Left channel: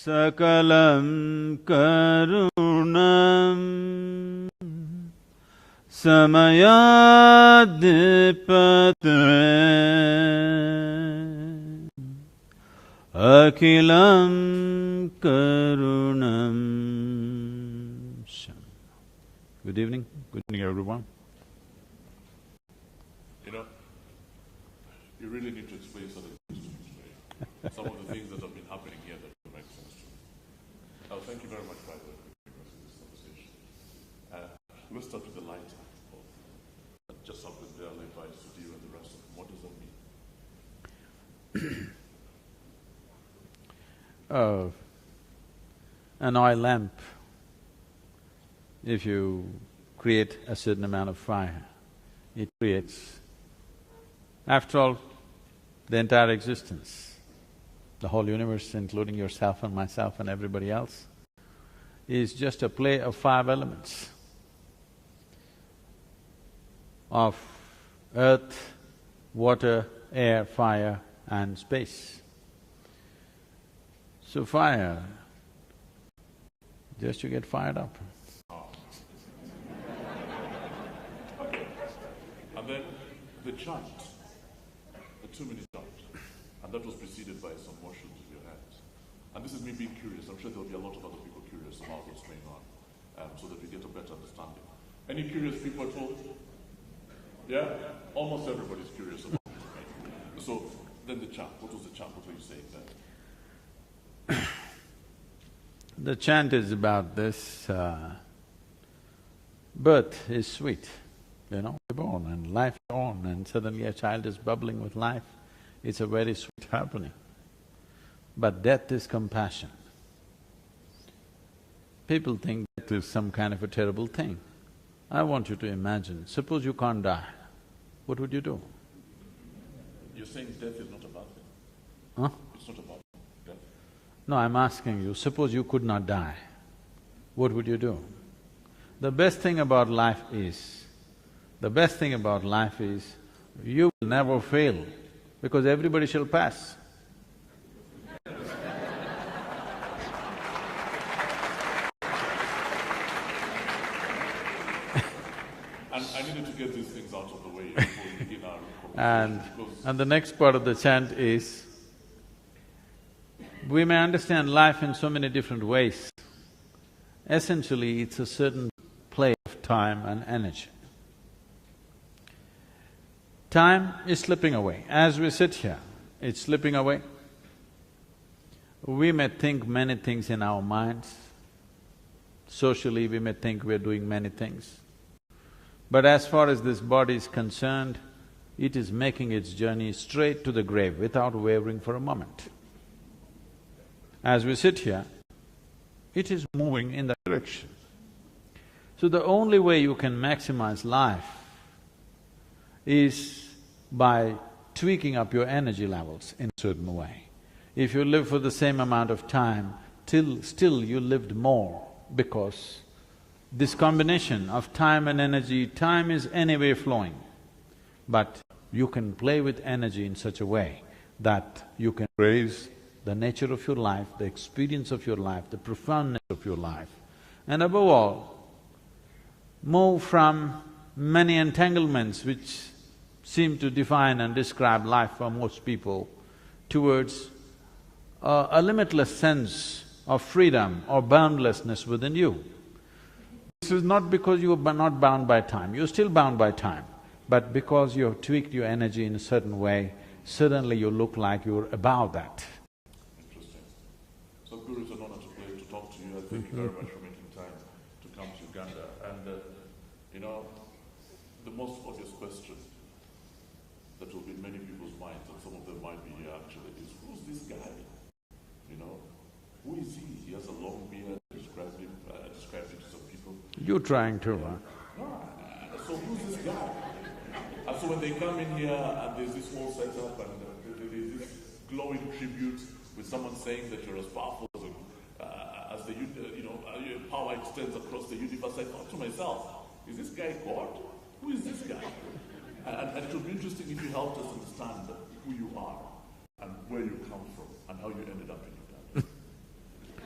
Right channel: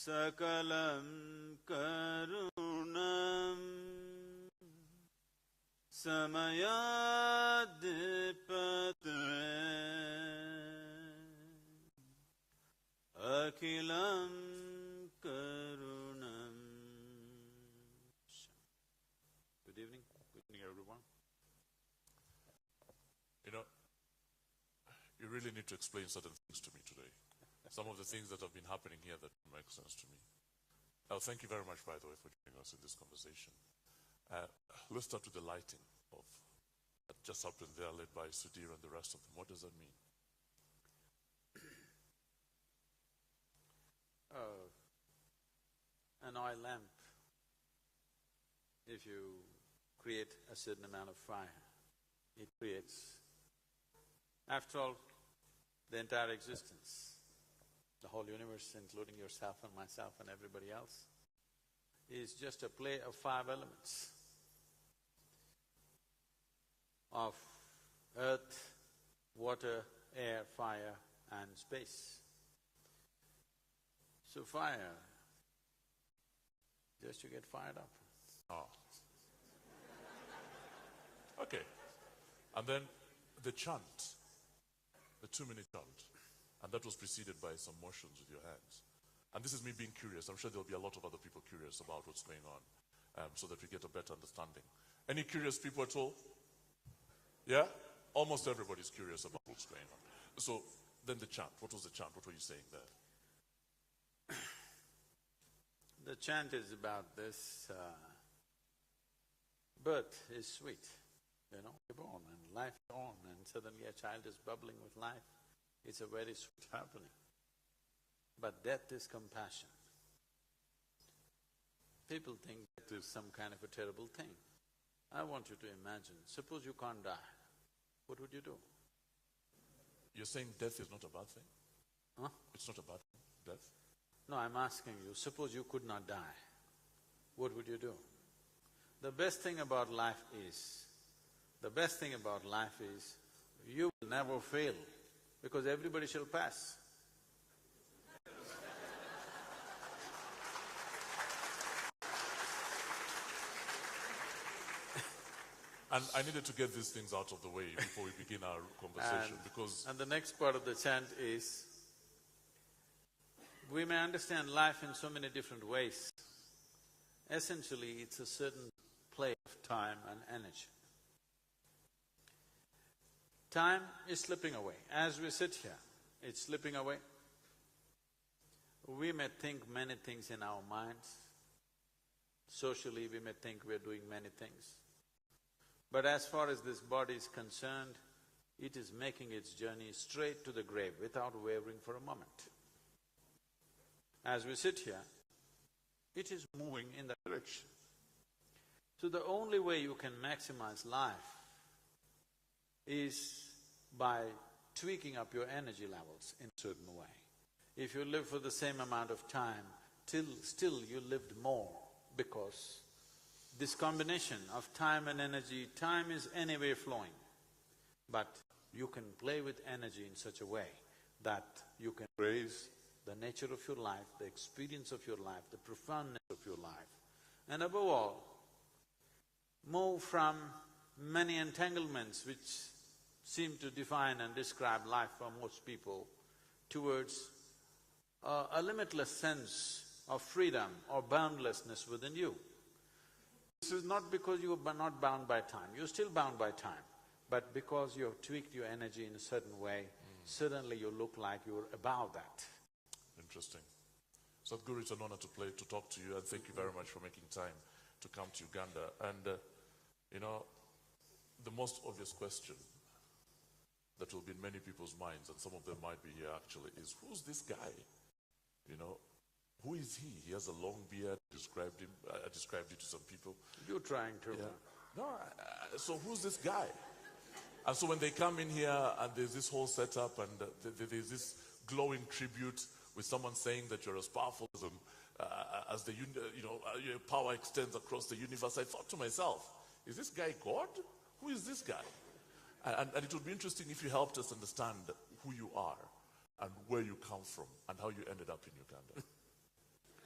Sakalam karunam samayadipatre akilam karunam. Good evening everyone. You know, you really need to explain certain things to me today. Some of the things that have been happening here that don't make sense to me. Thank you very much, by the way, for joining us in this conversation. Let's start with the lighter of what just happened there, led by Sadhguru and the rest of them. What does that mean? An oil lamp, if you create a certain amount of fire, it creates, after all, the entire existence, the whole universe, including yourself and myself and everybody else, is just a play of five elements of earth, water, air, fire and space. So fire, just you get fired up. Okay. And then the chant, the 2-minute chant, and that was preceded by some motions with your hands. And this is me being curious. I'm sure there'll be a lot of other people curious about what's going on, so that we get a better understanding. Any curious people at all? Yeah? Almost everybody's curious about this, right? So, then the chant. What was the chant? What were you saying there? The chant is about this, birth is sweet, you know, you're born and life is on and suddenly a child is bubbling with life. It's a very sweet happening. But death is compassion. People think death is some kind of a terrible thing. I want you to imagine, suppose you can't die, what would you do? You're saying death is not a bad thing? Huh? It's not a bad thing, death? No, I'm asking you, suppose you could not die, what would you do? The best thing about life is, you will never fail, because everybody shall pass. And I needed to get these things out of the way before we begin our conversation, And the next part of the chant is, we may understand life in so many different ways. Essentially, it's a certain play of time and energy. Time is slipping away. As we sit here, it's slipping away. We may think many things in our minds. Socially, we may think we're doing many things. But as far as this body is concerned, it is making its journey straight to the grave without wavering for a moment. As we sit here, it is moving in that direction. So the only way you can maximize life is by tweaking up your energy levels in a certain way. If you live for the same amount of time, still you lived more, because this combination of time and energy, time is anyway flowing, but you can play with energy in such a way that you can raise the nature of your life, the experience of your life, the profoundness of your life, and above all, move from many entanglements which seem to define and describe life for most people towards a limitless sense of freedom or boundlessness within you. This is not because you are not bound by time, you're still bound by time, but because you have tweaked your energy in a certain way, suddenly you look like you're above that. So, Guru, it's an honor to talk to you, and thank you very much for making time to come to Uganda. And, you know, the most obvious question that will be in many people's minds, and some of them might be here actually, is who's this guy? You know, who is he? He has a long beard. I described it to some people. You're trying to, huh? No, so who's this guy? And so when they come in here and there's this whole setup and there's this glowing tribute with someone saying that you're as powerful as the your power extends across the universe, I thought to myself, is this guy God? Who is this guy? And it would be interesting if you helped us understand who you are and where you come from and how you ended up in Uganda.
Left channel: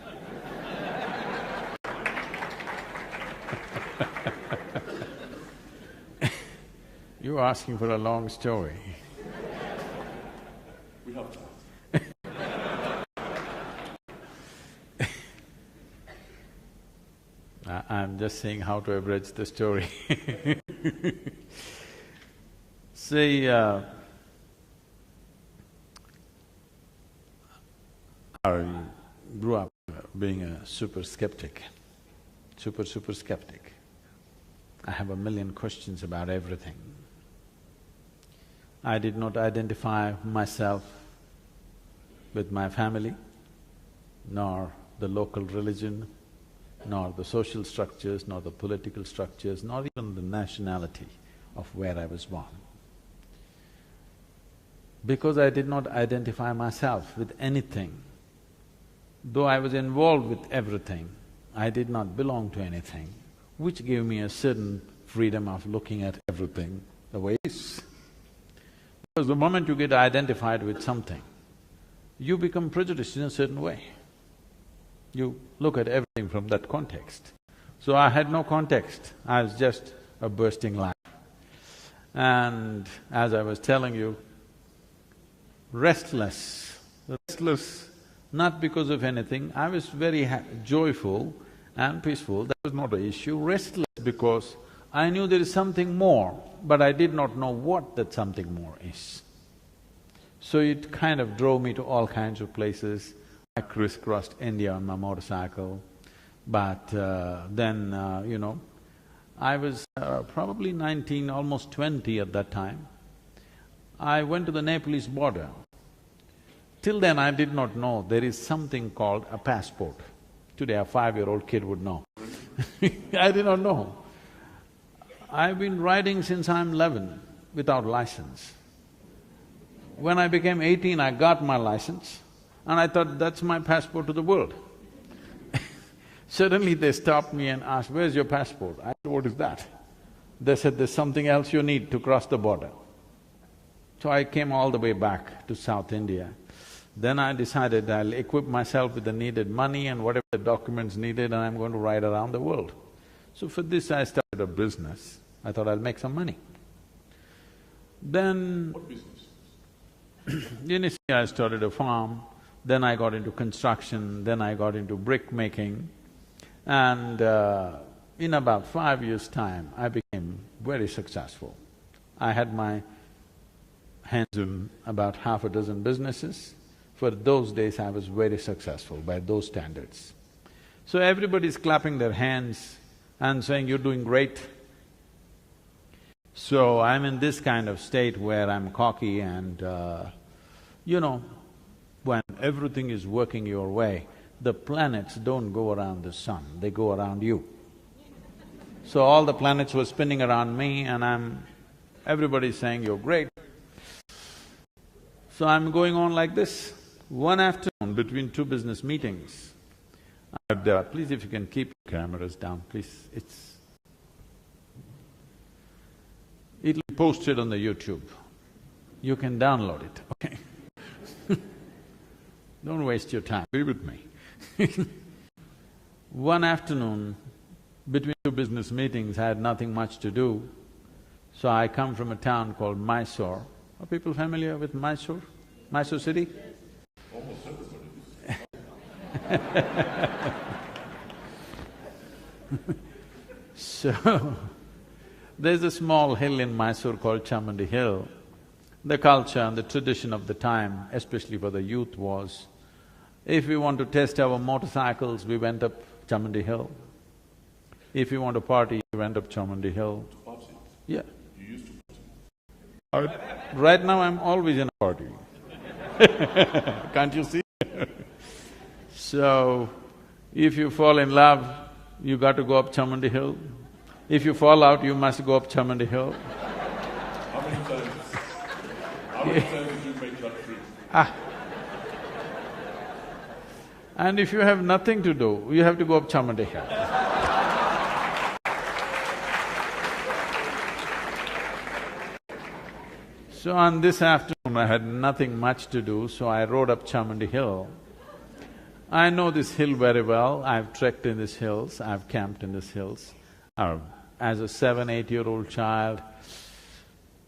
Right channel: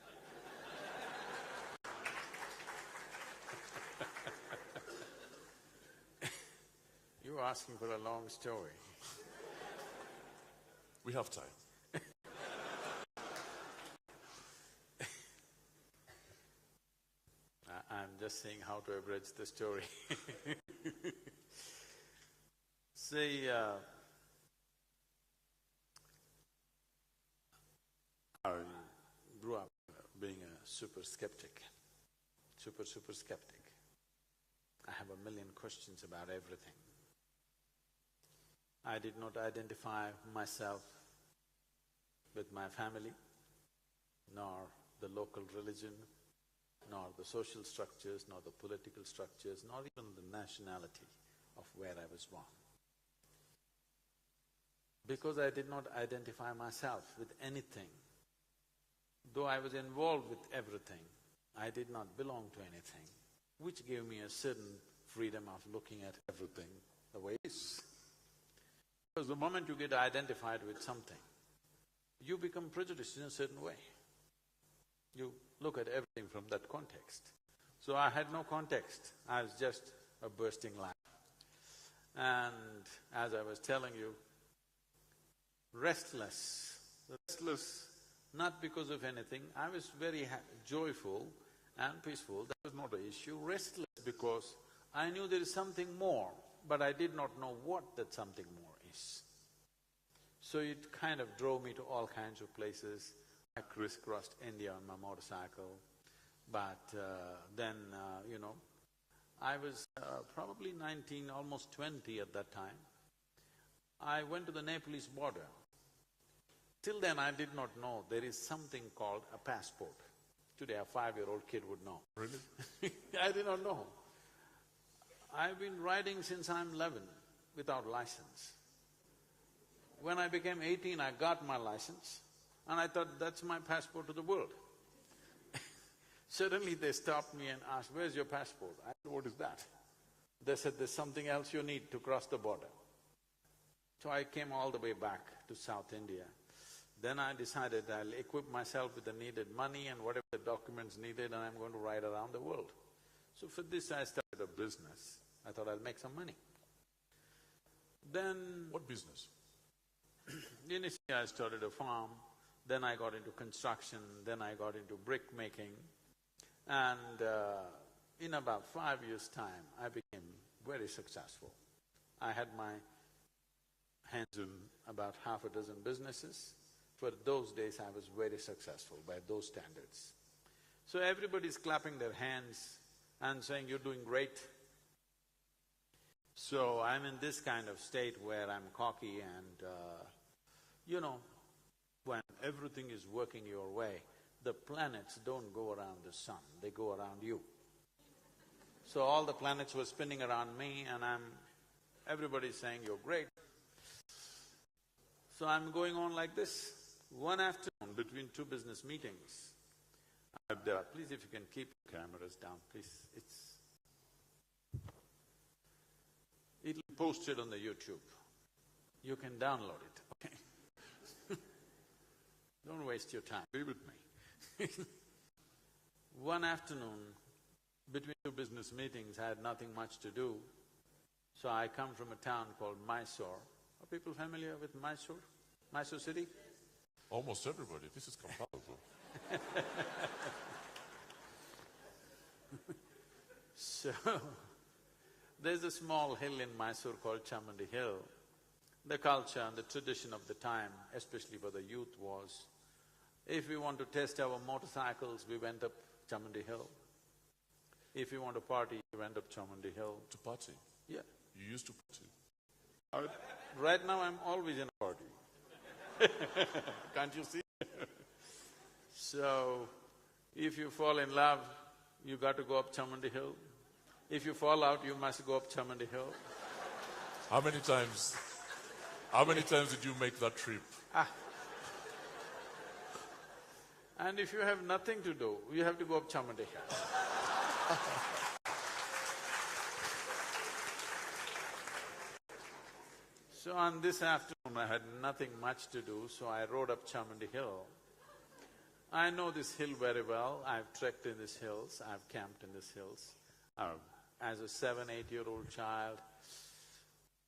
You're asking for a long story. We have time. I'm just saying how to abridge the story. See, I grew up being a super skeptic. Super skeptic. I have a million questions about everything. I did not identify myself with my family, nor the local religion, nor the social structures, nor the political structures, nor even the nationality of where I was born. Because I did not identify myself with anything, though I was involved with everything, I did not belong to anything, which gave me a certain freedom of looking at everything the way it is. Because the moment you get identified with something, you become prejudiced in a certain way. You look at everything from that context. So I had no context, I was just a bursting life. And as I was telling you, restless not because of anything, I was very joyful and peaceful, that was not an issue. Restless because I knew there is something more, but I did not know what that something more is. So it kind of drove me to all kinds of places. I crisscrossed India on my motorcycle, but I was probably 19, almost 20 at that time. I went to the Nepalese border. Till then I did not know there is something called a passport. Today a 5-year-old kid would know. I did not know. I've been riding since I'm 11 without license. When I became 18, I got my license and I thought that's my passport to the world. Suddenly they stopped me and asked, "Where's your passport?" I said, "What is that?" They said, "There's something else you need to cross the border." So I came all the way back to South India. Then I decided I'll equip myself with the needed money and whatever the documents needed, and I'm going to ride around the world. So for this I started a business. I thought I'll make some money. Then… What business? Initially I started a farm, then I got into construction, then I got into brick making, and in about 5 years' time, I became very successful. I had my hands in about half a dozen businesses. For those days, I was very successful by those standards. So everybody's clapping their hands and saying, "You're doing great." So I'm in this kind of state where I'm cocky and when everything is working your way, the planets don't go around the sun, they go around you. So all the planets were spinning around me and everybody's saying, "You're great." So I'm going on like this. One afternoon, between two business meetings, please if you can keep your cameras down, please, it'll be posted on the YouTube. You can download it, okay? Don't waste your time, be with me. One afternoon, between two business meetings, I had nothing much to do, so I come from a town called Mysore. Are people familiar with Mysore? Mysore city? Almost everybody, this is So, there's a small hill in Mysore called Chamandi Hill. The culture and the tradition of the time, especially for the youth, was if we want to test our motorcycles, we went up Chamandi Hill. If you want to party, you went up Chamandi Hill. to party. Yeah. You used to party. Right now I'm always in a party. Can't you see? So, if you fall in love, you got to go up Chamandi Hill. If you fall out, you must go up Chamandi Hill. How many times did you make that trip? And if you have nothing to do, you have to go up Chamandi Hill. So on this afternoon, I had nothing much to do, so I rode up Chamandi Hill. I know this hill very well, I've trekked in these hills, I've camped in these hills. As a 7, 8-year-old child,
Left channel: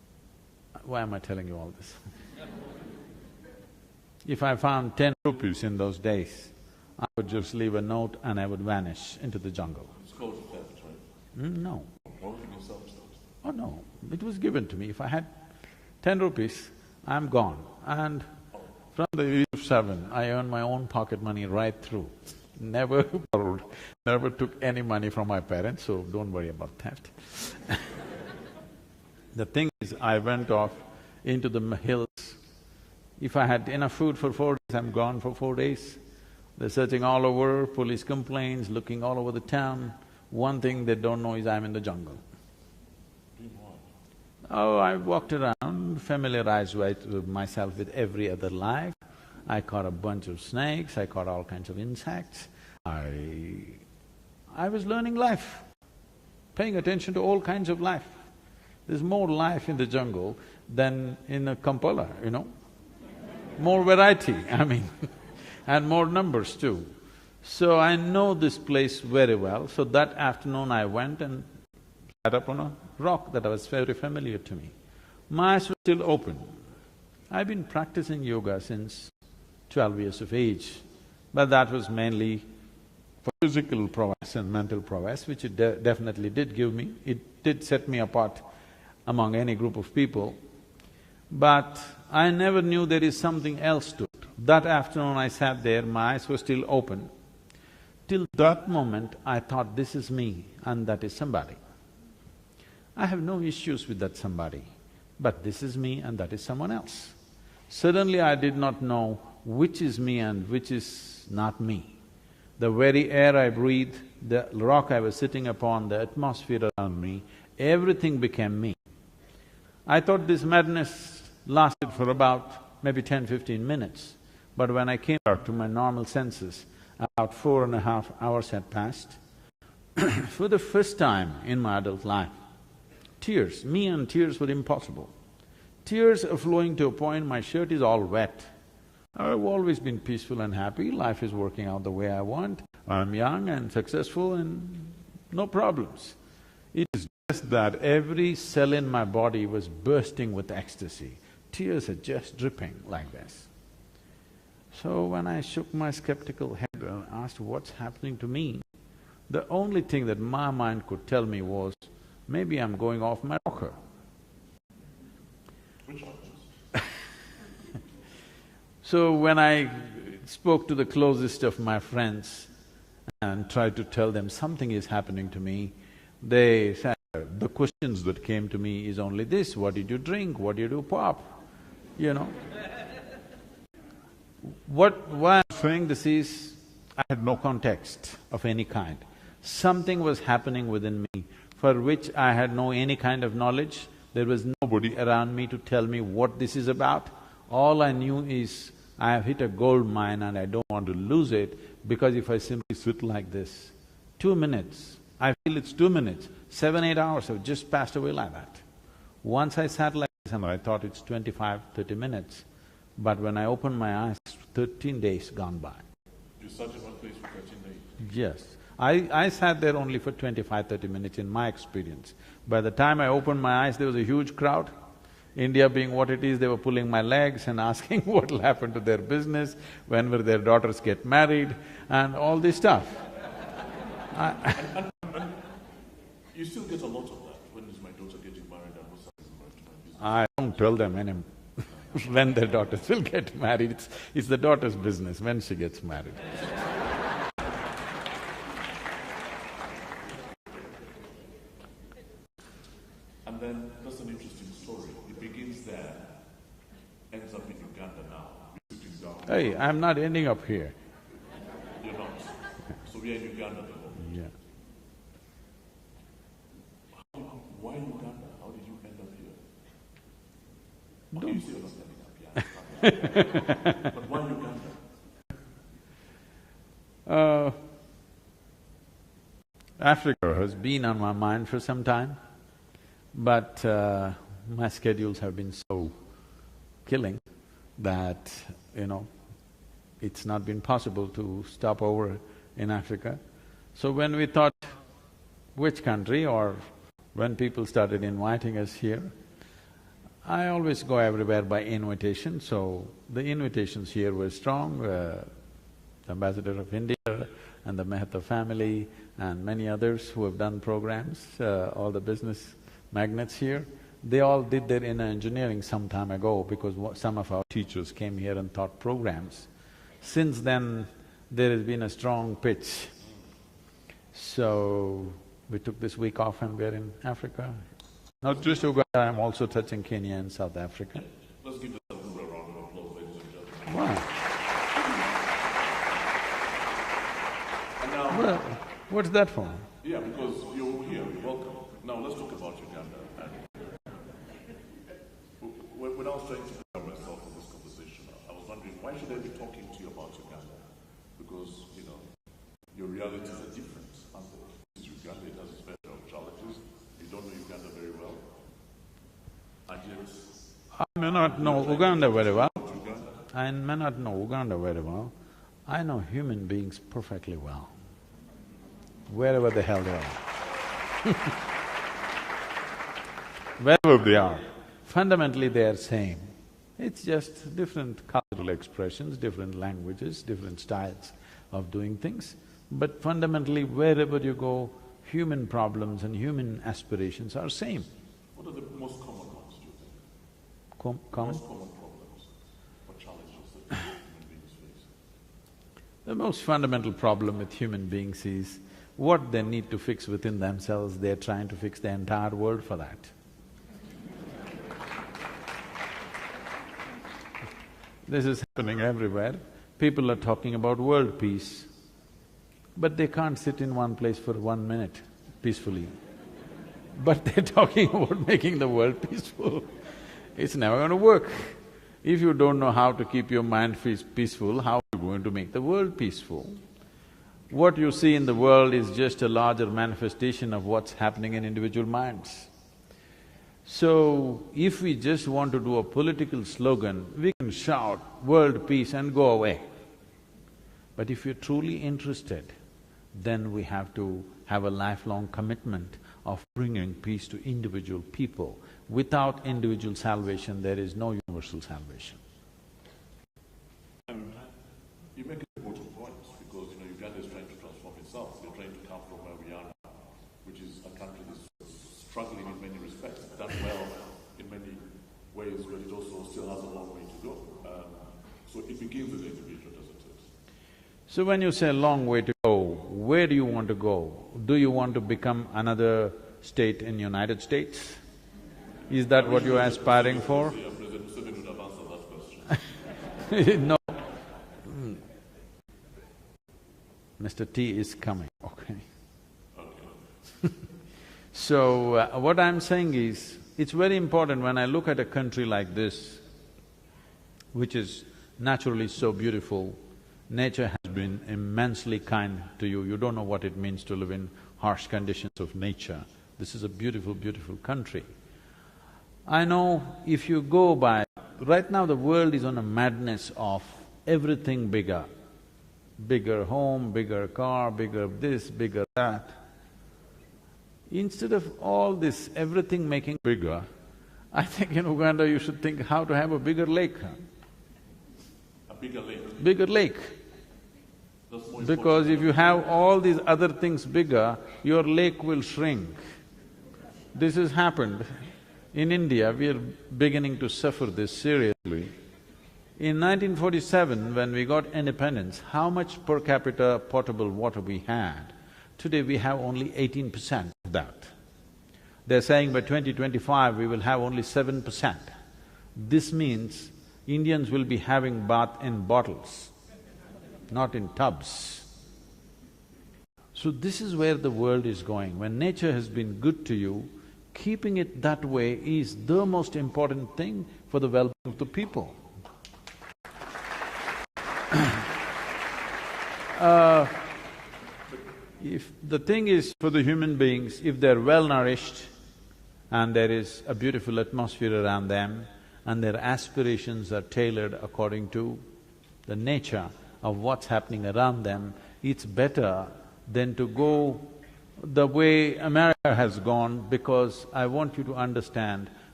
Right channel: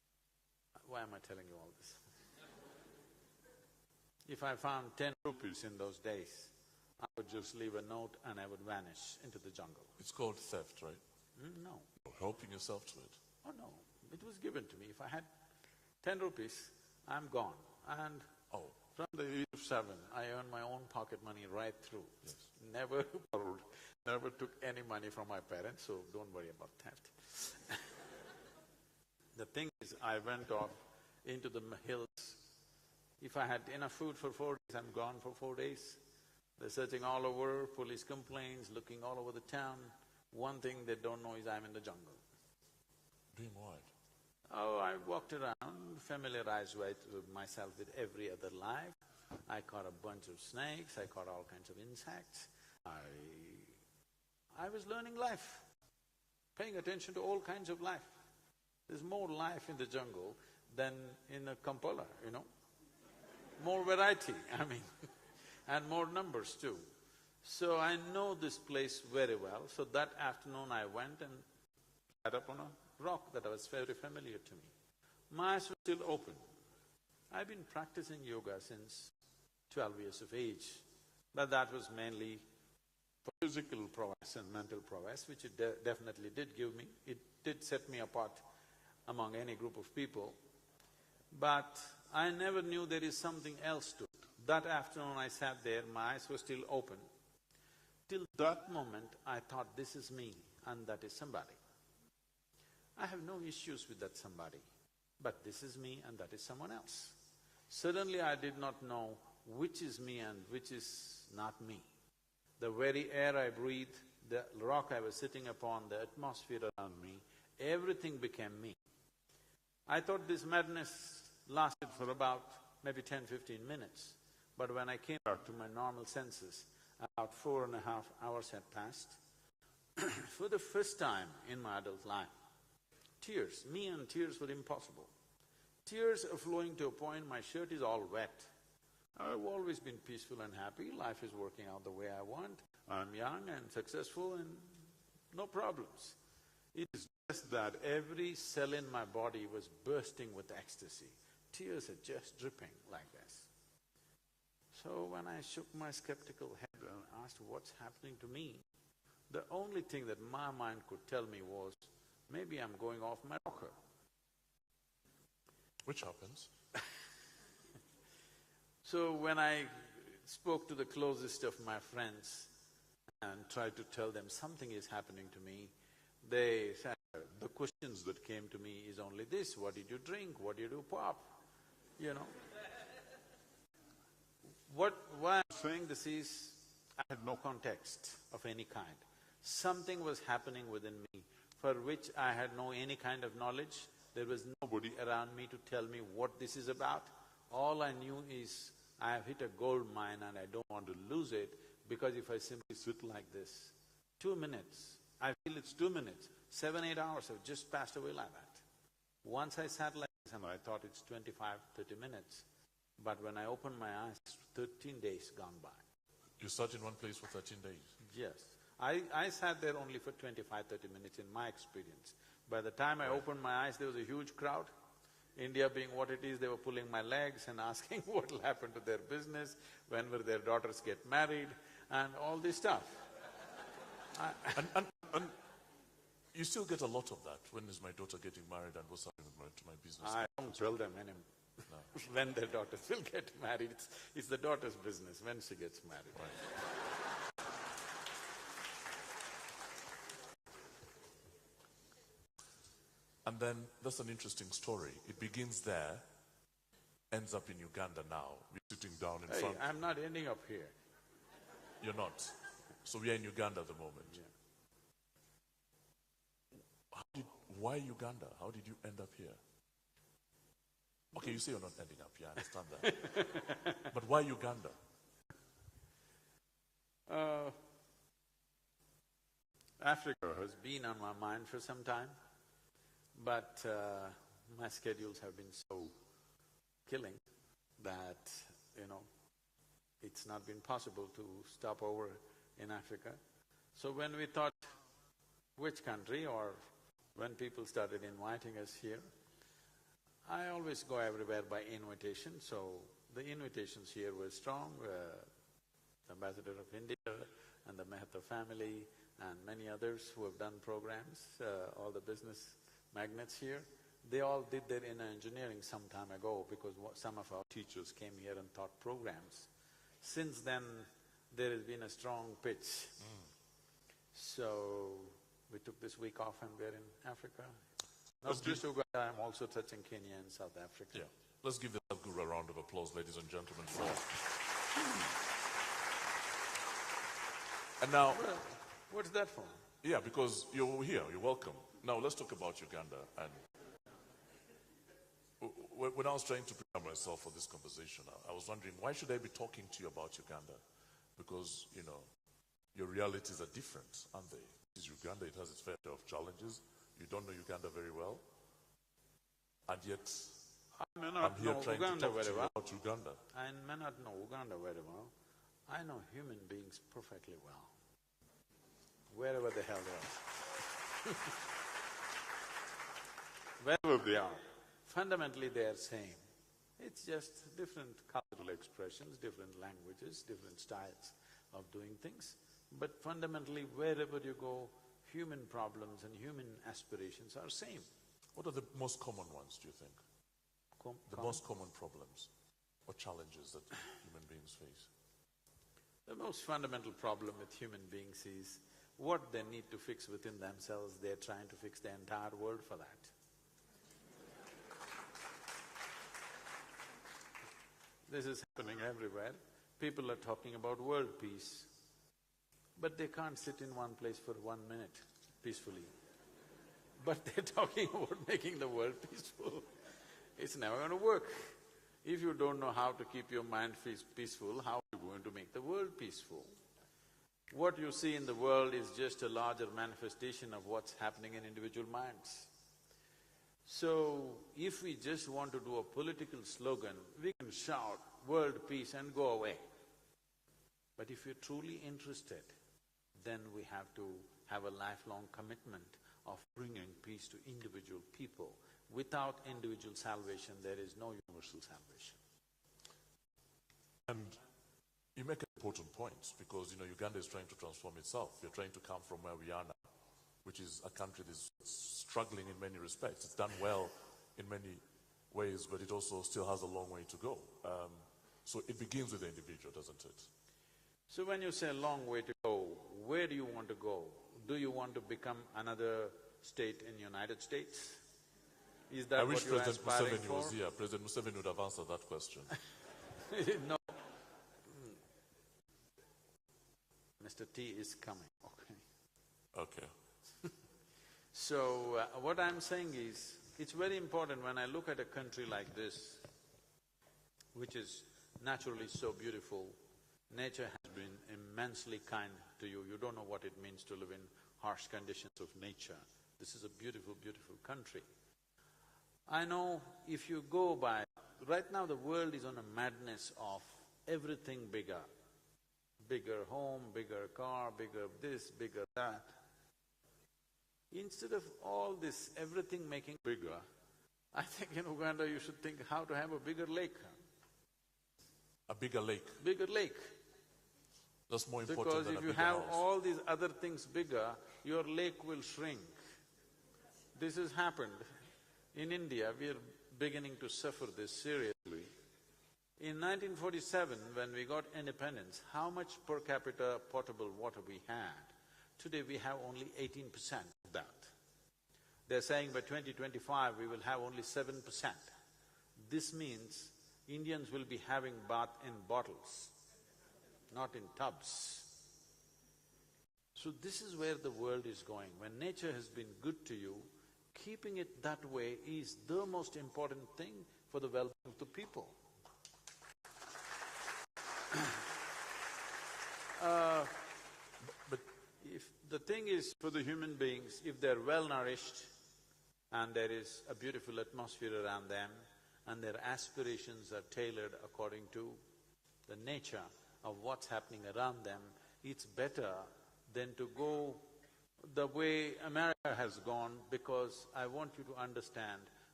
why am I telling you all this? If I found 10 rupees in those days, I would just leave a note and I would vanish into the jungle. It's called theft, right? No. Helping yourself to it. Oh no, it was given to me. If I had 10 rupees, I'm gone. And from the age of 7, I earned my own pocket money right through. Never borrowed, never took any money from my parents, so don't worry about theft. The thing is, I went off into the hills. If I had enough food for 4 days, I'm gone for 4 days. They're searching all over, police complaints, looking all over the town. One thing they don't know is I'm in the jungle. Doing what? Oh, I walked around, familiarized myself with every other life. I caught a bunch of snakes, I caught all kinds of insects. I was learning life, paying attention to all kinds of life. There's more life in the jungle than in a Kampala, you know. More variety, I mean, and more numbers too. So I know this place very well. So that afternoon I went and sat up on a rock that was very familiar to me. My eyes were still open. I've been practicing yoga since 12 years of age, but that was mainly for physical prowess and mental prowess, which it definitely did give me. It did set me apart among any group of people, but I never knew there is something else to it. That afternoon I sat there, my eyes were still open. Till that moment, I thought this is me and that is somebody. I have no issues with that somebody, but this is me and that is someone else. Suddenly I did not know which is me and which is not me. The very air I breathe, the rock I was sitting upon, the atmosphere around me, everything became me. I thought this madness lasted for about maybe 10–15 minutes, but when I came back to my normal senses, about 4.5 hours had passed. For the first time in my adult life, tears, me and tears were impossible. Tears are flowing to a point my shirt is all wet. I've always been peaceful and happy, life is working out the way I want, I'm young and successful and no problems. It is just that every cell in my body was bursting with ecstasy. Tears are just dripping like this. So when I shook my skeptical head and asked what's happening to me, the only thing that my mind could tell me was, maybe I'm going off my rocker. Which happens? So when I spoke to the closest of my friends and tried to tell them something is happening to me, they said, the questions that came to me is only this: what did you drink, what did you pop, you know? Why I'm saying this is, I had no context of any kind. Something was happening within me for which I had no any kind of knowledge. There was nobody around me to tell me what this is about. All I knew is, I have hit a gold mine and I don't want to lose it, because if I simply sit like this, 2 minutes, I feel it's 2 minutes, 7–8 hours have just passed away like that. Once I sat like this and I thought it's 25–30 minutes, but when I opened my eyes, 13 days gone by. You sat in one place for 13 days? Yes. I sat there only for 25–30 minutes in my experience. By the time I opened my eyes, there was a huge crowd. India being what it is, they were pulling my legs and asking what'll happen to their business, when will their daughters get married, and all this stuff. And you still get a lot of that. When is my daughter getting married and what's happening to my business? I don't tell them when their daughters will get married. It's the daughter's business when she gets married. And then that's an interesting story. It begins there, ends up in Uganda now. You're sitting down. Hey, I'm not ending up here. You're not. So we are in Uganda at the moment. Yeah. Why Uganda? How did you end up here? Okay, you say you're not ending up here, I understand that. But why Uganda? Africa has been on my mind for some time, but my schedules have been so killing that, it's not been possible to stop over in Africa. So when we thought which country, or when people started inviting us here, I always go everywhere by invitation, so the invitations here were strong. The Ambassador of India and the Mehta family and many others who have done programs, all the business magnates here, they all did their inner engineering some time ago because some of our teachers came here and taught programs. Since then, there has been a strong pitch. So, we took this week off and we're in Africa. Not just Uganda, I'm also touching Kenya and South Africa. Let's give the Sadhguru a round of applause, ladies and gentlemen. Wow. And now… Well, what's that for? Yeah, because you're here, you're welcome. Now let's talk about Uganda. When I was trying to prepare myself for this conversation, I was wondering, why should I be talking to you about Uganda? Because, you know, your realities are different, aren't they? This is Uganda, it has its fair share of challenges. You don't know Uganda very well. And yet… I may not know Uganda very well. I may not know Uganda very well. I know human beings perfectly well, wherever the hell they are. Wherever they are, fundamentally they are same. It's just different cultural expressions, different languages, different styles of doing things. But fundamentally, wherever you go, human problems and human aspirations are same. What are the most common ones, do you think? Common? Most common problems or challenges that human beings face? The most fundamental problem with human beings is what they need to fix within themselves, they're trying to fix the entire world for that. This is happening everywhere. People are talking about world peace, but they can't sit in one place for 1 minute peacefully. But they're talking about making the world peaceful. It's never going to work. If you don't know how to keep your mind peaceful, how are you going to make the world peaceful? What you see in the world is just a larger manifestation of what's happening in individual minds. So, if we just want to do a political slogan, we can shout world peace and go away. But if you're truly interested, then we have to have a lifelong commitment of bringing peace to individual people. Without individual salvation, there is no universal salvation. And you make important points because, you know, Uganda is trying to transform itself. You're trying to come from where we are now, which is a country that's struggling in many respects. It's done well in many ways, but it also still has a long way to go. So it begins with the individual, doesn't it? So when you say long way to go, where do you want to go? Do you want to become another state in United States? Is that what you're aspiring for? Yeah, President Museveni would have answered that question. No. Mr. T is coming, okay. Okay. So, what I'm saying is, it's very important when I look at a country like this, which is naturally so beautiful, nature has been immensely kind to you. You don't know what it means to live in harsh conditions of nature. This is a beautiful, beautiful country. I know if you go by… Right now the world is on a madness of everything bigger. Bigger home, bigger car, bigger this, bigger that. Instead of all this, everything making bigger, I think in Uganda you should think how to have a bigger lake. A bigger lake? Bigger lake. That's more important. Because if you have all these other things bigger, your lake will shrink. This has happened. In India, we are beginning to suffer this seriously. In 1947, when we got independence, how much per capita potable water we had? Today we have only 18% of that. They're saying by 2025 we will have only 7%. This means Indians will be having bath in bottles, not in tubs. So this is where the world is going. When nature has been good to you, keeping it that way is the most important thing for the well-being of the people. If the thing is for the human beings, if they're well-nourished and there is a beautiful atmosphere around them and their aspirations are tailored according to the nature of what's happening around them, it's better than to go the way America has gone, because I want you to understand,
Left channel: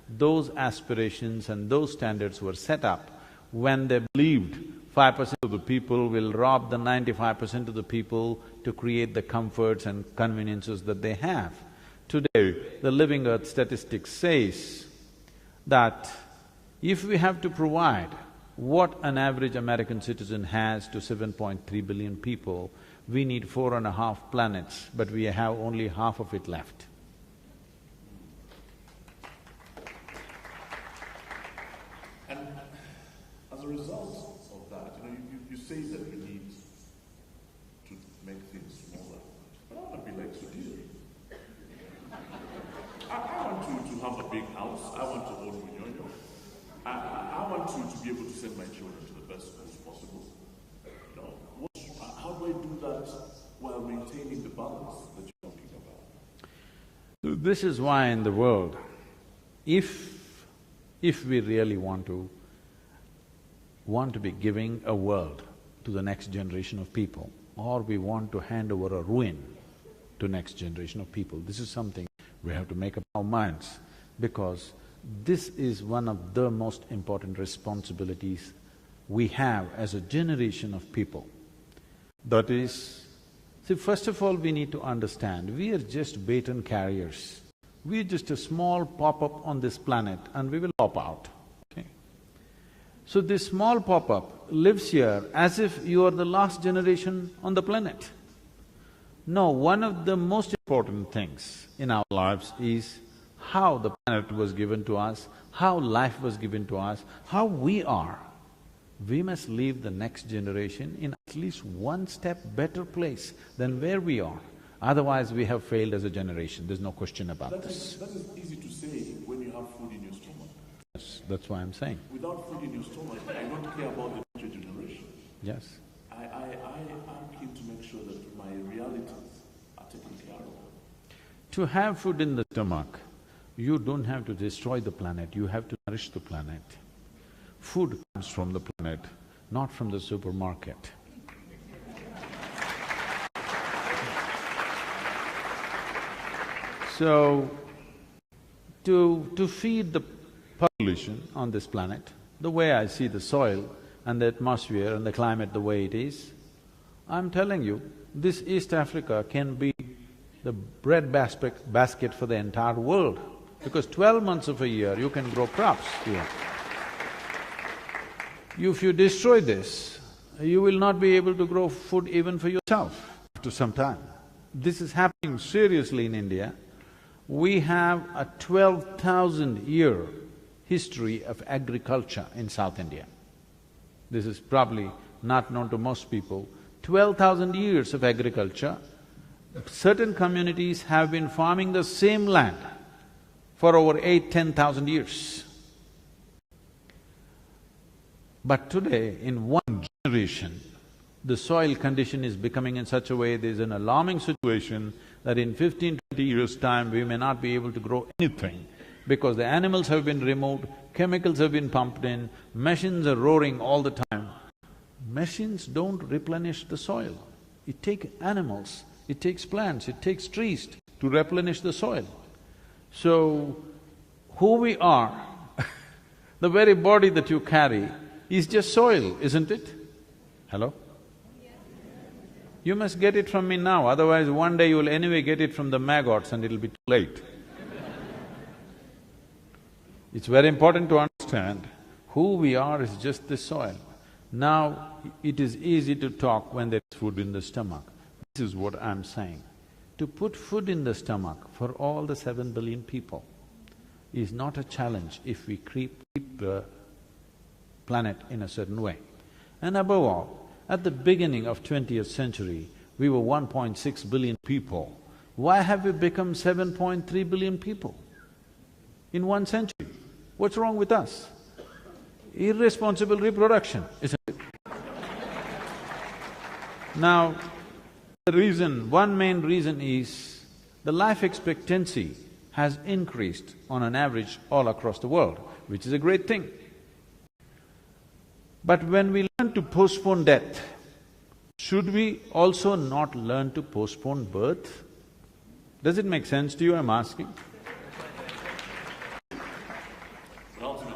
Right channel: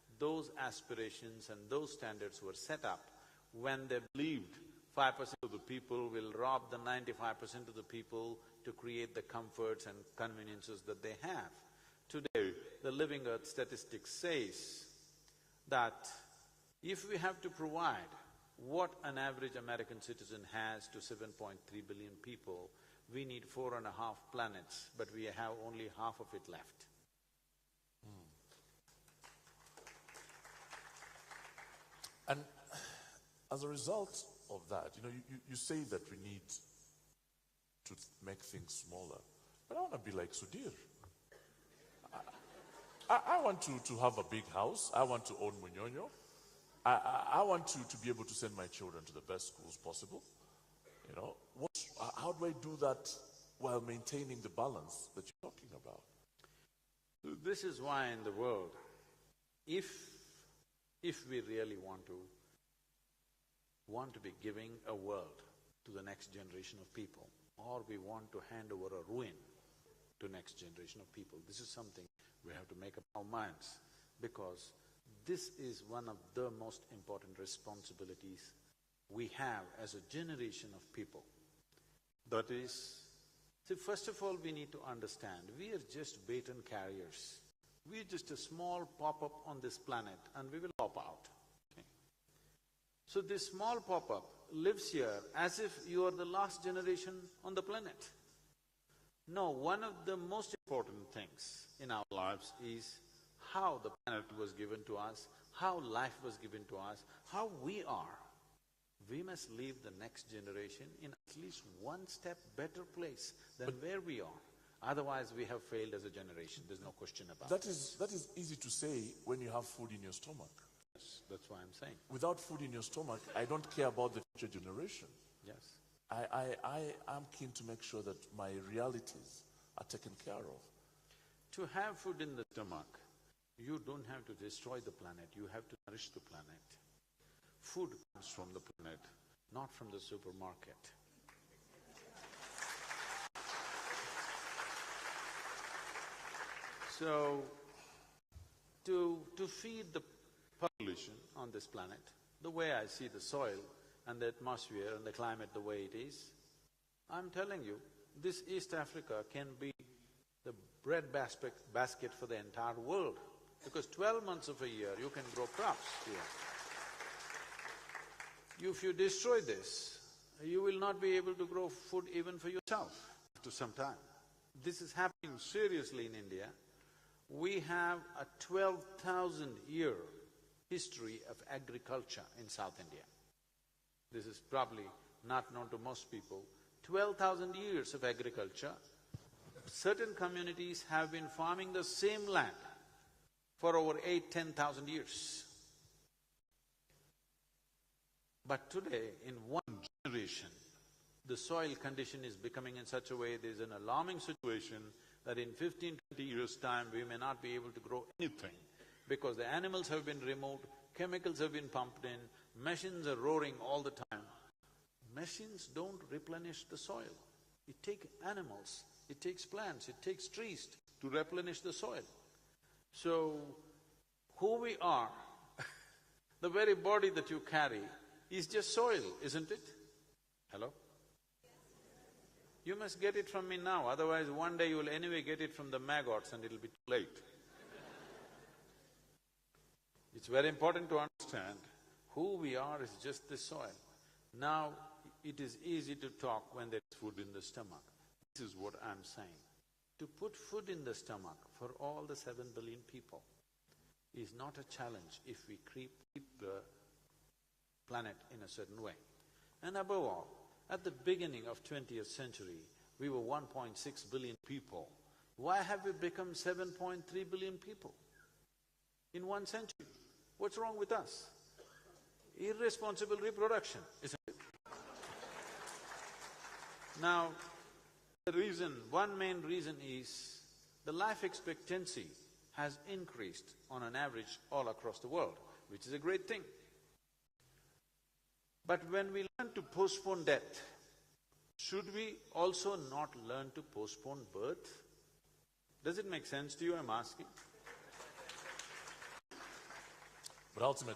those aspirations and those standards were set up when they believed 5% of the people will rob the 95% of the people to create the comforts and conveniences that they have. Today, the Living Earth statistics says that if we have to provide what an average American citizen has to 7.3 billion people, we need 4.5 planets, but we have only half of it left. And as a result of that, you say that you need to make things smaller. I don't want to be like Sudhir. I want to have a big house. I want to own Bunyonyo. I want to be able to send my children to the best schools possible. How do I do that while maintaining the balance that you're talking about? This is why in the world, if we really want to be giving a world to the next generation of people, or we want to hand over a ruin to next generation of people, this is something we have to make up our minds, because this is one of the most important responsibilities we have as a generation of people. That is, see, first of all, we need to understand, we are just baton carriers. We are just a small pop-up on this planet and we will pop out, okay? So this small pop-up lives here as if you are the last generation on the planet. No, one of the most important things in our lives is how the planet was given to us, how life was given to us, how we are. We must leave the next generation in at least one step better place than where we are. Otherwise, we have failed as a generation, there's no question about this. That is easy to say when you have food in your stomach. Yes, that's why I'm saying. Without food in your stomach, I don't care about the future generation. Yes. I'm keen to make sure that my realities are taken care of. To have food in the stomach, you don't have to destroy the planet, you have to nourish the planet. Food comes from the planet, not from the supermarket. So, to feed the population on this planet, the way I see the soil and the atmosphere and the climate the way it is, I'm telling you, this East Africa can be the bread basket for the entire world, because 12 months of a year you can grow crops here. If you destroy this, you will not be able to grow food even for yourself after some time. This is happening seriously in India. We have a 12,000-year history of agriculture in South India. This is probably not known to most people. 12,000 years of agriculture. Certain communities have been farming the same land for over 8,000–10,000 years. But today, in one generation, the soil condition is becoming in such a way, there's an alarming situation that in 15–20 years' time, we may not be able to grow anything because the animals have been removed, chemicals have been pumped in, machines are roaring all the time. Machines don't replenish the soil. It takes animals, it takes plants, it takes trees to replenish the soil. So, who we are, the very body that you carry is just soil, isn't it? Hello? You must get it from me now, otherwise one day you will anyway get it from the maggots and it'll be too late. It's very important to understand who we are is just this soil. Now, it is easy to talk when there is food in the stomach. This is what I'm saying. To put food in the stomach for all the 7 billion people is not a challenge if we keep the planet in a certain way. And above all, at the beginning of 20th century, we were 1.6 billion people. Why have we become 7.3 billion people in 1 century? What's wrong with us? Irresponsible reproduction, isn't it? Now, one main reason is the life expectancy has increased on an average all across the world, which is a great thing. But when we learn to postpone death, should we also not learn to postpone birth? Does it make sense to you, I'm asking?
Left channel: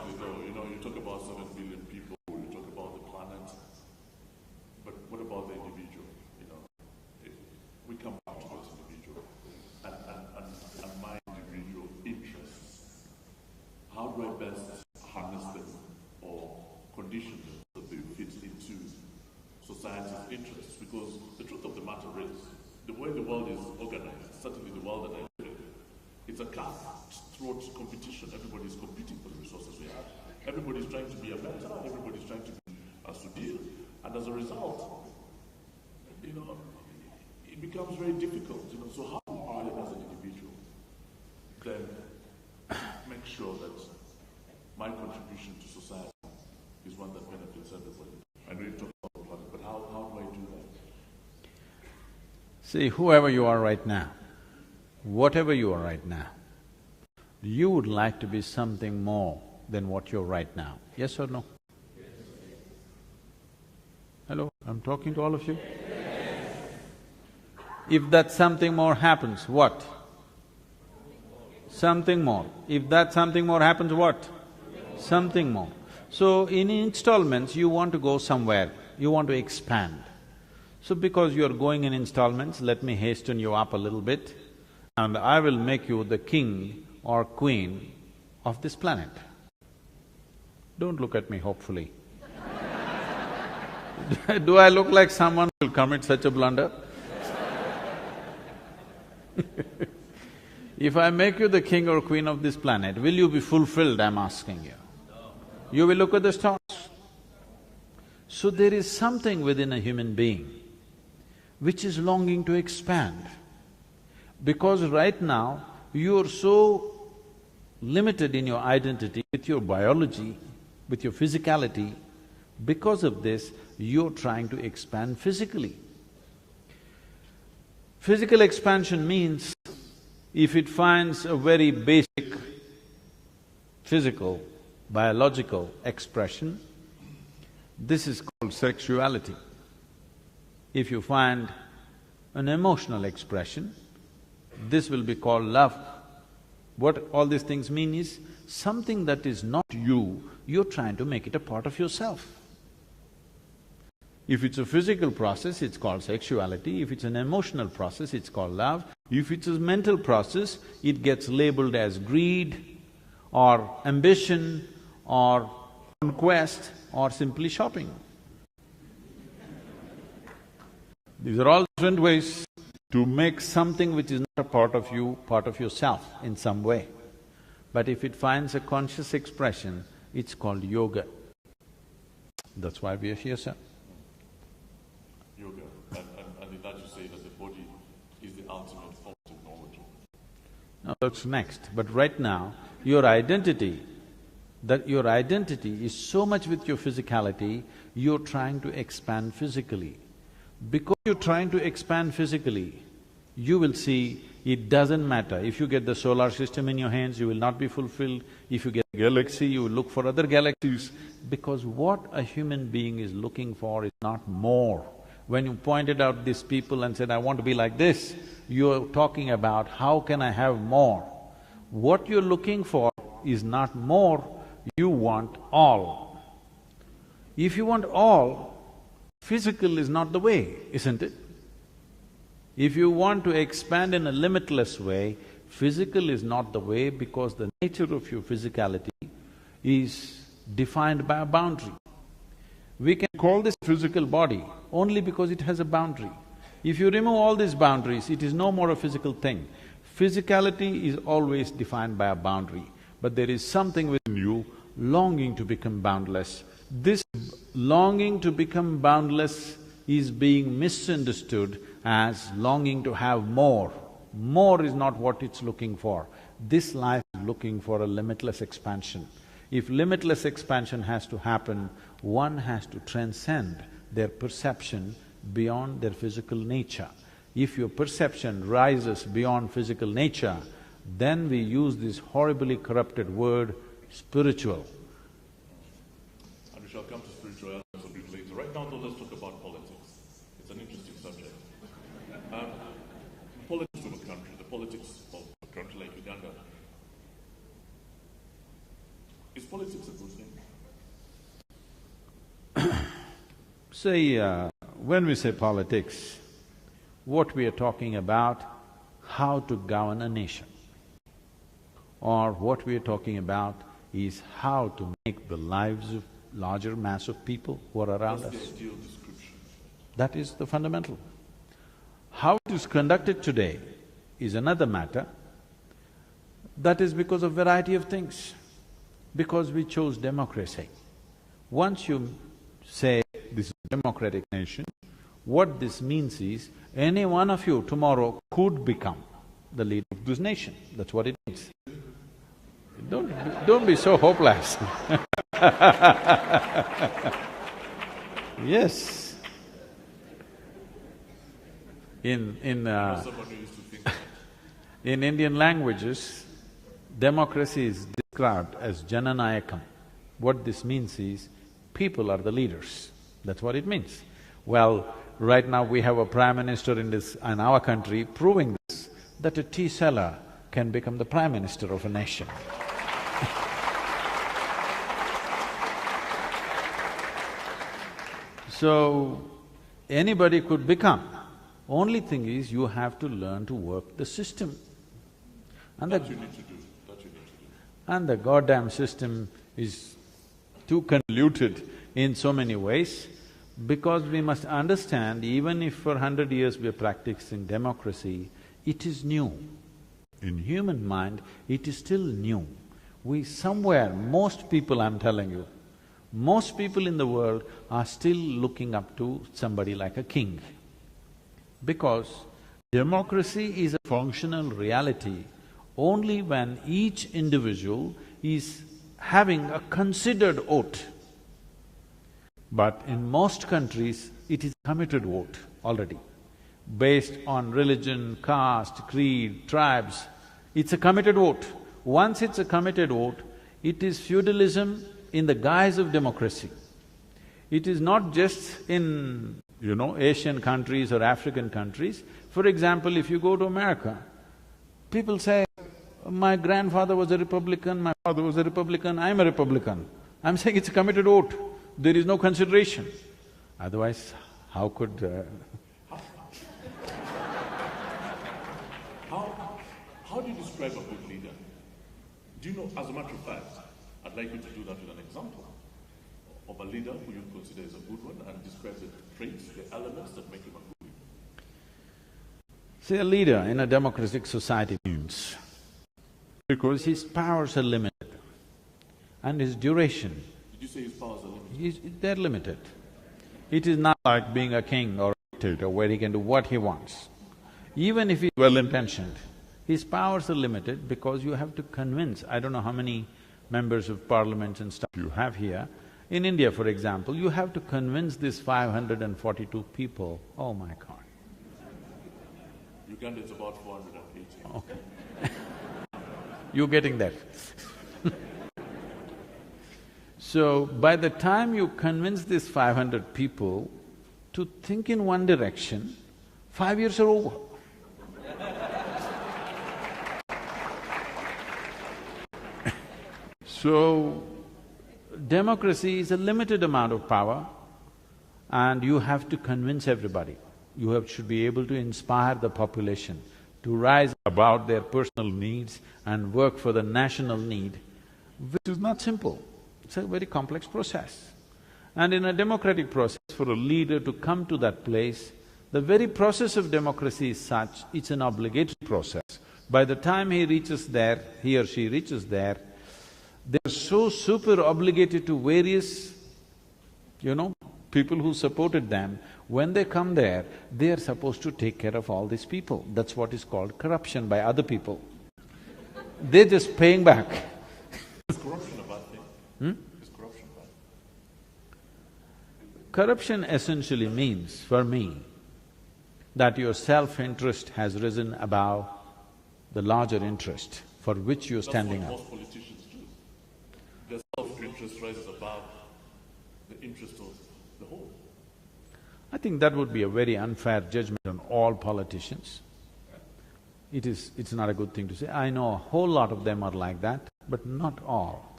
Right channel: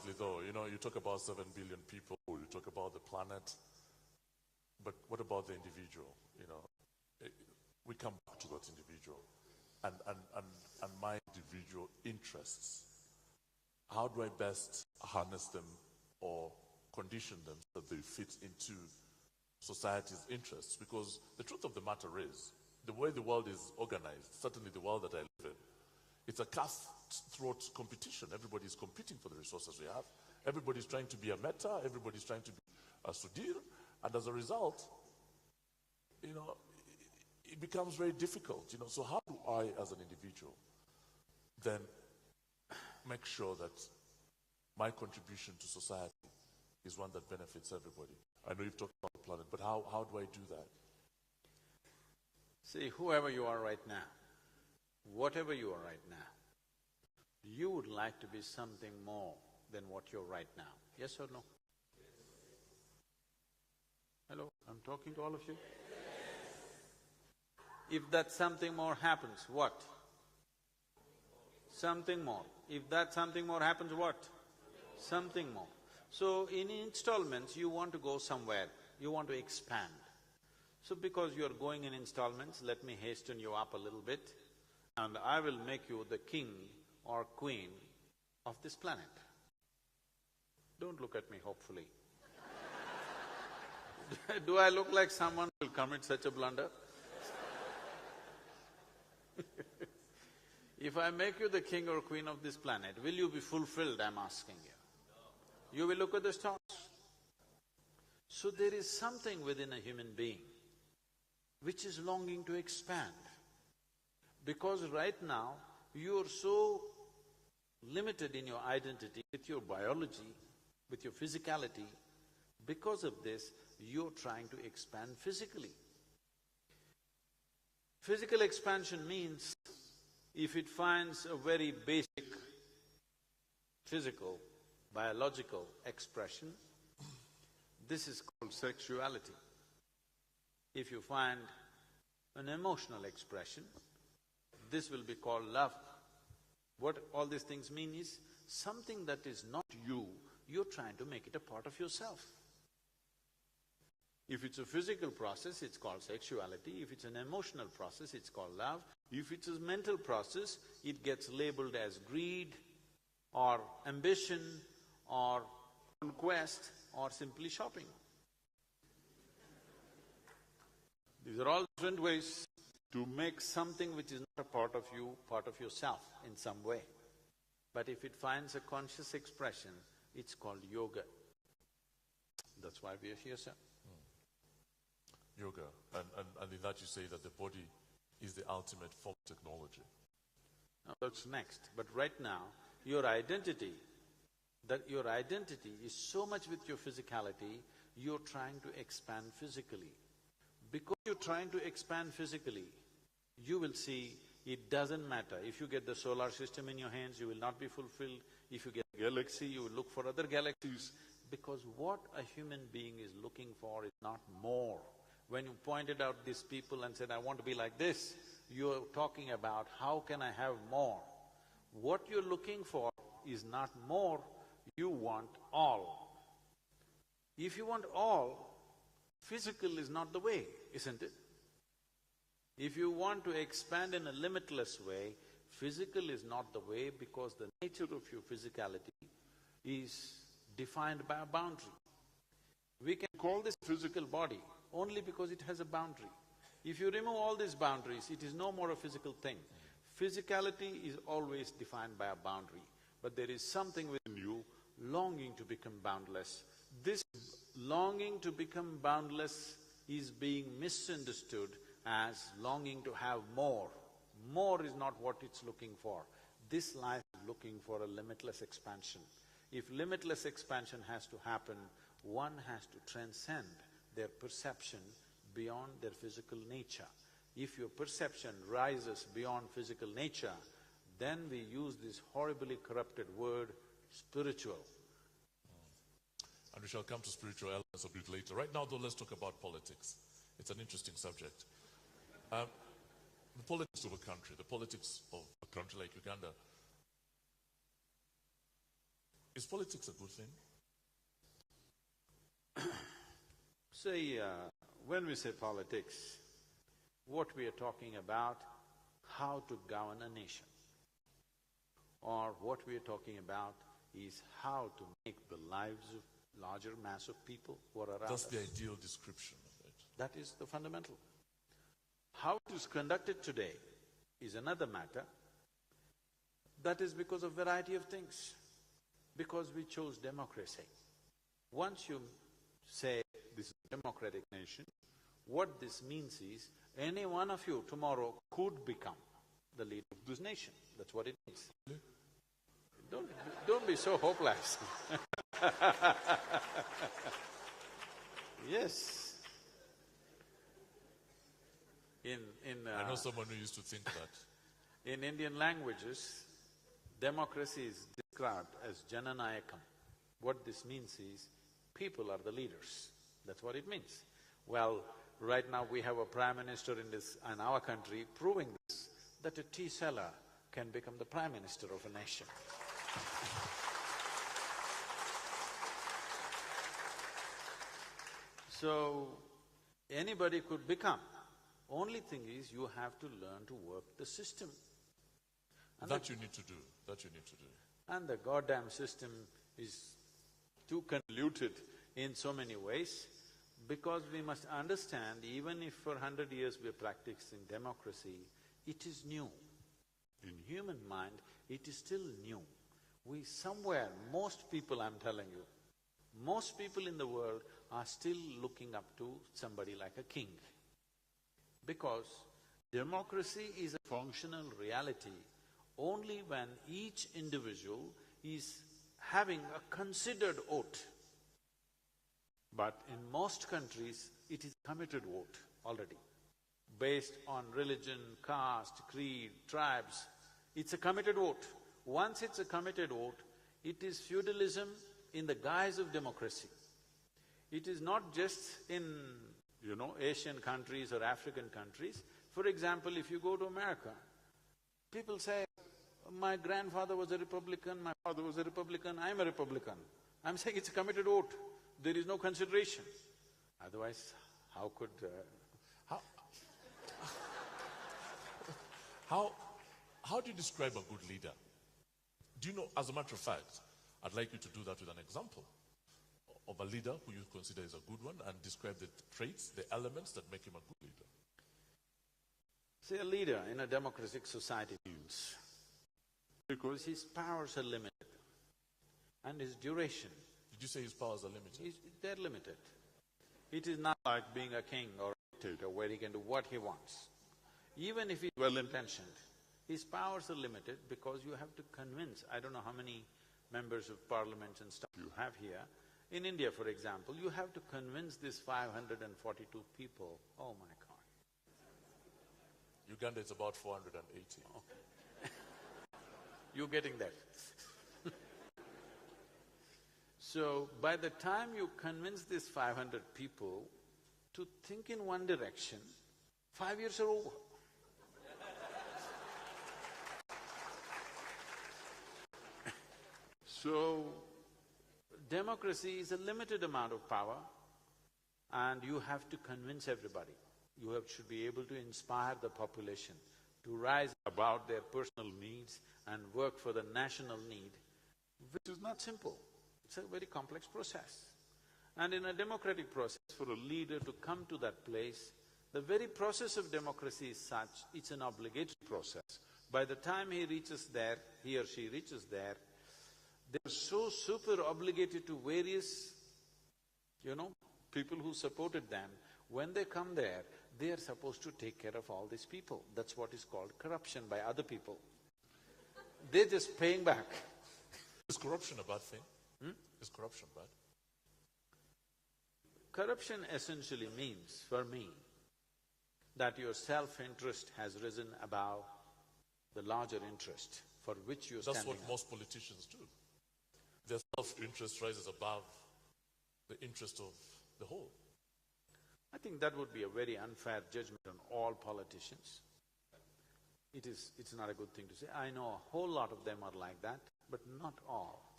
honestly though, you talk about 7 billion people, you talk about the planet, but what about the individual? We come back to that individual and my individual interests. How do I best harness them or condition them so that they fit into society's interests? Because the truth of the matter is, the way the world is organized, certainly the world that I live in, it's a cutthroat competition. Everybody's competing for the resources we have. Everybody's trying to be a mentor, everybody's trying to be a Sudhir, and as a result, it becomes very difficult. So how do I, as an individual, then make sure that my contribution to society is one that benefits everybody? I know you've talked about the planet, but how do I do that? See, whoever you are right now, whatever you are right now, you would like to be something more than what you're right now, yes or no? Hello, I'm talking to all of you? If that something more happens, what? Something more. If that something more happens, what? Something more. So in installments, you want to go somewhere, you want to expand. So because you're going in installments, let me hasten you up a little bit, and I will make you the king or queen of this planet. Don't look at me hopefully. Do I look like someone who will commit such a blunder? If I make you the king or queen of this planet, will you be fulfilled, I'm asking you? You will look at the stars. So there is something within a human being which is longing to expand. Because right now, you're so limited in your identity with your biology, with your physicality. Because of this, you're trying to expand physically. Physical expansion means, if it finds a very basic physical, biological expression, this is called sexuality. If you find an emotional expression, this will be called love. What all these things mean is, something that is not you, you're trying to make it a part of yourself. If it's a physical process, it's called sexuality. If it's an emotional process, it's called love. If it's a mental process, it gets labeled as greed or ambition or conquest or simply shopping. These are all different ways to make something which is not a part of you, part of yourself in some way. But if it finds a conscious expression, it's called yoga. That's why we are here, sir. Yoga, and in that you say that the body is the ultimate form of technology. No, that's next. But right now, your identity is so much with your physicality, you're trying to expand physically. Because you're trying to expand physically, you will see it doesn't matter. If you get the solar system in your hands, you will not be fulfilled. If you get a galaxy, you will look for other galaxies. Because what a human being is looking for is not more. When you pointed out these people and said, I want to be like this, you're talking about how can I have more. What you're looking for is not more, you want all. If you want all, physical is not the way, isn't it? If you want to expand in a limitless way, physical is not the way, because the nature of your physicality is defined by a boundary. We can call this physical body only because it has a boundary. If you remove all these boundaries, it is no more a physical thing. Physicality is always defined by a boundary, but there is something within you longing to become boundless. This longing to become boundless is being misunderstood as longing to have more. More is not what it's looking for. This life is looking for a limitless expansion. If limitless expansion has to happen, one has to transcend their perception beyond their physical nature. If your perception rises beyond physical nature, then we use this horribly corrupted word, spiritual. And we shall come to spiritual elements a bit later. Right now though, let's talk about politics. It's an interesting subject. Politics of a country, the politics of a country like Uganda, Is politics a good thing? See, when we say politics, what we are talking about, how to govern a nation. Or what we are talking about is how to make the lives of larger mass of people who are around us. That's the ideal description. That is the fundamental. How it is conducted today is another matter. That is because of variety of things. Because we chose democracy. Once you say this is a democratic nation, what this means is any one of you tomorrow could become the leader of this nation. That's what it means. Don't be so hopeless. Yes. Someone who used to think that. In Indian languages, democracy is described as Jananayakam. What this means is, people are the leaders. That's what it means. Well, right now we have a prime minister in our country proving this, that a tea seller can become the prime minister of a nation. So, anybody could become. Only thing is, you have to learn to work the system. And That you need to do. And the goddamn system is too convoluted in so many ways, because we must understand, even if for 100 years we are practicing democracy, it is new. In human mind, it is still new. Most people, I'm telling you, most people in the world are still looking up to somebody like a king. Because democracy is a functional reality only when each individual is having a considered vote. But in most countries, it is a committed vote already. Based on religion, caste, creed, tribes, it's a committed vote. Once it's a committed vote, it is feudalism in the guise of democracy. It is not just in, Asian countries or African countries. For example, if you go to America, people say, my grandfather was a Republican, my father was a Republican, I'm a Republican. I'm saying it's a committed vote. There is no consideration. Otherwise, how could… How do you describe a good leader? Do you know, as a matter of fact, I'd like you to do that with an example of a leader who you consider is a good one, and describe the traits, the elements that make him a good leader. See, a leader in a democratic society means, because his powers are limited and his duration… Did you say his powers are limited? They're limited. It is not like being a king or a dictator where he can do what he wants. Even if he's well-intentioned, his powers are limited because you have to convince… I don't know how many members of parliament and stuff you have here. In India, for example, you have to convince these 542 people, oh my God. Uganda is about 480. Okay. You're getting there. So, by the time you convince these 500 people to think in one direction, 5 years are over. So, democracy is a limited amount of power and you have to convince everybody. You should be able to inspire the population to rise above their personal needs and work for the national need, which is not simple. It's a very complex process. And in a democratic process, for a leader to come to that place, the very process of democracy is such, it's an obligatory process. By the time he reaches there, he or she reaches there, they're so super obligated to various, people who supported them. When they come there, they are supposed to take care of all these people. That's what is called corruption by other people. They're just paying back. Is corruption a bad thing? Is corruption bad? Corruption essentially means, for me, that your self-interest has risen above the larger interest for which you're standing up. That's what most politicians do. Their self-interest rises above the interest of the whole. I think that would be a very unfair judgment on all politicians. It's not a good thing to say. I know a whole lot of them are like that, but not all.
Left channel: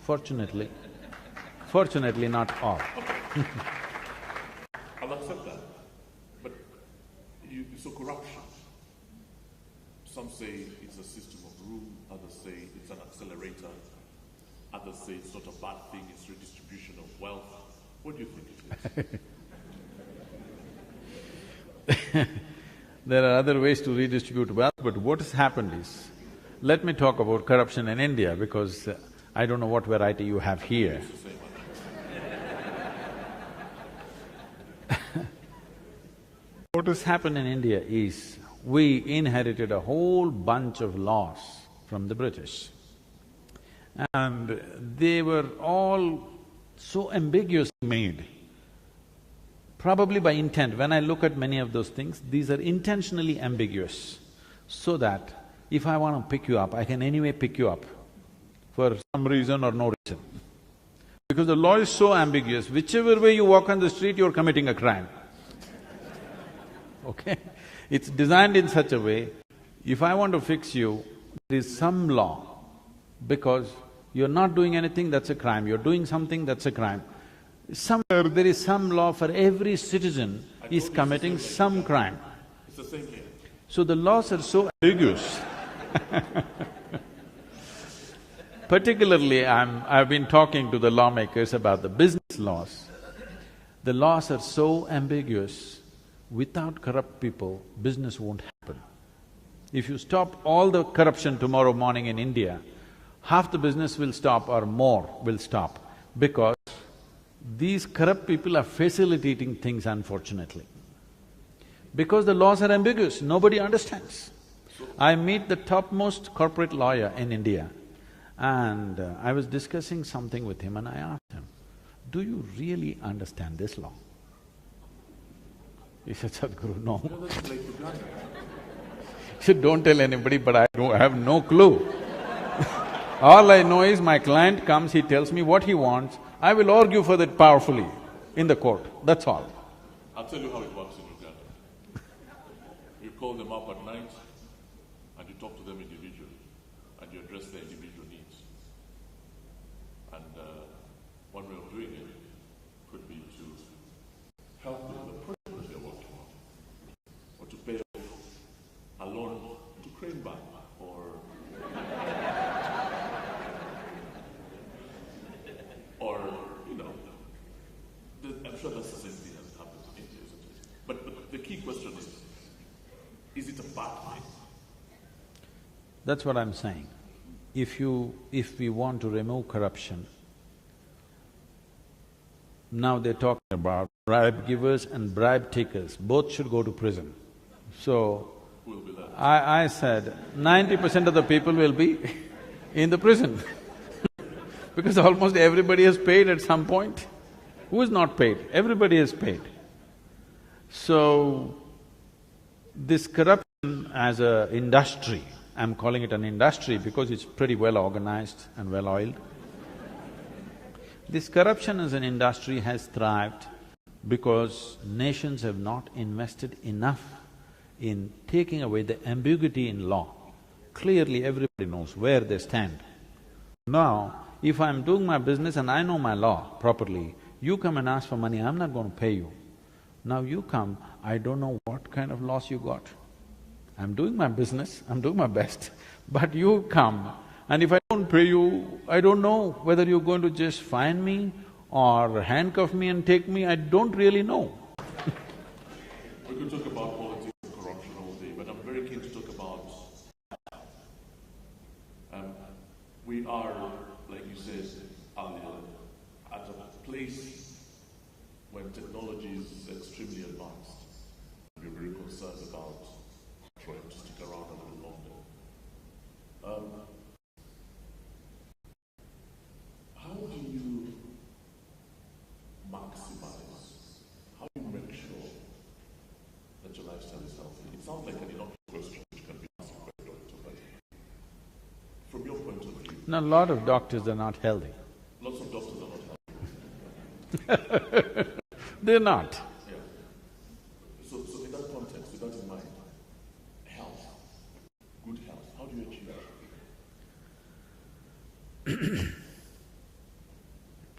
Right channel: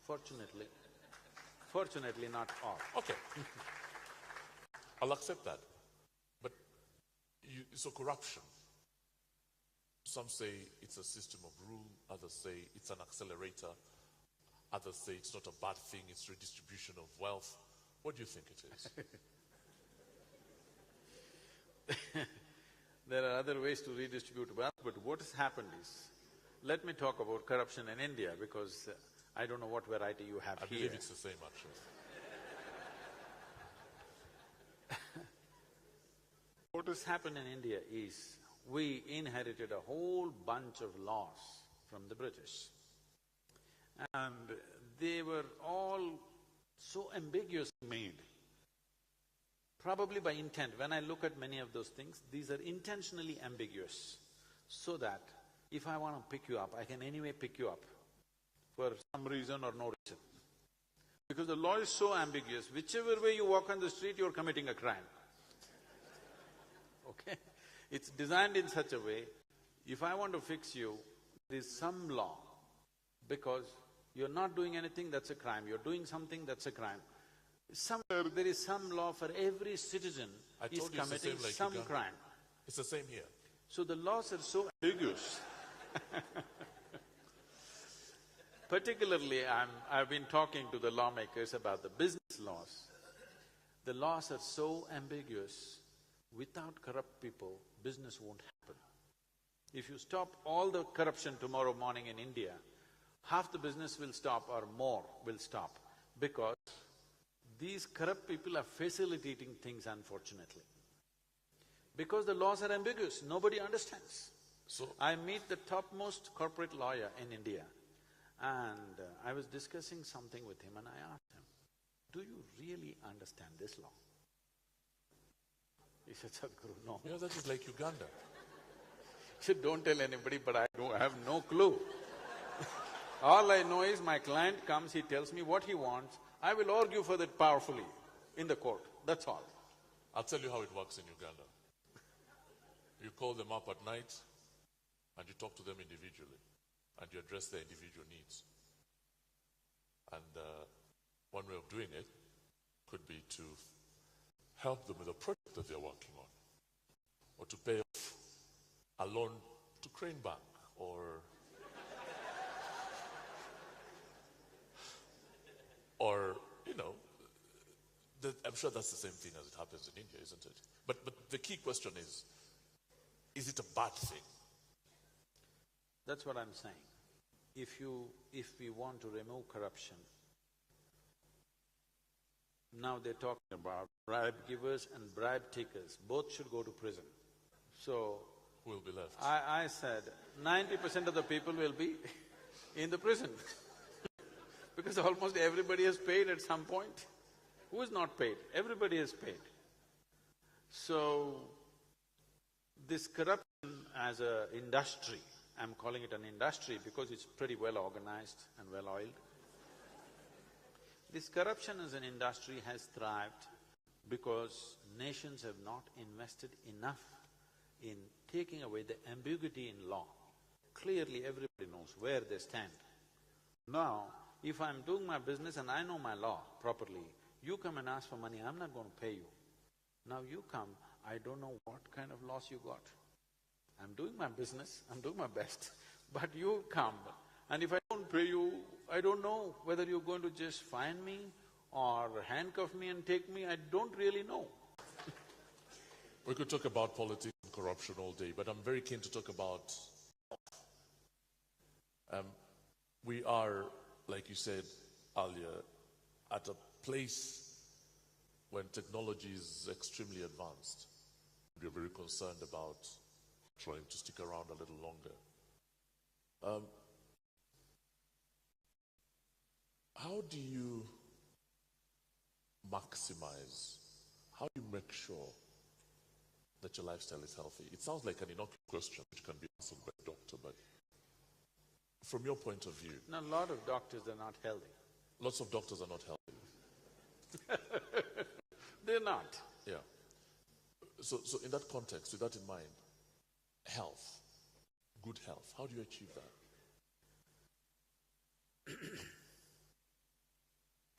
Fortunately not all. Okay. I'll accept that. But so corruption, some say it's a system of rule, others say it's an accelerator, others say it's not a bad thing, it's redistribution of wealth. What do you think it is? There are other ways to redistribute wealth, but what has happened is, let me talk about corruption in India because I don't know what variety you have here. What has happened in India is, we inherited a whole bunch of laws from the British. And they were all so ambiguously made, probably by intent. When I look at many of those things, these are intentionally ambiguous, so that if I want to pick you up, I can anyway pick you up for some reason or no reason. Because the law is so ambiguous, whichever way you walk on the street, you're committing a crime. Okay? It's designed in such a way, if I want to fix you, there is some law, because you're not doing anything, that's a crime, you're doing something, that's a crime. Somewhere there is some law for every citizen is committing some crime. It's the same here. So the laws are so ambiguous. Particularly, I've been talking to the lawmakers about the business laws. The laws are so ambiguous, without corrupt people, business won't happen. If you stop all the corruption tomorrow morning in India, half the business will stop or more will stop, because these corrupt people are facilitating things, unfortunately. Because the laws are ambiguous, nobody understands. I meet the topmost corporate lawyer in India, and I was discussing something with him and I asked him, do you really understand this law? He said, Sadhguru, no. That's like Uganda. He said, don't tell anybody, but I have no clue. All I know is my client comes, he tells me what he wants, I will argue for that powerfully in the court, that's all. I'll tell you how it works in Uganda. You call them up at night and you talk to them individually and you address their individual needs. And one way of doing it could be to help them with a project that they're working on, or to pay off a loan to Crane Bank, or you know, I'm sure that's the same thing that happens in India, isn't it? But the key question is it a bad thing? That's what I'm saying. If we want to remove corruption, now they're talking about bribe givers and bribe takers, both should go to prison. So, Who will be left? I said 90% of the people will be in the prison because almost everybody has paid at some point. Who is not paid? Everybody has paid. So, this corruption as a industry, I'm calling it an industry because it's pretty well organized and well oiled. This corruption as an industry has thrived because nations have not invested enough in taking away the ambiguity in law. Clearly everybody knows where they stand. Now, if I'm doing my business and I know my law properly, you come and ask for money, I'm not going to pay you. Now you come, I don't know what kind of loss you got. I'm doing my business, I'm doing my best, but you come, and if I don't pay you, I don't know whether you're going to just fine me or handcuff me and take me, I don't really know. We could talk about politics and corruption all day, but I'm very keen to talk about… we are, like you said earlier, at a place when technology is extremely advanced. We're very concerned about trying to stick around a little longer. How do you maximize, how do you make sure that your lifestyle is healthy? It sounds like an innocuous question which can be answered by a doctor, but from your point of view… Now, a lot of doctors are not healthy. Lots of doctors are not healthy. They're not. Yeah. So in that context, with that in mind, health, good health, how do you achieve it?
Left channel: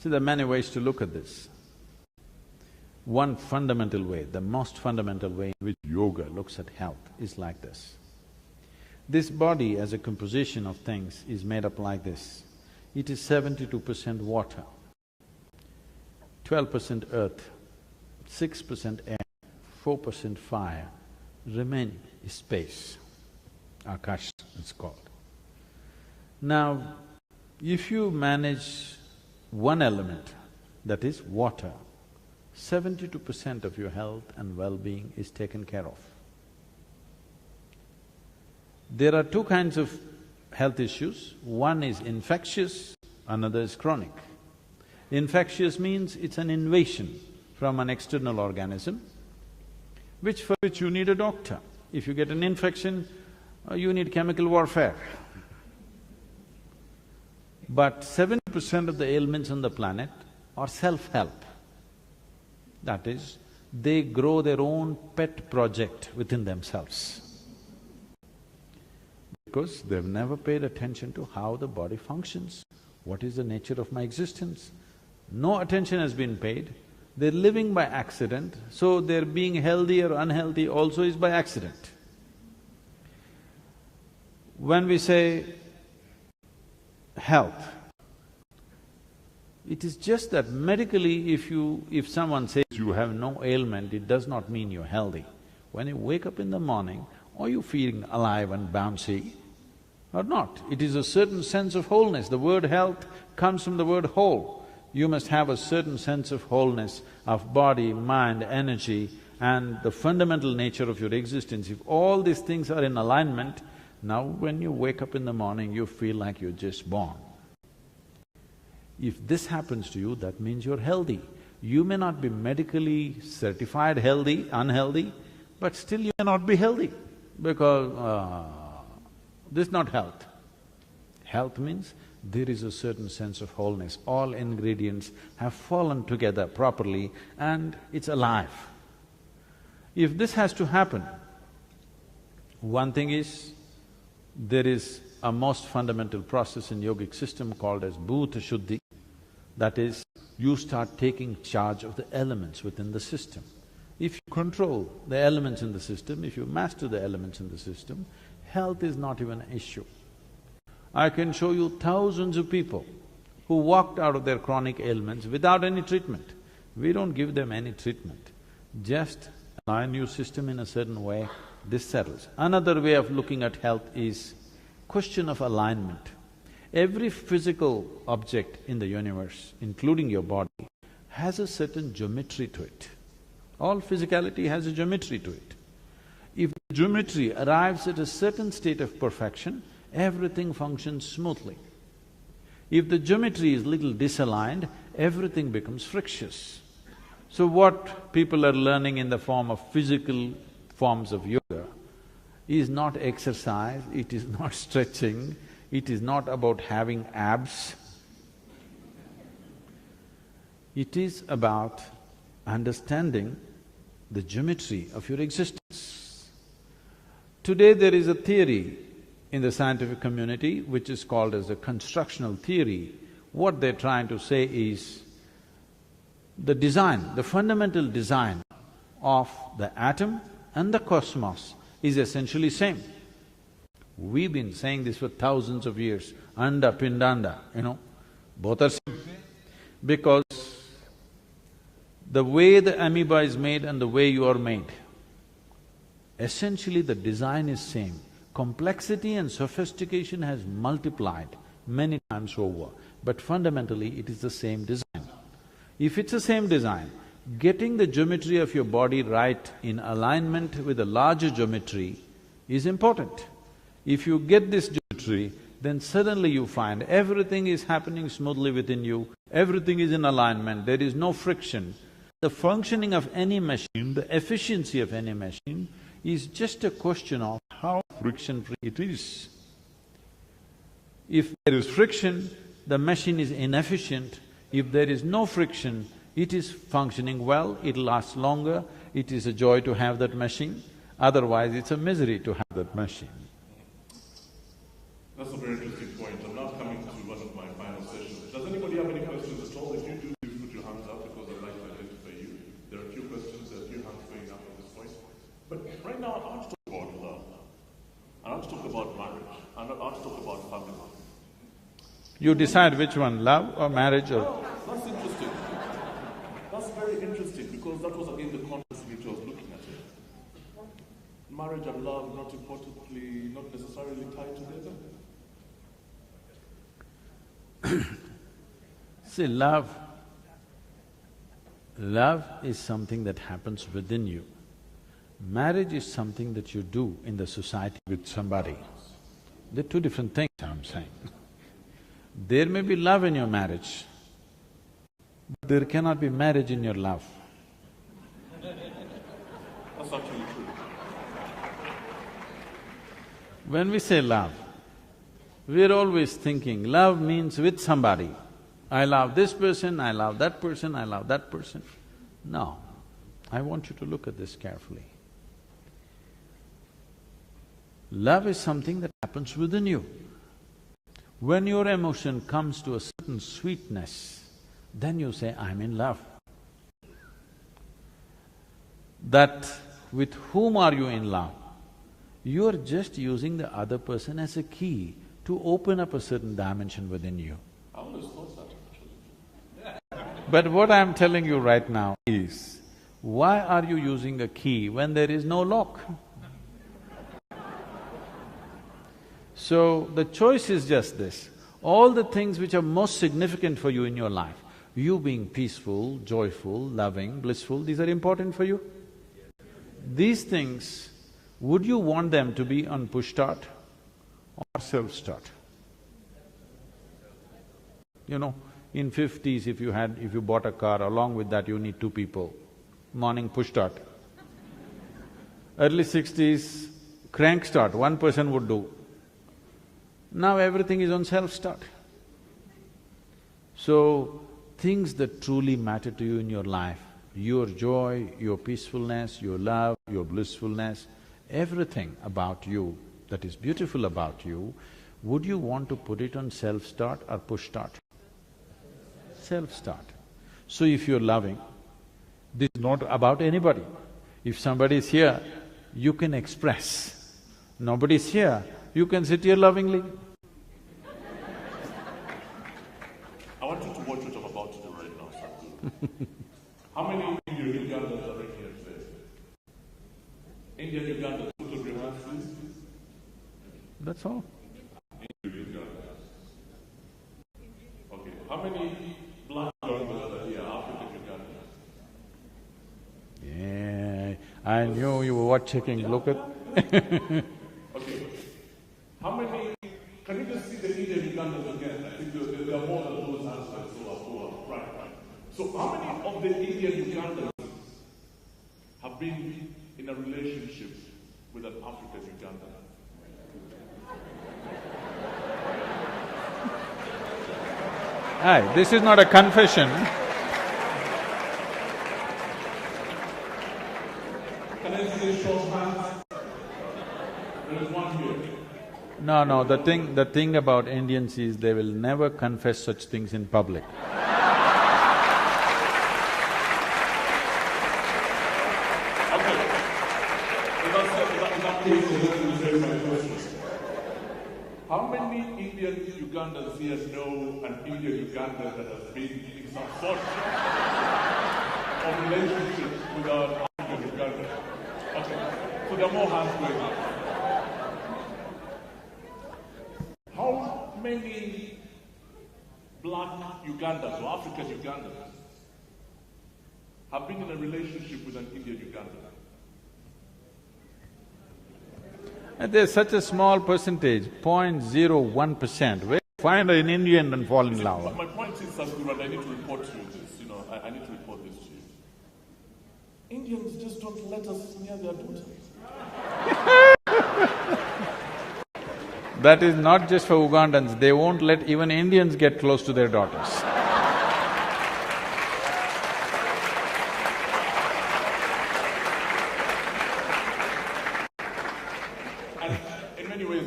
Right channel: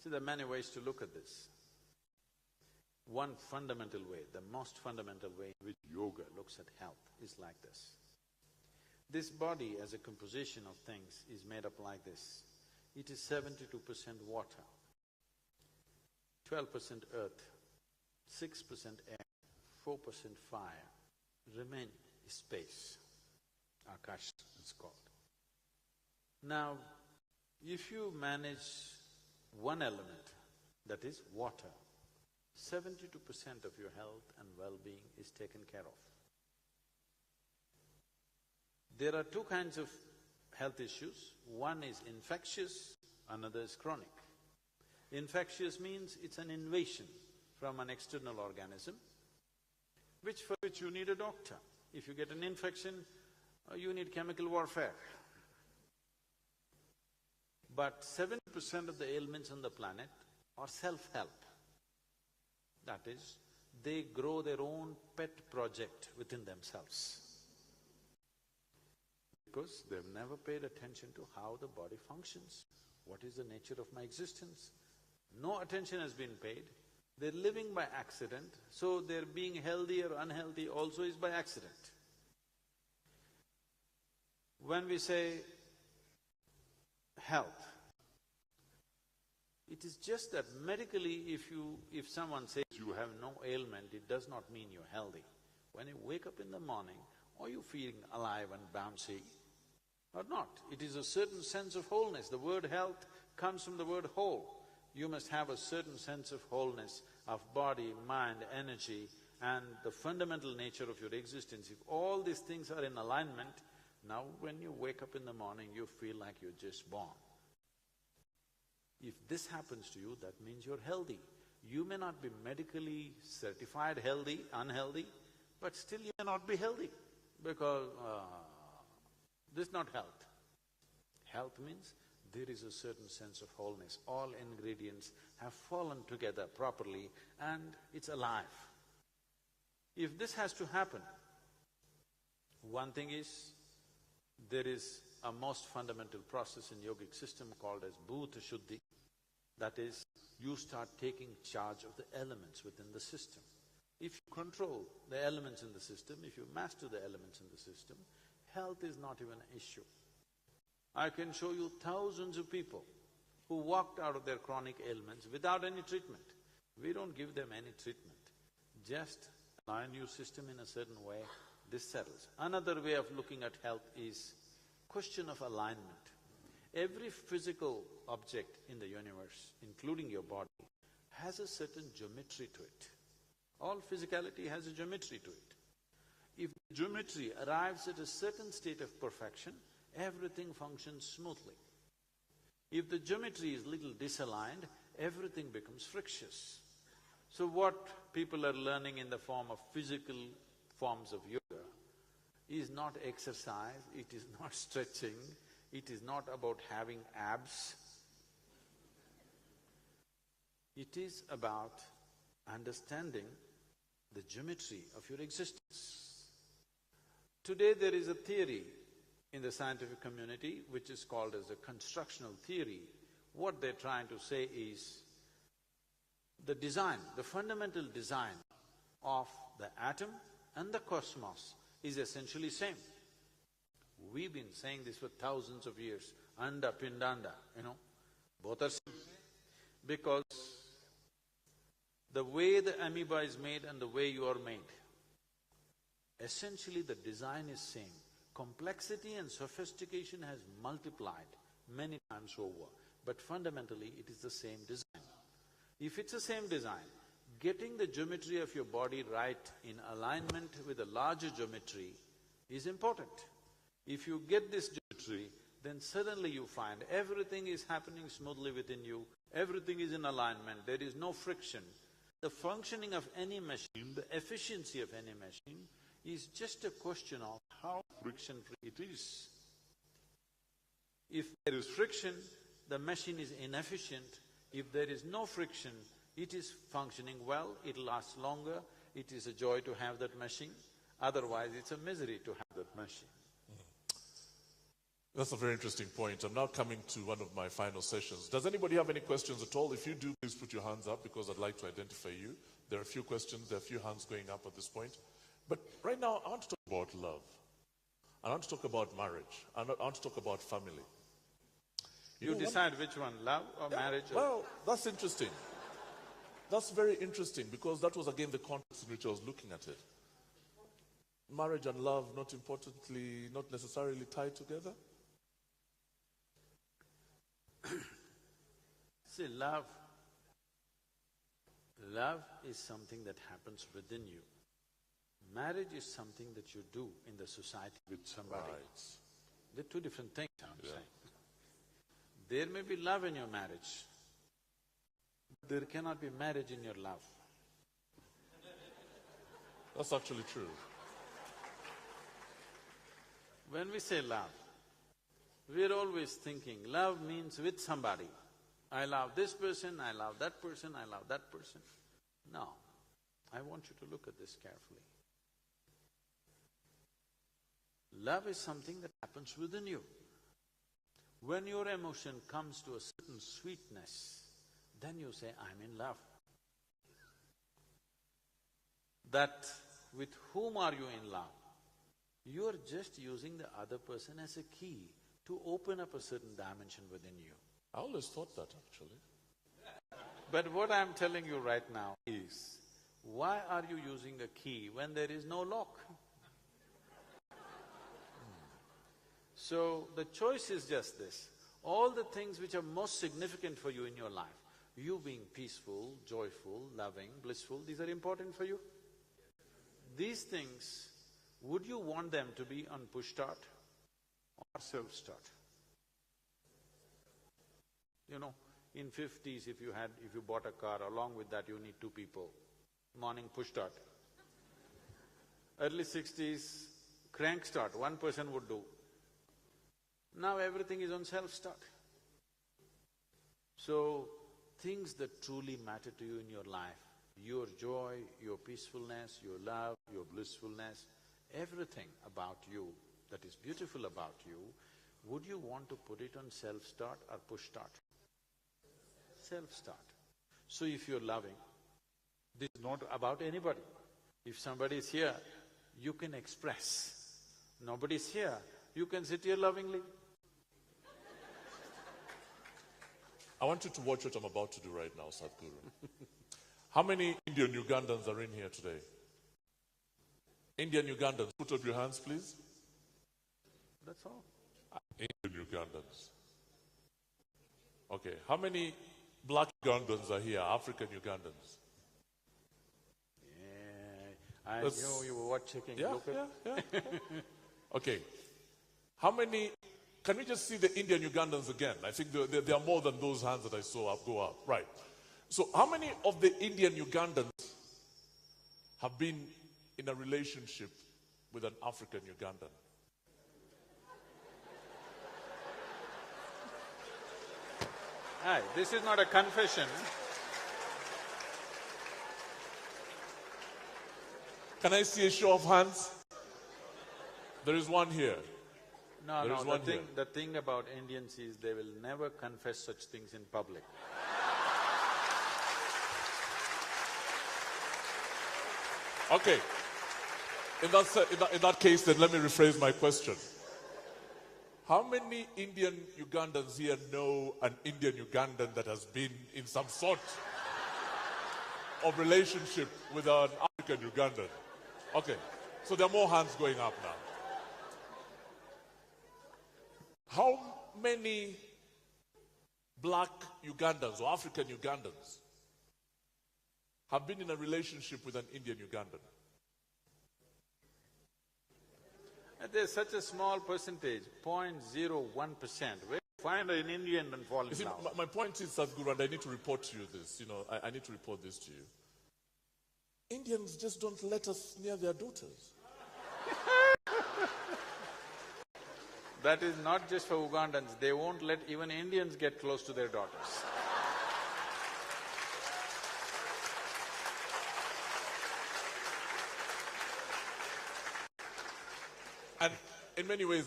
See, there are many ways to look at this. One fundamental way, the most fundamental way in which yoga looks at health is like this. This body as a composition of things is made up like this. It is 72% water, 12% earth, 6% air, 4% fire, remaining is space, Akash it's called. Now, if you manage one element, that is water, 72% of your health and well-being is taken care of. There are two kinds of health issues. One is infectious, another is chronic. Infectious means it's an invasion from an external organism, for which you need a doctor. If you get an infection, you need chemical warfare. But 70% of the ailments on the planet are self-help. That is, they grow their own pet project within themselves. Because they've never paid attention to how the body functions, what is the nature of my existence. No attention has been paid, they're living by accident, so their being healthy or unhealthy also is by accident. When we say health, it is just that medically if someone says you have no ailment, it does not mean you're healthy. When you wake up in the morning, are you feeling alive and bouncy or not? It is a certain sense of wholeness. The word health comes from the word whole. You must have a certain sense of wholeness of body, mind, energy and the fundamental nature of your existence. If all these things are in alignment, now when you wake up in the morning, you feel like you're just born. If this happens to you, that means you're healthy. You may not be medically certified healthy, unhealthy, but still you may not be healthy because this is not health. Health means there is a certain sense of wholeness. All ingredients have fallen together properly and it's alive. If this has to happen, one thing is, there is a most fundamental process in yogic system called as bhuta shuddhi. That is, you start taking charge of the elements within the system. If you control the elements in the system, if you master the elements in the system, health is not even an issue. I can show you thousands of people who walked out of their chronic ailments without any treatment. We don't give them any treatment, just align your system in a certain way, this settles. Another way of looking at health is question of alignment. Every physical object in the universe, including your body, has a certain geometry to it. All physicality has a geometry to it. If the geometry arrives at a certain state of perfection, everything functions smoothly. If the geometry is little disaligned, everything becomes frictious. So what people are learning in the form of physical forms of yoga is not exercise, it is not stretching, it is not about having abs. It is about understanding the geometry of your existence. Today there is a theory in the scientific community which is called as a constructional theory. What they're trying to say is the design, the fundamental design of the atom and the cosmos is essentially same. We've been saying this for thousands of years, anda, pindanda, both are same. Because the way the amoeba is made and the way you are made, essentially the design is same. Complexity and sophistication has multiplied many times over, but fundamentally it is the same design. If it's the same design, getting the geometry of your body right in alignment with a larger geometry is important. If you get this geometry, then suddenly you find everything is happening smoothly within you, everything is in alignment, there is no friction. The functioning of any machine, the efficiency of any machine is just a question of how friction-free it is. If there is friction, the machine is inefficient. If there is no friction, it is functioning well, it lasts longer, it is a joy to have that machine, otherwise it's a misery to have that machine. That's a very interesting point. I'm now coming to one of my final sessions. Does anybody have any questions at all? If you do, please put your hands up because I'd like to identify you. There are a few questions, there are a few hands going up at this point. But right now, I want to talk about love. I want to talk about marriage. I want to talk about family. You decide which one, love or marriage or… Oh, that's interesting. That's very interesting because that was again the context in which I was looking at it. Marriage and love, not importantly, not necessarily tied together. See, love is something that happens within you. Marriage is something that you do in the society with somebody. They're two different things, I'm saying. There may be love in your marriage, but there cannot be marriage in your love. That's actually true. When we say love, we're always thinking love means with somebody. I love this person, I love that person, I love that person. No, I want you to look at this carefully. Love is something that happens within you. When your emotion comes to a certain sweetness, then you say, I'm in love. That with whom are you in love? You're just using the other person as a key to open up a certain dimension within you. I always thought that actually. But what I'm telling you right now is, why are you using a key when there is no lock? So, the choice is just this. All the things which are most significant for you in your life, you being peaceful, joyful, loving, blissful, these are important for you? These things, would you want them to be on push-start or self-start? You know, in 50s if you bought a car, along with that you need two people. Morning push-start. Early 60s, crank-start, one person would do. Now everything is on self-start. So, things that truly matter to you in your life, your joy, your peacefulness, your love, your blissfulness, everything about you that is beautiful about you, would you want to put it on self-start or push-start? Self-start. So if you're loving, this is not about anybody. If somebody is here, you can express. Nobody's here, you can sit here lovingly. I want you to watch what I'm about to do right now, Sadhguru. How many Indian Ugandans are in here today? Indian Ugandans, put up your hands, please. That's all. Indian Ugandans. Okay, how many black Ugandans are here, African Ugandans? Yeah, I knew you were checking, look at… Okay, how many… Can we just see the Indian Ugandans again? I think there are more than those hands that I saw go up. Right. So how many of the Indian Ugandans have been in a relationship with an African Ugandan? Aye, this is not a confession. Can I see a show of hands? There is one here. No, the thing about Indians is they will never confess such things in public. Okay. In that case, then let me rephrase my question. How many Indian Ugandans here know an Indian Ugandan that has been in some sort of relationship with an African Ugandan? Okay, so there are more hands going up. How many black Ugandans or African Ugandans have been in a relationship with an Indian Ugandan? And there's such a small percentage, 0.01%, where you find an Indian and fall in love. My point is, Sadhguru, and I need to report to you this, I need to report this to you. Indians just don't let us near their daughters. That is not just for Ugandans, they won't let even Indians get close to their daughters. And in many ways,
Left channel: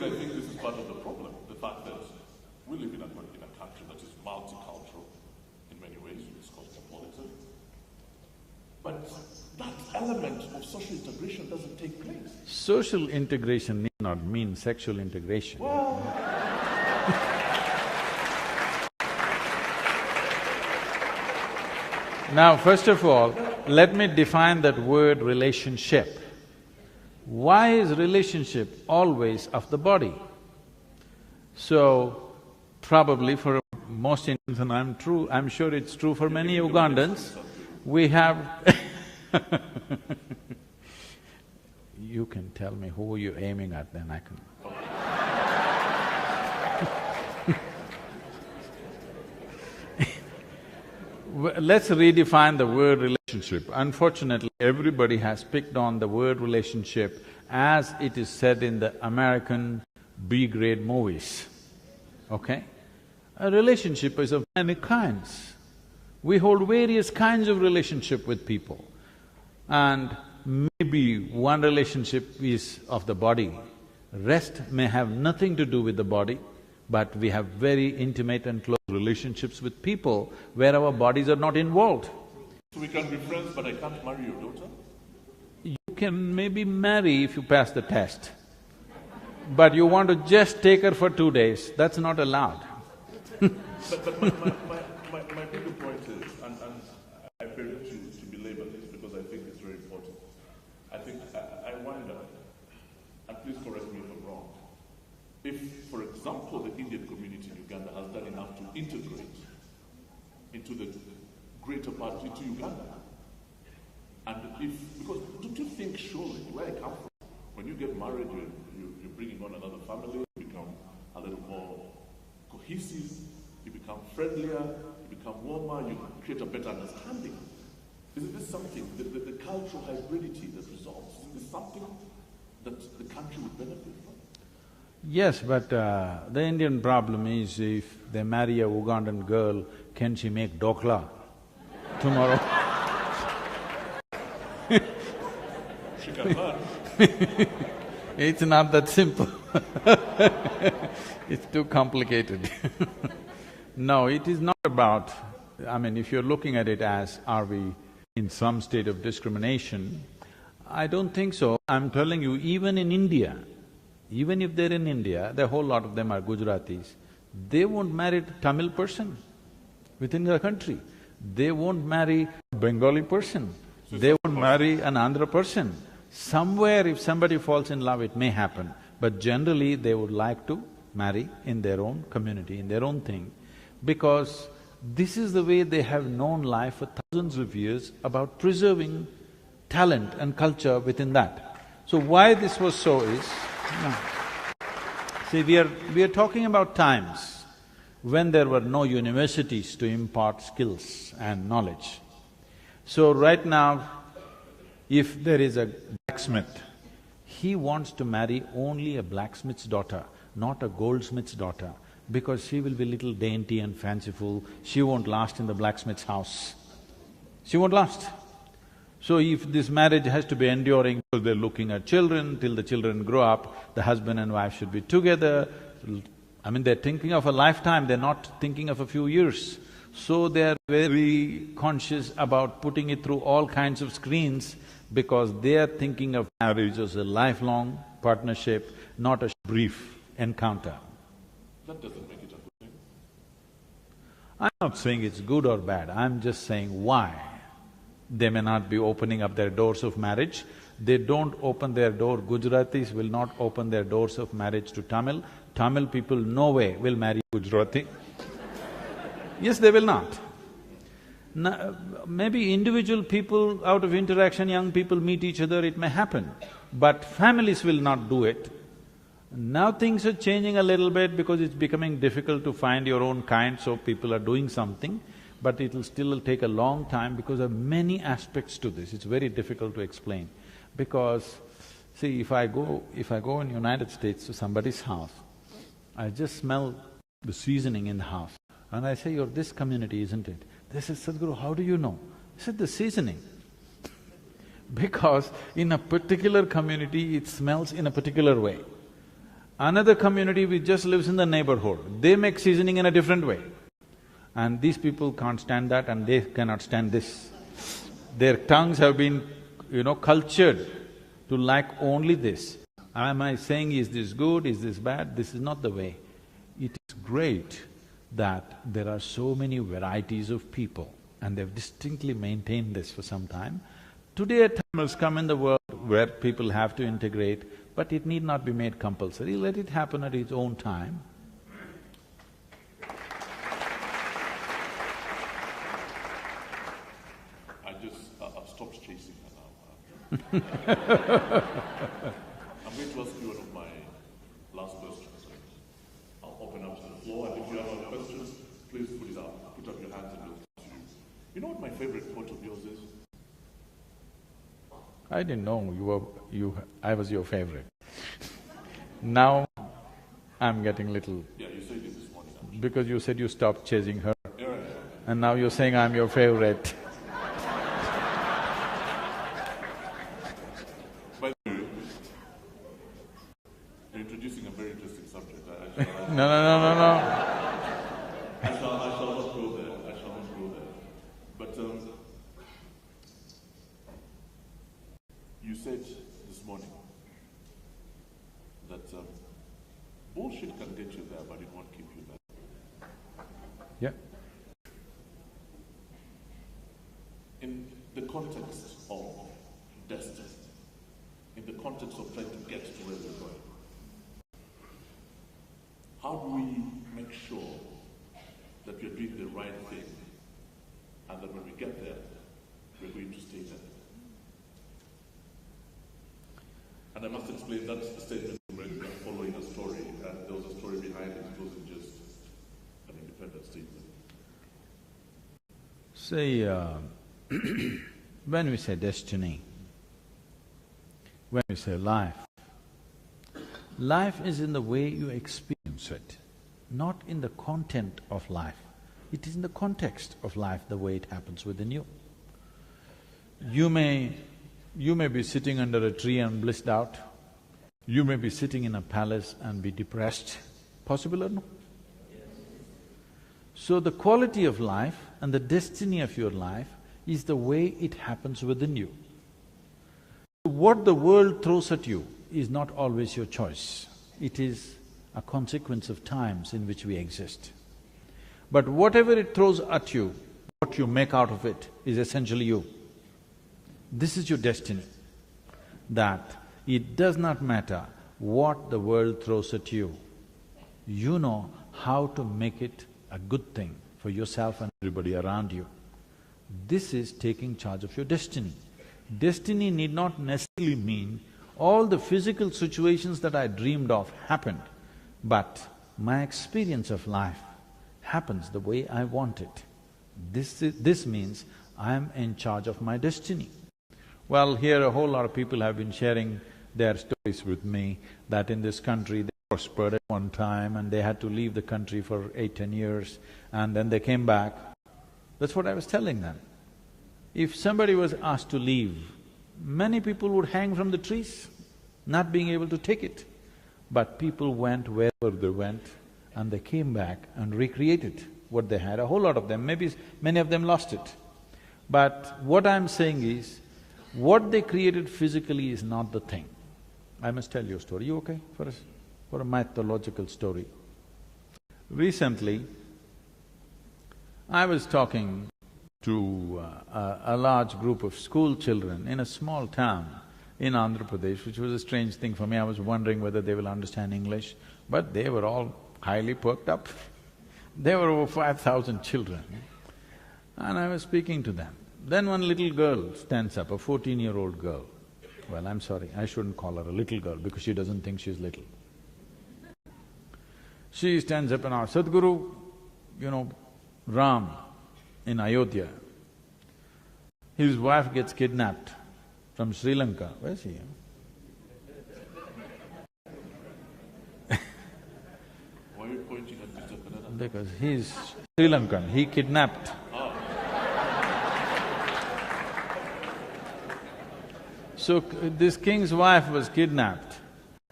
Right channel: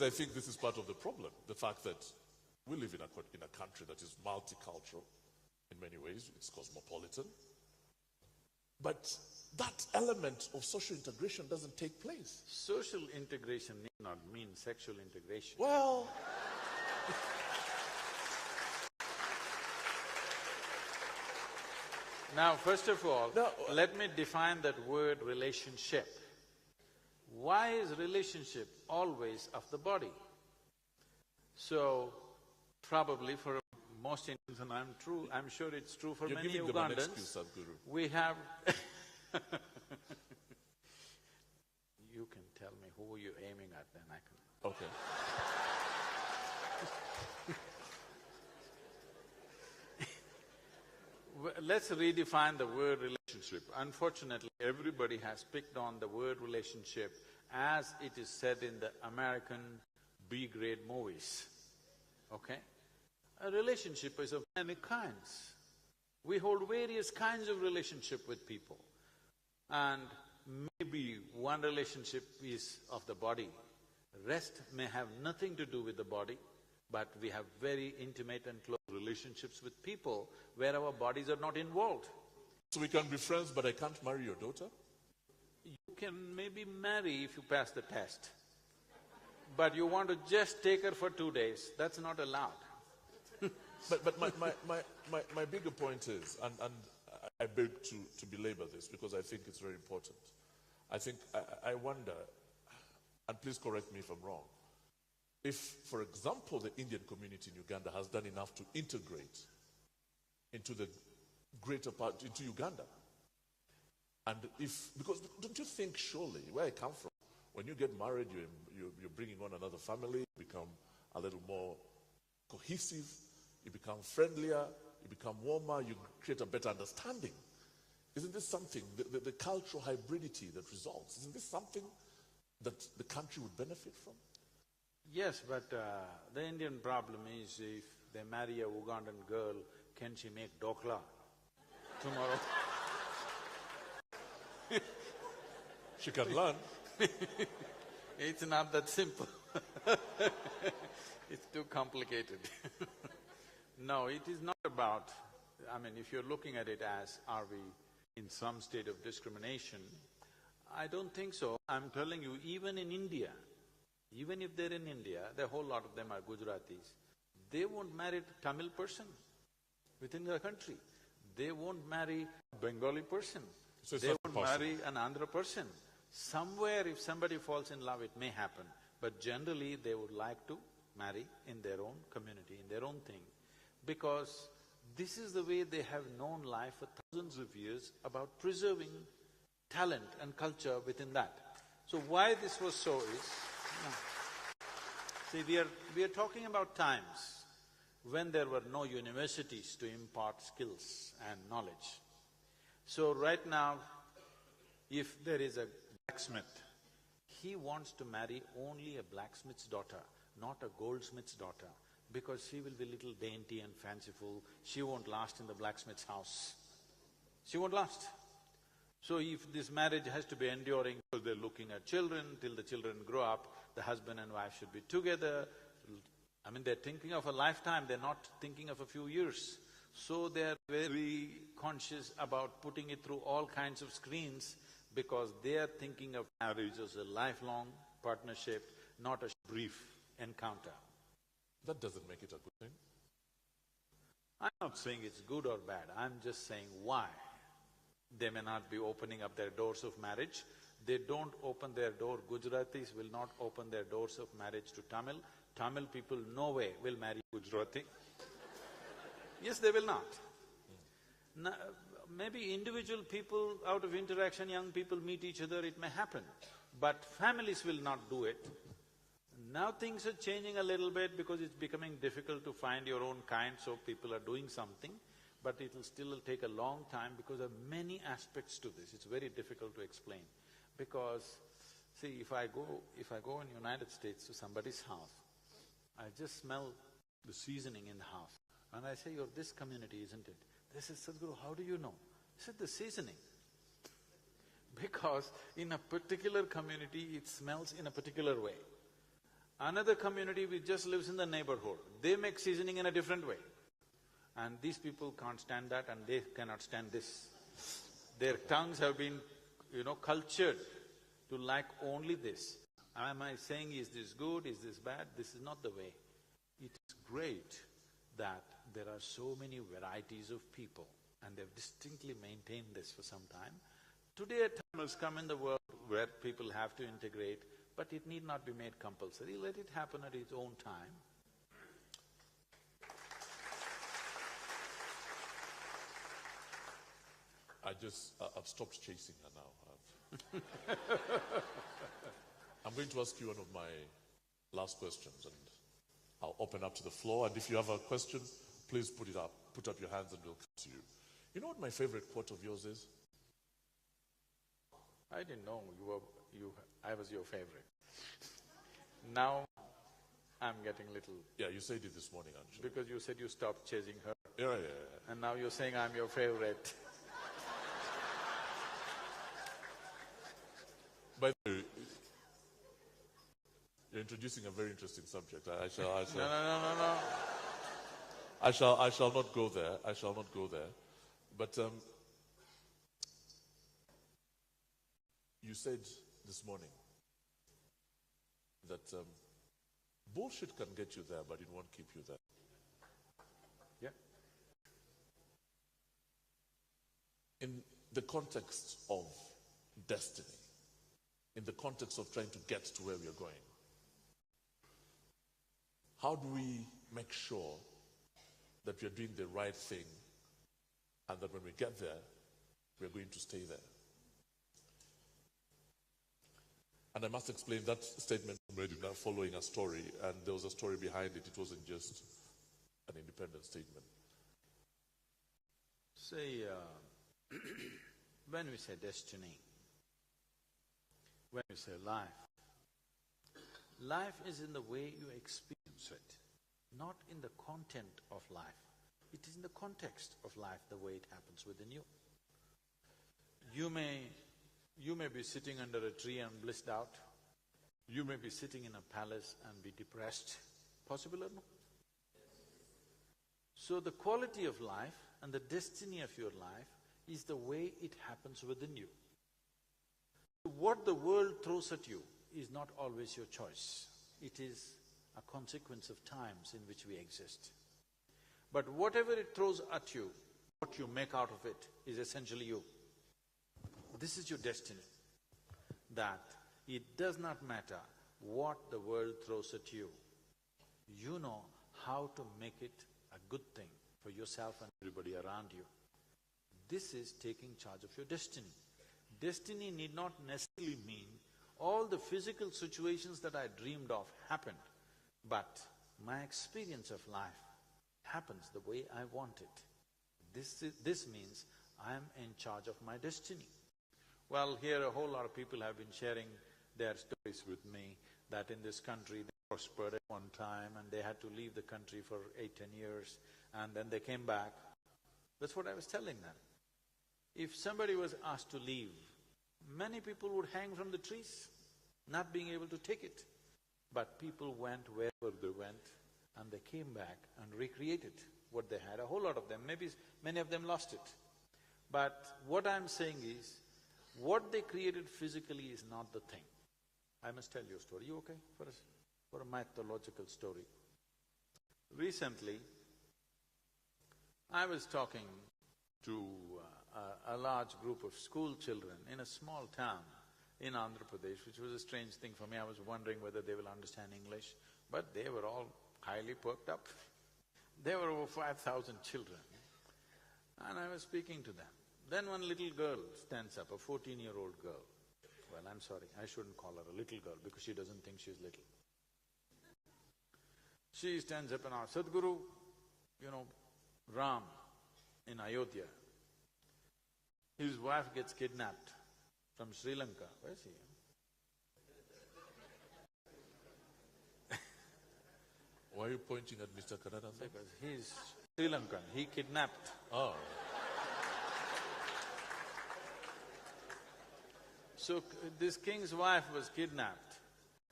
ways, I think this is part of the problem. The fact that we live in a country that is multicultural in many ways, it's cosmopolitan. But that element of social integration doesn't take place. Social integration need not mean sexual integration. Well… Now, first of all, let me define that word relationship. Why is relationship always of the body? So, probably for most Indians, and I'm sure it's true for many Ugandans, we have You can tell me who you're aiming at, then I can… Let's redefine the word relationship. Unfortunately, everybody has picked on the word relationship as it is said in the American B-grade movies, okay? A relationship is of many kinds. We hold various kinds of relationship with people. And maybe one relationship is of the body, rest may have nothing to do with the body, but we have very intimate and close relationships with people where our bodies are not involved. So we can be friends, but I can't marry your daughter? You can maybe marry if you pass the test, but you want to just take her for 2 days, that's not allowed. But my bigger point is, and I beg to belabor this because I think it's very important. I wonder, and please correct me if I'm wrong, if, for example, the Indian community in Uganda has done enough to integrate into the greater part, into Uganda. And because don't you think surely, where I come from, when you get married, you're bringing on another family, you become a little more cohesive, you become friendlier, you become warmer, you create a better understanding. Isn't this something, the cultural hybridity that results, isn't this something that the country would benefit from? Yes, but the Indian problem is if they marry a Ugandan girl, can she make dokla tomorrow? She can learn. It's not that simple it's too complicated No, it is not about… I mean, if you're looking at it as, are we in some state of discrimination, I don't think so. I'm telling you, even in India, even if they're in India, the whole lot of them are Gujaratis, they won't marry a Tamil person within the country. They won't marry a Bengali person. They won't marry an Andhra person. Somewhere if somebody falls in love, it may happen, but generally they would like to marry in their own community, in their own thing, because this is the way they have known life for thousands of years about preserving talent and culture within that. So why this was so is… See, we are talking about times when there were no universities to impart skills and knowledge. So right now, if there is a blacksmith, he wants to marry only a blacksmith's daughter, not a goldsmith's daughter, because she will be little dainty and fanciful, she won't last in the blacksmith's house. She won't last. So if this marriage has to be enduring, because they're looking at children, till the children grow up, the husband and wife should be together. I mean, they're thinking of a lifetime, they're not thinking of a few years. So they're very conscious about putting it through all kinds of screens because they're thinking of marriage as a lifelong partnership, not a brief encounter. That doesn't make it a good thing. I'm not saying it's good or bad, I'm just saying why. They may not be opening up their doors of marriage. They don't open their door, Gujaratis will not open their doors of marriage to Tamil. Tamil people no way will marry Gujarati. Yes, they will not. Maybe individual people, out of interaction, young people meet each other, it may happen, but families will not do it. Now things are changing a little bit because it's becoming difficult to find your own kind, so people are doing something, but it'll still take a long time because there are many aspects to this, it's very difficult to explain. Because, see, if I go in United States to somebody's house, I just smell the seasoning in the house, and I say, "You're this community, isn't it?" They say, "Sadhguru, how do you know?" I said, "The seasoning." Because in a particular community, it smells in a particular way. Another community which just lives in the neighborhood, they make seasoning in a different way. And these people can't stand that and they cannot stand this. Their tongues have been, cultured to like only this. Am I saying, is this good, is this bad? This is not the way. It is great that there are so many varieties of people and they've distinctly maintained this for some time. Today a time has come in the world where people have to integrate, but it need not be made compulsory, let it happen at its own time. I've stopped chasing her now. I'm going to ask you one of my last questions. I'll open up to the floor, and if you have a question, please put it up. Put up your hands and we'll come to you. You know what my favorite quote of yours is? I didn't know I was your favorite. Now, I'm getting little… Yeah, you said it this morning. Because you said you stopped chasing her. Yeah, right. And now you're saying I'm your favorite. By the way, you're introducing a very interesting subject. No. I shall not go there. But you said this morning that bullshit can get you there, but it won't keep you there. Yeah. In the context of destiny, in the context of trying to get to where we're going, how do we make sure that we're doing the right thing and that when we get there, we're going to stay there? And I must explain that statement following a story, and there was a story behind it. It wasn't just an independent statement. Say, when we say destiny, when we say life, life is in the way you experience it, not in the content of life. It is in the context of life, the way it happens within you. You may be sitting under a tree and blissed out. You may be sitting in a palace and be depressed. Possible or no? So the quality of life and the destiny of your life is the way it happens within you. What the world throws at you is not always your choice. It is a consequence of times in which we exist. But whatever it throws at you, what you make out of it is essentially you. This is your destiny, that it does not matter what the world throws at you. You know how to make it a good thing for yourself and everybody around you. This is taking charge of your destiny. Destiny need not necessarily mean all the physical situations that I dreamed of happened, but my experience of life happens the way I want it. This means I am in charge of my destiny. Well, here a whole lot of people have been sharing their stories with me that in this country they prospered at one time and they had to leave the country for 8–10 years and then they came back. That's what I was telling them. If somebody was asked to leave, many people would hang from the trees, not being able to take it. But people went wherever they went and they came back and recreated what they had. A whole lot of them, maybe many of them lost it. But what I'm saying is, what they created physically is not the thing. I must tell you a story. You okay for a mythological story? Recently, I was talking to a large group of school children in a small town in Andhra Pradesh, which was a strange thing for me. I was wondering whether they will understand English, but they were all highly perked up. There were over 5,000 children, and I was speaking to them. Then one little girl stands up, a 14-year-old girl. Well, I'm sorry, I shouldn't call her a little girl because she doesn't think she's little. She stands up and asks, Sadhguru, Ram in Ayodhya, his wife gets kidnapped from Sri Lanka. Where's he? Why are you pointing at Mr. Kannada? Because he's Sri Lankan, he kidnapped. Oh. So this king's wife was kidnapped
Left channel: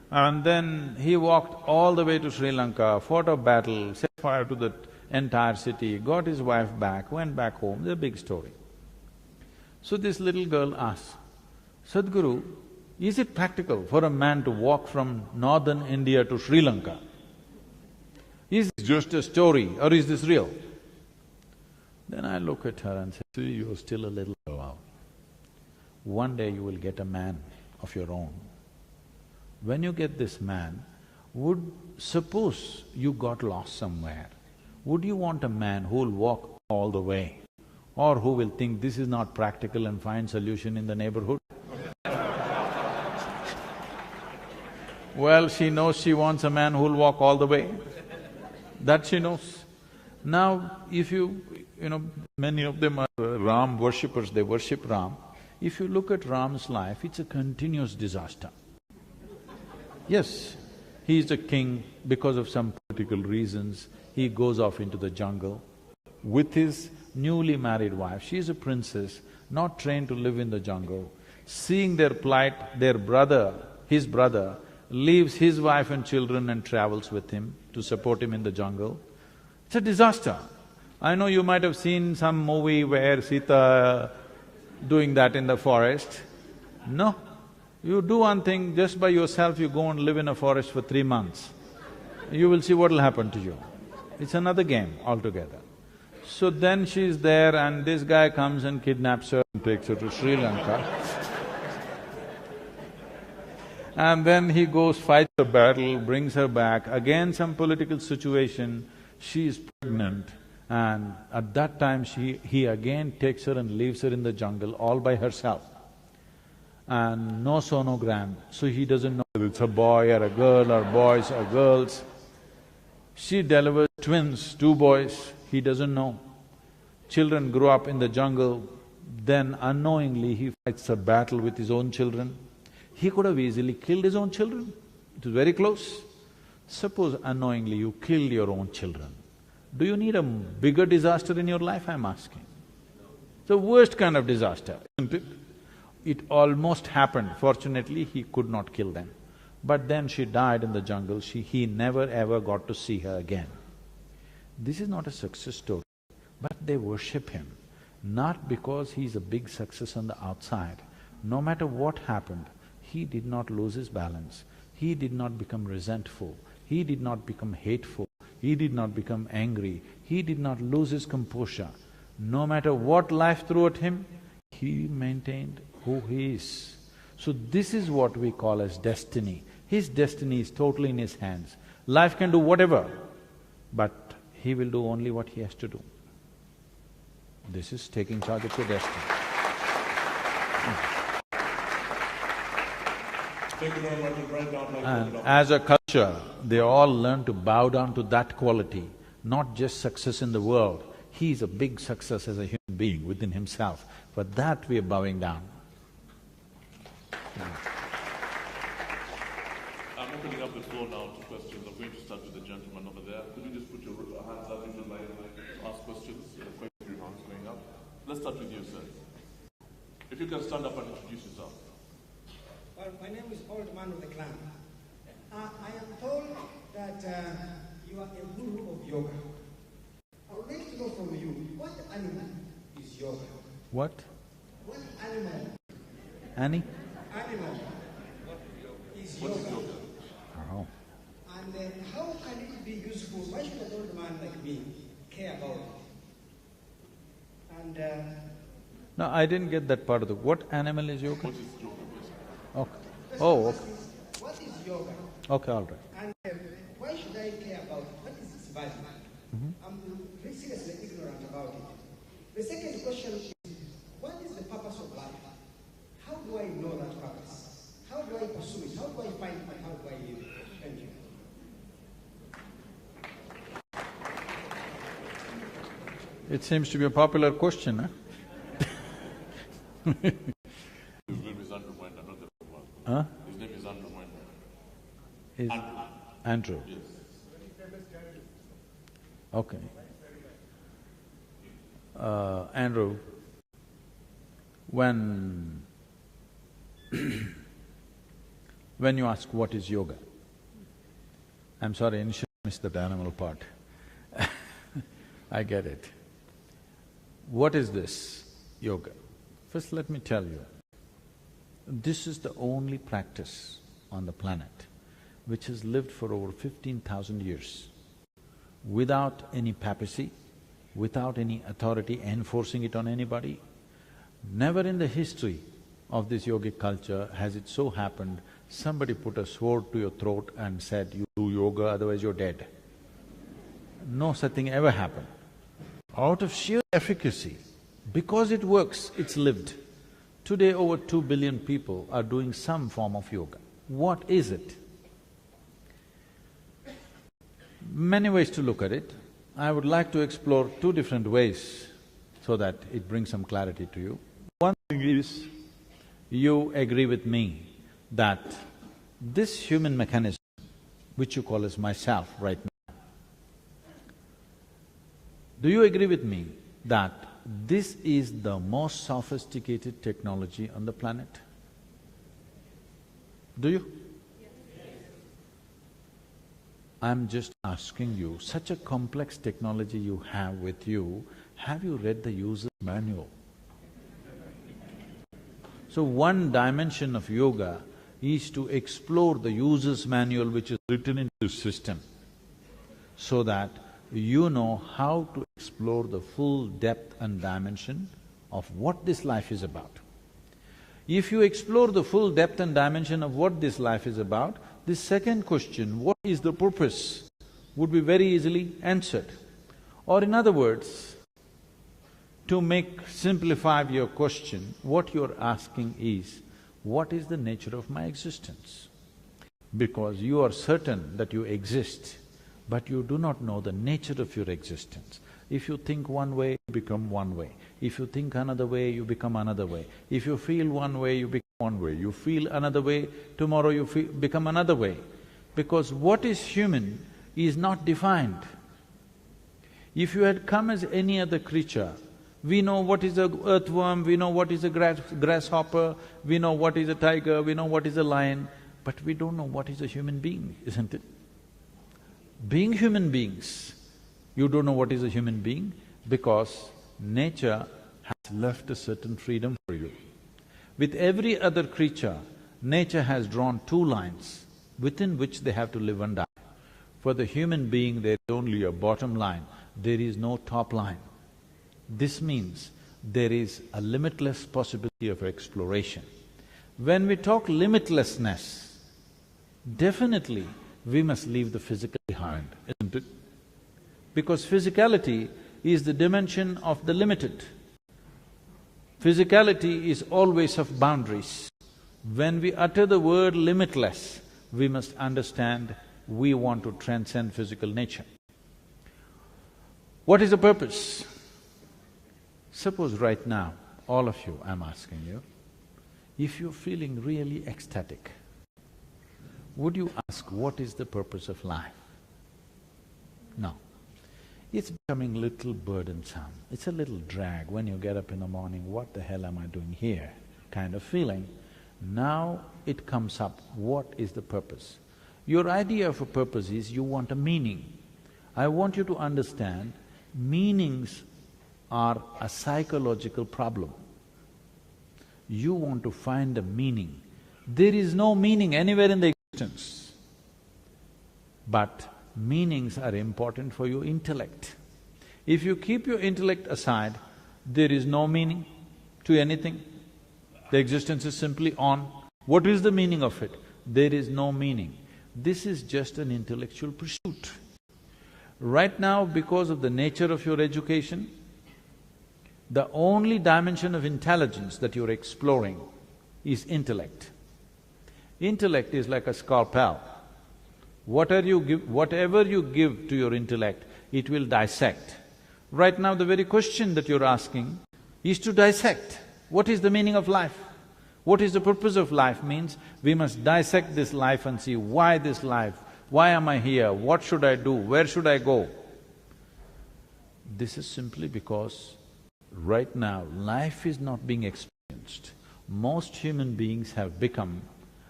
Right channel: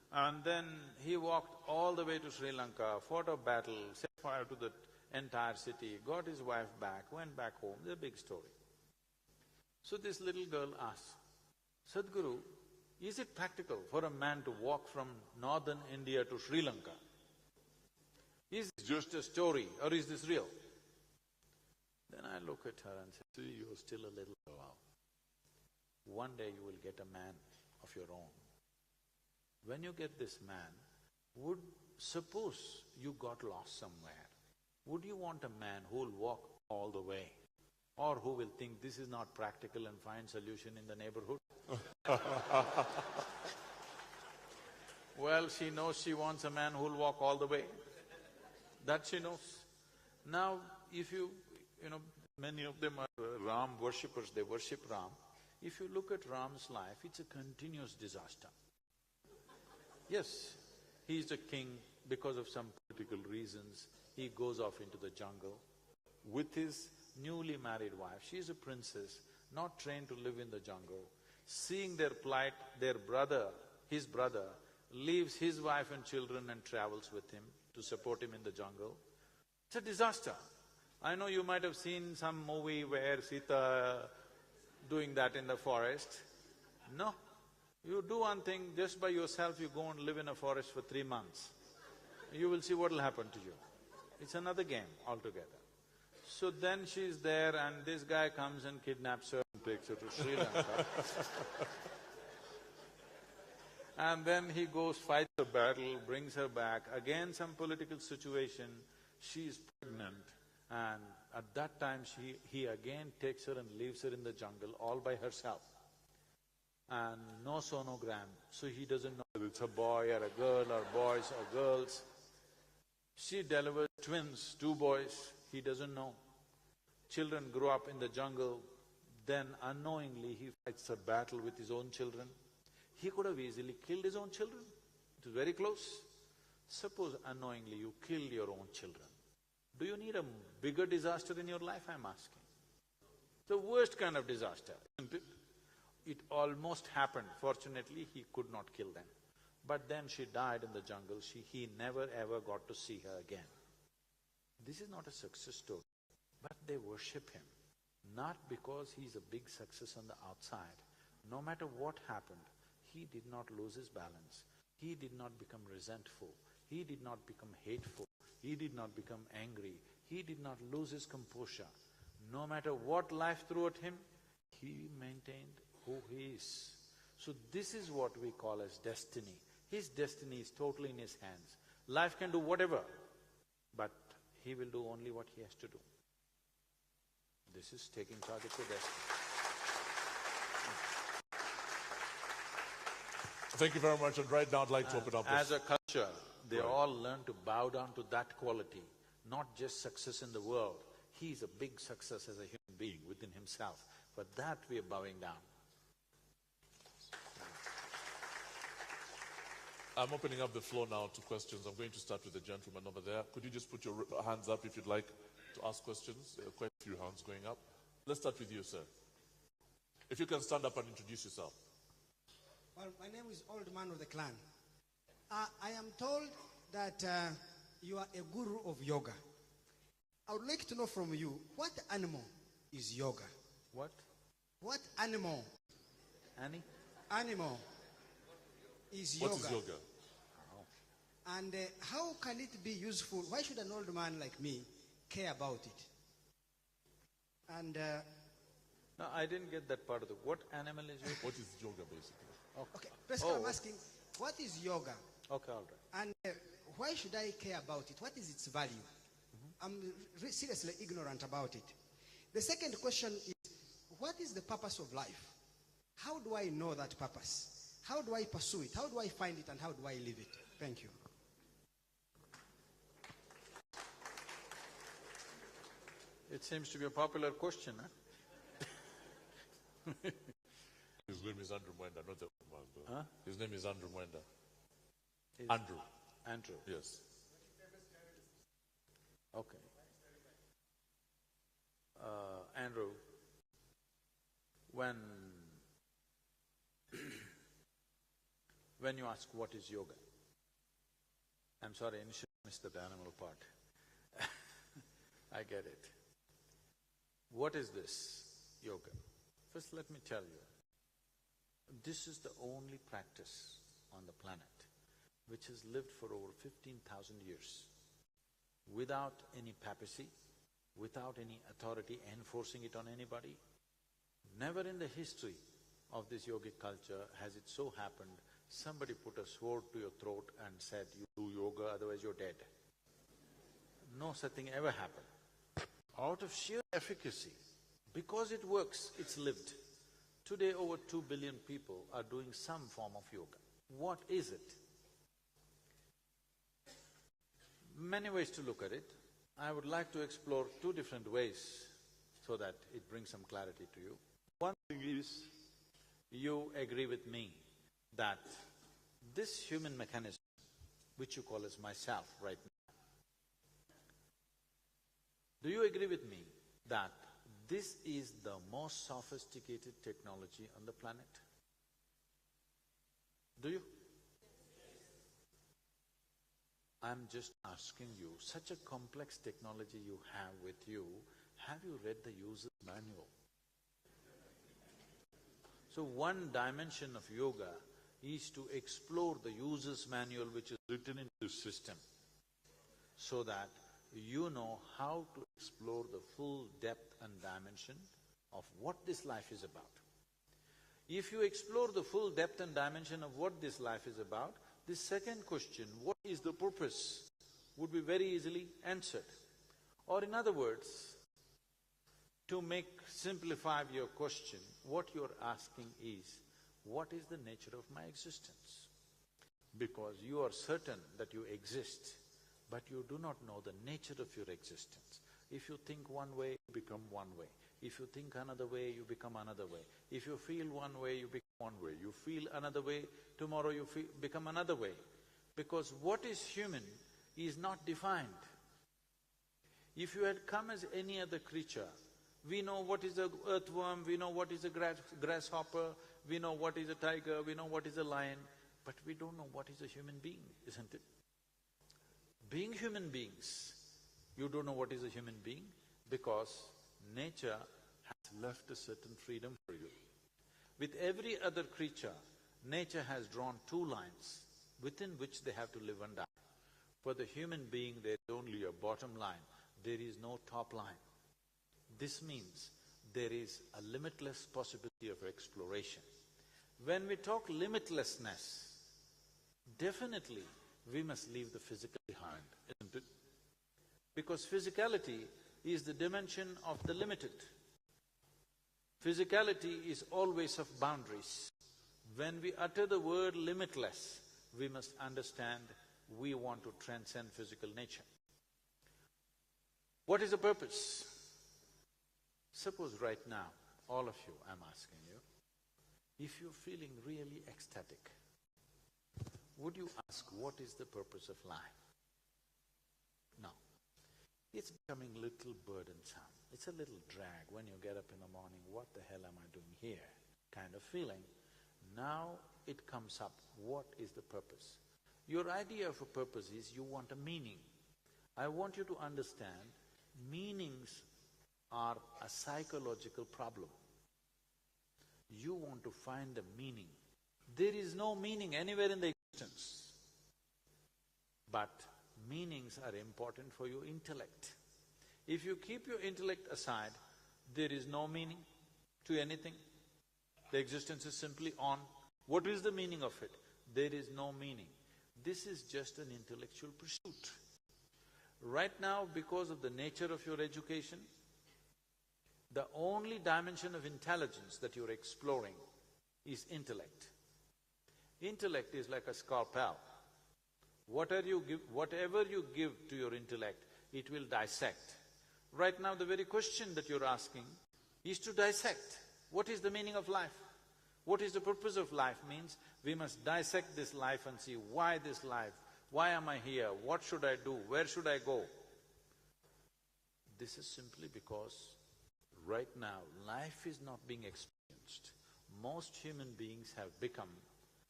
And then he walked all the way to Sri Lanka, fought a battle, set fire to the entire city, got his wife back, went back home. It's a big story. So this little girl asked, Sadhguru, is it practical for a man to walk from northern India to Sri Lanka? Is this just a story or is this real? Then I look at her and say, see, you're still a little girl. One day you will get a man of your own. When you get this man, suppose you got lost somewhere, would you want a man who will walk all the way or who will think this is not practical and find solution in the neighborhood? Well, she knows she wants a man who will walk all the way. That she knows. Now, if you know, many of them are Ram worshippers, they worship Ram. If you look at Ram's life, it's a continuous disaster. Yes, he is a king because of some political reasons, he goes off into the jungle with his newly married wife. She is a princess, not trained to live in the jungle. Seeing their plight, his brother, leaves his wife and children and travels with him to support him in the jungle. It's a disaster. I know you might have seen some movie where Sita doing that in the forest. No, you do one thing, just by yourself you go and live in a forest for 3 months. You will see what'll happen to you. It's another game altogether. So then she's there and this guy comes and kidnaps her and takes her to Sri Lanka. And then he goes, fights the battle, brings her back, again some political situation, she is pregnant, and at that time he again takes her and leaves her in the jungle all by herself. And no sonogram, so he doesn't know whether it's a boy or a girl or boys or girls. She delivers twins, 2 boys, he doesn't know. Children grow up in the jungle, then unknowingly he fights a battle with his own children. He could have easily killed his own children, it was very close. Suppose unknowingly you killed your own children. Do you need a bigger disaster in your life, I'm asking? It's the worst kind of disaster, isn't it? It almost happened, fortunately he could not kill them. But then she died in the jungle, he never ever got to see her again. This is not a success story, but they worship him, not because he's a big success on the outside. No matter what happened, he did not lose his balance, he did not become resentful, he did not become hateful, he did not become angry, he did not lose his composure. No matter what life threw at him, he maintained who he is. So this is what we call as destiny. His destiny is totally in his hands. Life can do whatever, but he will do only what he has to do. This is taking charge of your destiny. Thank you very much, and right now I'd like to open up. As a culture, they all learn to bow down to that quality, not just success in the world. He is a big success as a human being within himself. For that we are bowing down. I'm opening up the floor now to questions. I'm going to start with the gentleman over there. Could you just put your hands up if you'd like to ask questions? Quite a few hands going up. Let's start with you, sir. If you can stand up and introduce yourself. Well, my name is Old Man of the Clan. I am told that you are a guru of yoga. I would like to know from you, what animal is yoga? What? What animal? Annie? Animal is yoga. What is yoga? Oh. And how can it be useful? Why should an old man like me care about it? And No, I didn't get that part of the… What animal is yoga? What is yoga, basically? Okay. first Oh, I'm okay. asking, what is yoga? Okay, all right. And why should I care about it? What is its value? I'm seriously ignorant about it. The second question is, what is the purpose of life? How do I know that purpose? How do I pursue it? How do I find it and how do I live it? Thank you. It seems to be a popular question, huh? His name is Andrew Mwenda, not the one. Huh? His name is Andrew Mwenda. Is Andrew. Andrew. Yes. Okay. Andrew, when when you ask what is yoga. I'm sorry, initially I missed the animal part. I get it. What is this yoga? First let me tell you, this is the only practice on the planet which has lived for over 15,000 years without any papacy, without any authority enforcing it on anybody. Never in the history of this yogic culture has it so happened somebody put a sword to your throat and said, you do yoga, otherwise you're dead. No such thing ever happened. Out of sheer efficacy, because it works, it's lived. Today over 2 billion people are doing some form of yoga. What is it? Many ways to look at it. I would like to explore two different ways so that it brings some clarity to you. One thing is, you agree with me that this human mechanism, which you call as myself right now, do you agree with me that this is the most sophisticated technology on the planet? Do you? I'm just asking you, such a complex technology you have with you, have you read the user's manual? So one dimension of yoga is to explore the user's manual which is written into the system, so that you know how to explore the full depth and dimension of what this life is about. If you explore the full depth and dimension of what this life is about, this second question, what is the purpose, would be very easily answered. Or in other words, to simplify your question, what you're asking is, what is the nature of my existence? Because you are certain that you exist, but you do not know the nature of your existence. If you think one way, you become one way. If you think another way, you become another way. If you feel one way, you become one way. You feel another way, tomorrow you become another way. Because what is human is not defined. If you had come as any other creature, we know what is a earthworm, we know what is a grasshopper, we know what is a tiger, we know what is a lion, but we don't know what is a human being, isn't it? Being human beings, you don't know what is a human being because nature has left a certain freedom for you. With every other creature, nature has drawn two lines within which they have to live and die. For the human being, there is only a bottom line, there is no top line. This means there is a limitless possibility of exploration. When we talk limitlessness, definitely we must leave the physical behind, isn't it? Because physicality is the dimension of the limited. Physicality is always of boundaries. When we utter the word limitless, we must understand we want to transcend physical nature. What is the purpose? Suppose right now, all of you, I'm asking you, if you're feeling really ecstatic, would you ask, what is the purpose of life? No. It's becoming a little burdensome, it's a little drag when you get up in the morning, what the hell am I doing here, kind of feeling. Now it comes up, what is the purpose? Your idea of a purpose is you want a meaning. I want you to understand, meanings are a psychological problem. You want to find a meaning. There is no meaning anywhere in the existence. But meanings are important for your intellect. If you keep your intellect aside, there is no meaning to anything. The existence is simply on. What is the meaning of it? There is no meaning. This is just an intellectual pursuit. Right now, because of the nature of your education, the only dimension of intelligence that you're exploring is intellect. Intellect is like a scalpel. Whatever you give to your intellect, it will dissect. Right now, the very question that you're asking is to dissect. What is the meaning of life? What is the purpose of life? Means we must dissect this life and see why this life, why am I here, what should I do, where should I go? This is simply because right now, life is not being experienced. Most human beings have become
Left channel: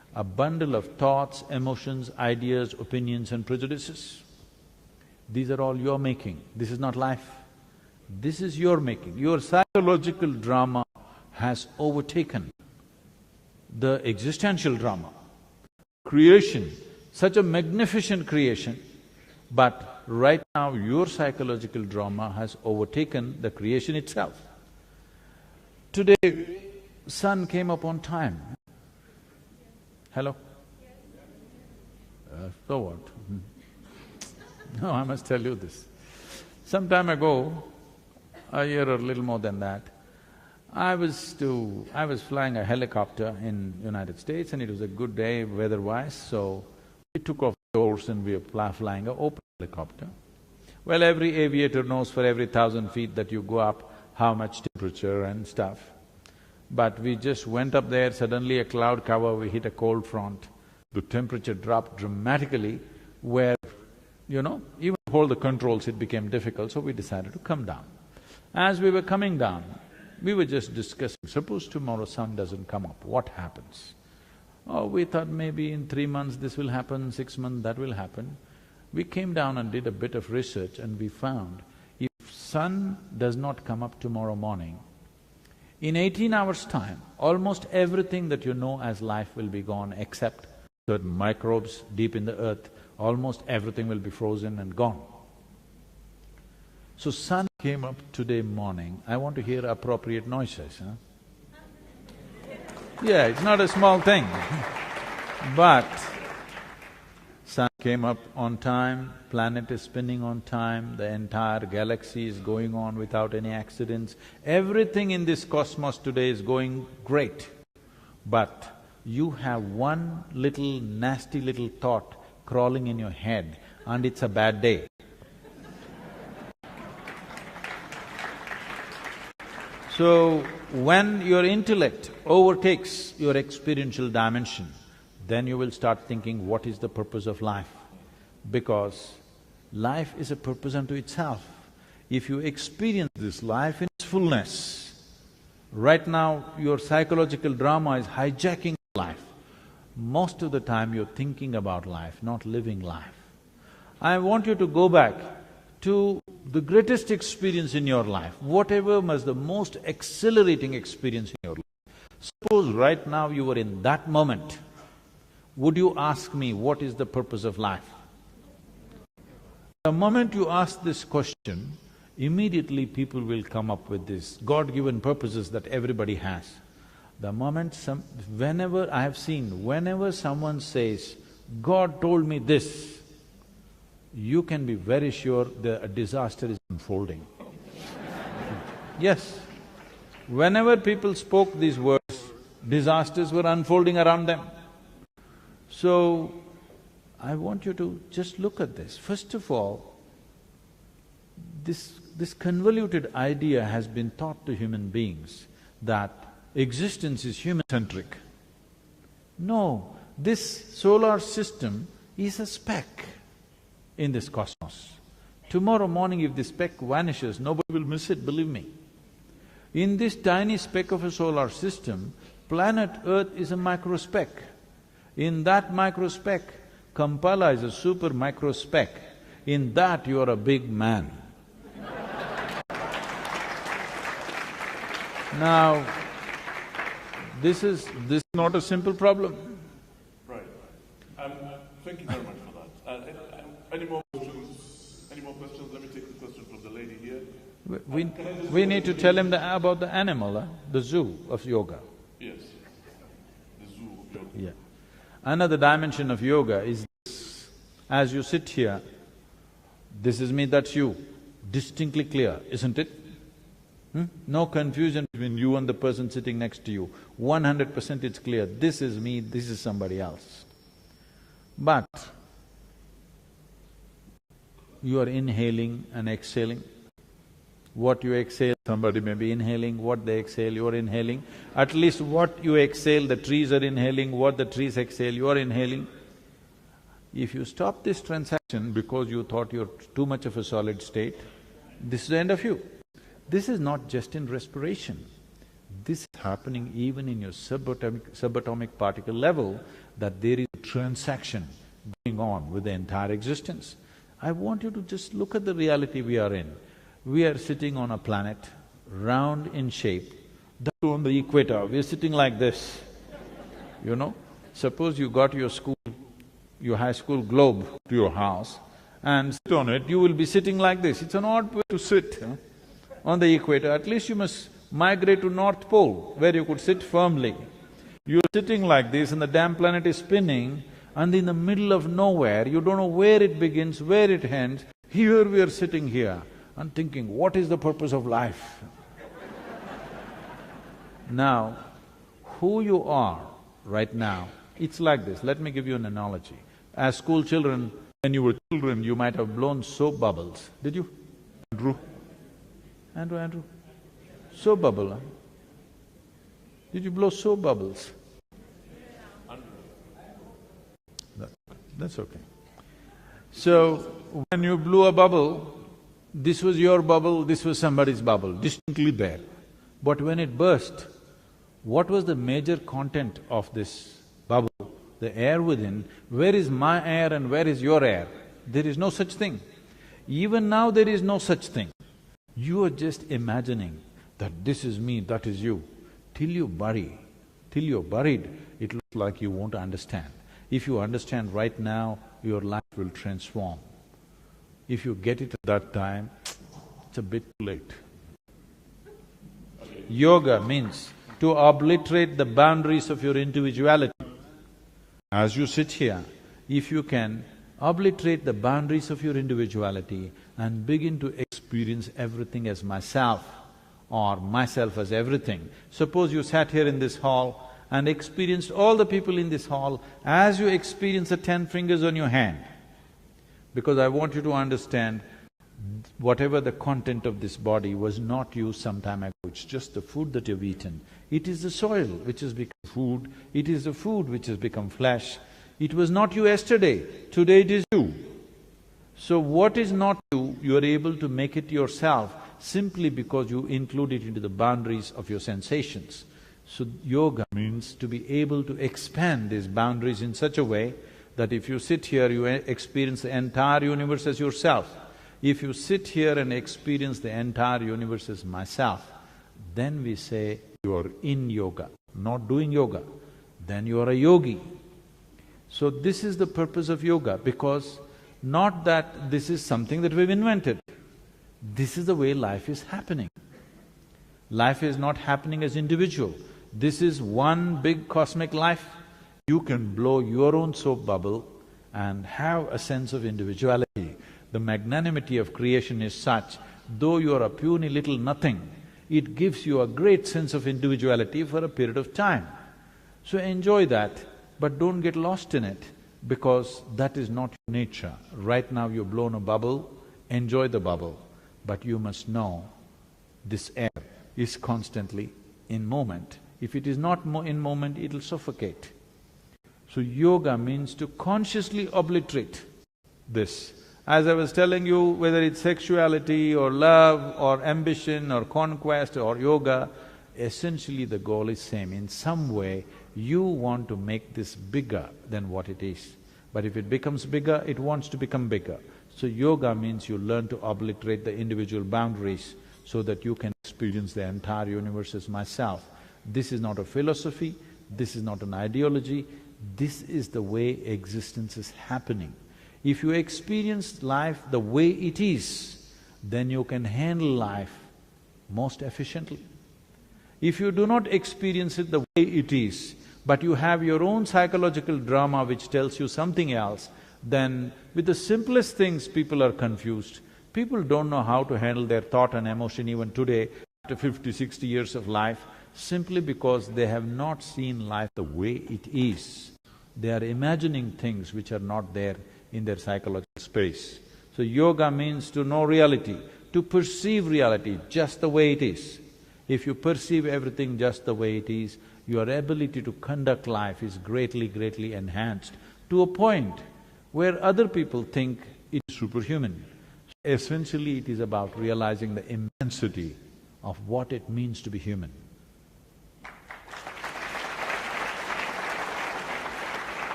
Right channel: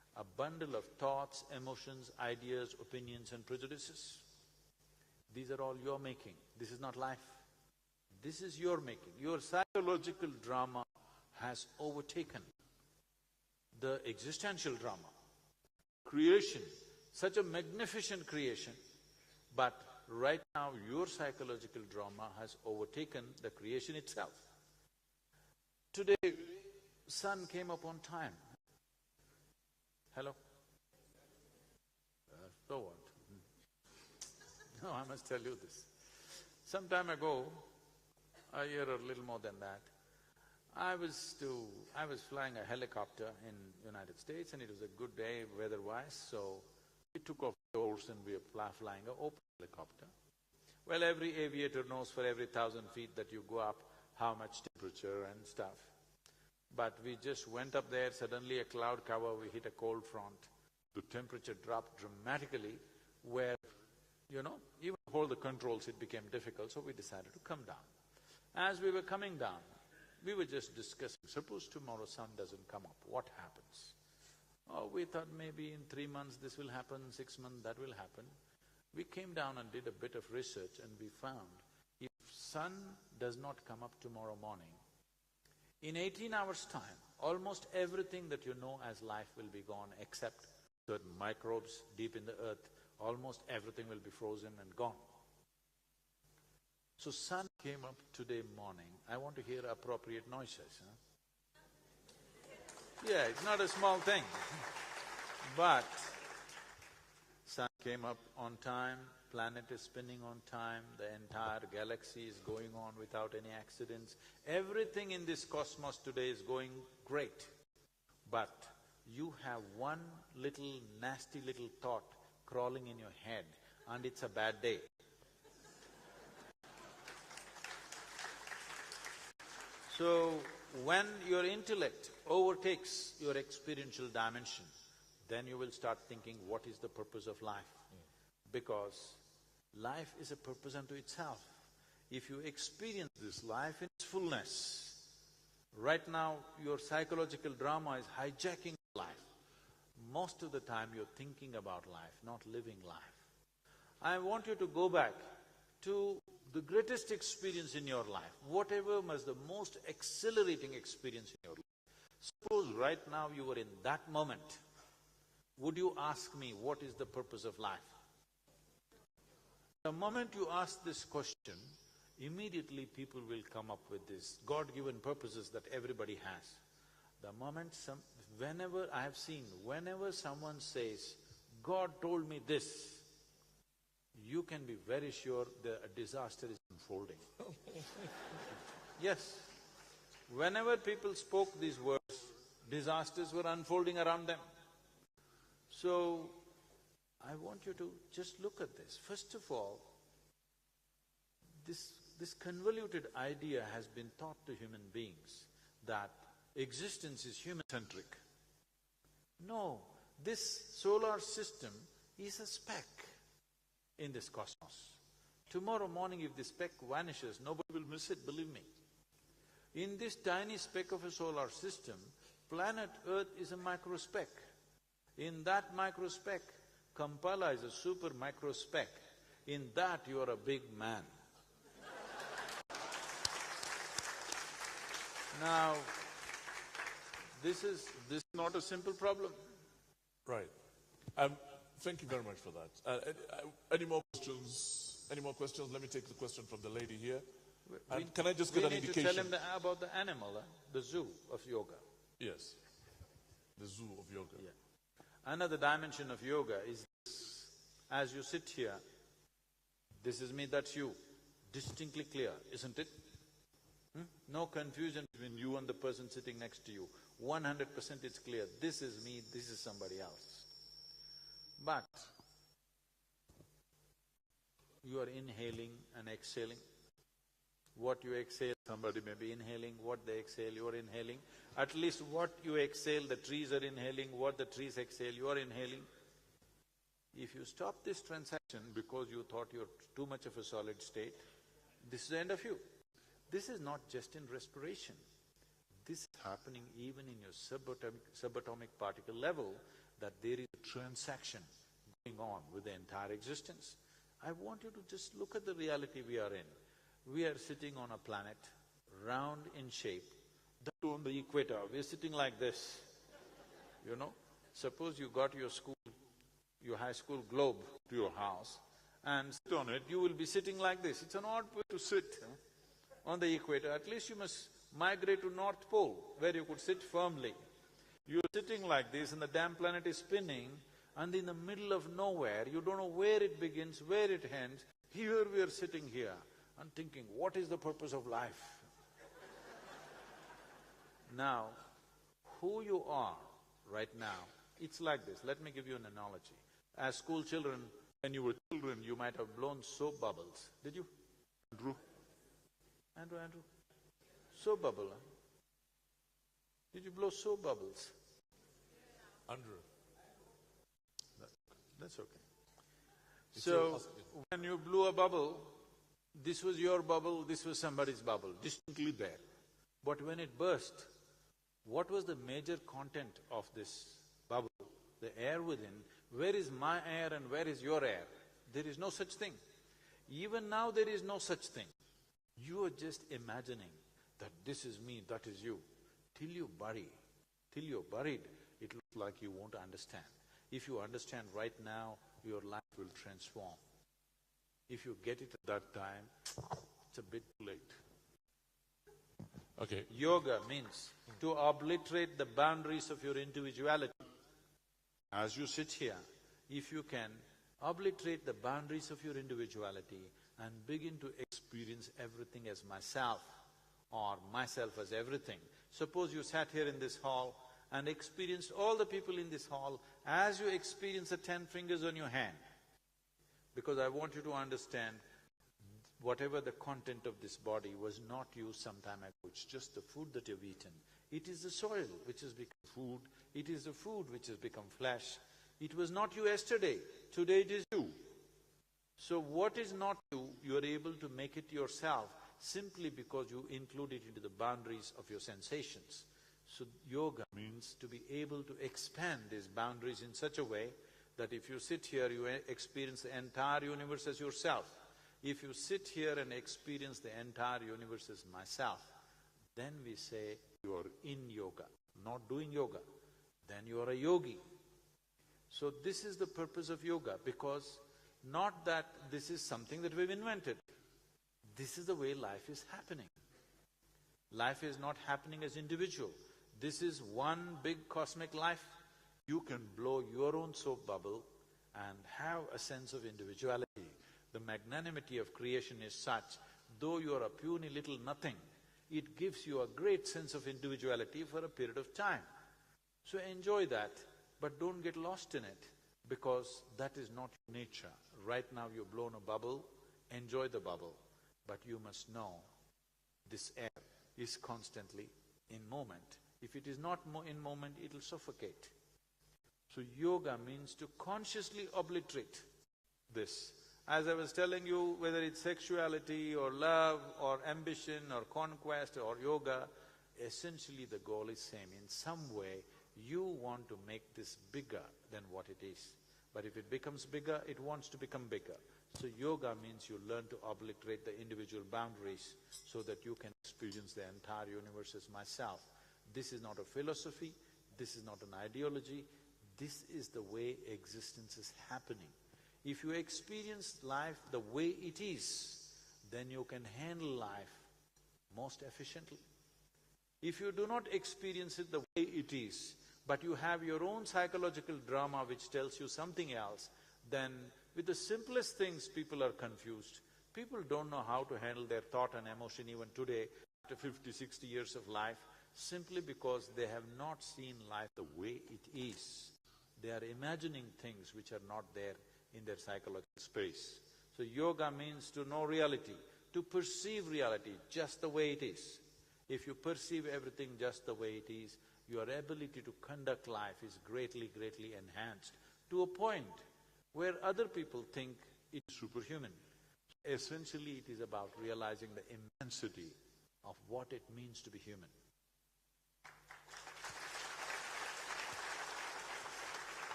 a bundle of thoughts, emotions, ideas, opinions and prejudices. These are all your making, this is not life. This is your making. Your psychological drama has overtaken the existential drama. Creation, such a magnificent creation, but right now your psychological drama has overtaken the creation itself. Today, sun came up on time. Hello? So what? No, I must tell you this. Some time ago, a year or a little more than that, I was flying a helicopter in United States and it was a good day weather-wise, so we took off the doors and we were flying an open helicopter. Well, every aviator knows for every 1,000 feet that you go up, how much temperature and stuff. But we just went up there, suddenly a cloud cover, we hit a cold front. The temperature dropped dramatically where, even to hold the controls it became difficult, so we decided to come down. As we were coming down, we were just discussing, suppose tomorrow sun doesn't come up, what happens? Oh, we thought maybe in 3 months this will happen, 6 months that will happen. We came down and did a bit of research and we found if sun does not come up tomorrow morning, in 18 hours' time, almost everything that you know as life will be gone except certain microbes deep in the earth, almost everything will be frozen and gone. So sun came up today morning, I want to hear appropriate noises, huh? Yeah, it's not a small thing but sun came up on time, planet is spinning on time, the entire galaxy is going on without any accidents. Everything in this cosmos today is going great. But you have one little nasty little thought crawling in your head and it's a bad day. So, when your intellect overtakes your experiential dimension, then you will start thinking, what is the purpose of life? Because life is a purpose unto itself. If you experience this life in its fullness, right now your psychological drama is hijacking life. Most of the time you're thinking about life, not living life. I want you to go back to the greatest experience in your life, whatever was the most exhilarating experience in your life. Suppose right now you were in that moment, would you ask me, what is the purpose of life? The moment you ask this question, immediately people will come up with these God-given purposes that everybody has. The moment whenever someone says, God told me this, you can be very sure a disaster is unfolding. Yes, whenever people spoke these words, disasters were unfolding around them. So, I want you to just look at this. First of all, this convoluted idea has been taught to human beings that existence is human-centric. No, this solar system is a speck in this cosmos. Tomorrow morning if this speck vanishes, nobody will miss it, believe me. In this tiny speck of a solar system, planet Earth is a microspeck. In that microspeck, Kampala is a super microspeck. In that you are a big man. Now, this is not a simple problem. Right. Thank you very much for that. Any more questions? Any more questions? Let me take the question from the lady here. We need to tell him about the animal, the zoo of yoga. Yes, the zoo of yoga. Yeah. Another dimension of yoga is this. As you sit here, this is me, that's you, distinctly clear, isn't it? No confusion between you and the person sitting next to you. 100% it's clear, this is me, this is somebody else. But you are inhaling and exhaling. What you exhale, somebody may be inhaling, what they exhale, you are inhaling. At least what you exhale, the trees are inhaling, what the trees exhale, you are inhaling. If you stop this transaction because you thought you're too much of a solid state, this is the end of you. This is not just in respiration. this is happening even in your subatomic particle level, that there is a transaction going on with the entire existence. I want you to just look at the reality we are in. We are sitting on a planet, round in shape, that's on the equator, we are sitting like this, you know. Suppose you got your high school globe to your house and sit on it, you will be sitting like this. It's an odd way to sit, on the equator. At least you must migrate to North Pole, where you could sit firmly. You're sitting like this and the damn planet is spinning, and in the middle of nowhere, you don't know where it begins, where it ends. Here we are sitting here and thinking, what is the purpose of life? Now, who you are right now, it's like this. Let me give you an analogy. As school children, when you were children, you might have blown soap bubbles. Did you? Andrew? Soap bubble, huh? Did you blow soap bubbles? That's okay. So, when you blew a bubble, this was your bubble, this was somebody's bubble, distinctly there. But when it burst, what was the major content of this bubble? The air within. Where is my air and where is your air? There is no such thing. Even now there is no such thing. You are just imagining that this is me, that is you. Till you're buried, it looks like you won't understand. If you understand right now, your life will transform. If you get it at that time, it's a bit too late. Okay. Yoga means to obliterate the boundaries of your individuality. As you sit here, if you can obliterate the boundaries of your individuality and begin to experience everything as myself or myself as everything. Suppose you sat here in this hall and experienced all the people in this hall as you experience the 10 fingers on your hand. Because I want you to understand, whatever the content of this body was not you some time ago, it's just the food that you've eaten. It is the soil which has become food, it is the food which has become flesh. It was not you yesterday, today it is you. So what is not you, you are able to make it yourself simply because you include it into the boundaries of your sensations. So yoga means to be able to expand these boundaries in such a way that if you sit here, you experience the entire universe as yourself. If you sit here and experience the entire universe as myself, then we say you are in yoga, not doing yoga. Then you are a yogi. So this is the purpose of yoga, because not that this is something that we've invented. This is the way life is happening. Life is not happening as individual. This is one big cosmic life. You can blow your own soap bubble and have a sense of individuality. The magnanimity of creation is such, though you are a puny little nothing, it gives you a great sense of individuality for a period of time. So enjoy that, but don't get lost in it, because that is not your nature. Right now you've blown a bubble, enjoy the bubble, but you must know this air is constantly in movement. If it is not in movement, it'll suffocate. So yoga means to consciously obliterate this. As I was telling you, whether it's sexuality or love or ambition or conquest or yoga, essentially the goal is same. In some way, you want to make this bigger than what it is. But if it becomes bigger, it wants to become bigger. So yoga means you learn to obliterate the individual boundaries so that you can experience the entire universe as myself. This is not a philosophy, this is not an ideology, this is the way existence is happening. If you experience life the way it is, then you can handle life most efficiently. If you do not experience it the way it is, but you have your own psychological drama which tells you something else, then with the simplest things people are confused. People don't know how to handle their thought and emotion even today, after 50, 60 years of life, simply because they have not seen life the way it is. They are imagining things which are not there in their psychological space. So yoga means to know reality, to perceive reality just the way it is. If you perceive everything just the way it is, your ability to conduct life is greatly, greatly enhanced to a point where other people think it's superhuman. Essentially, it is about realizing the immensity of what it means to be human.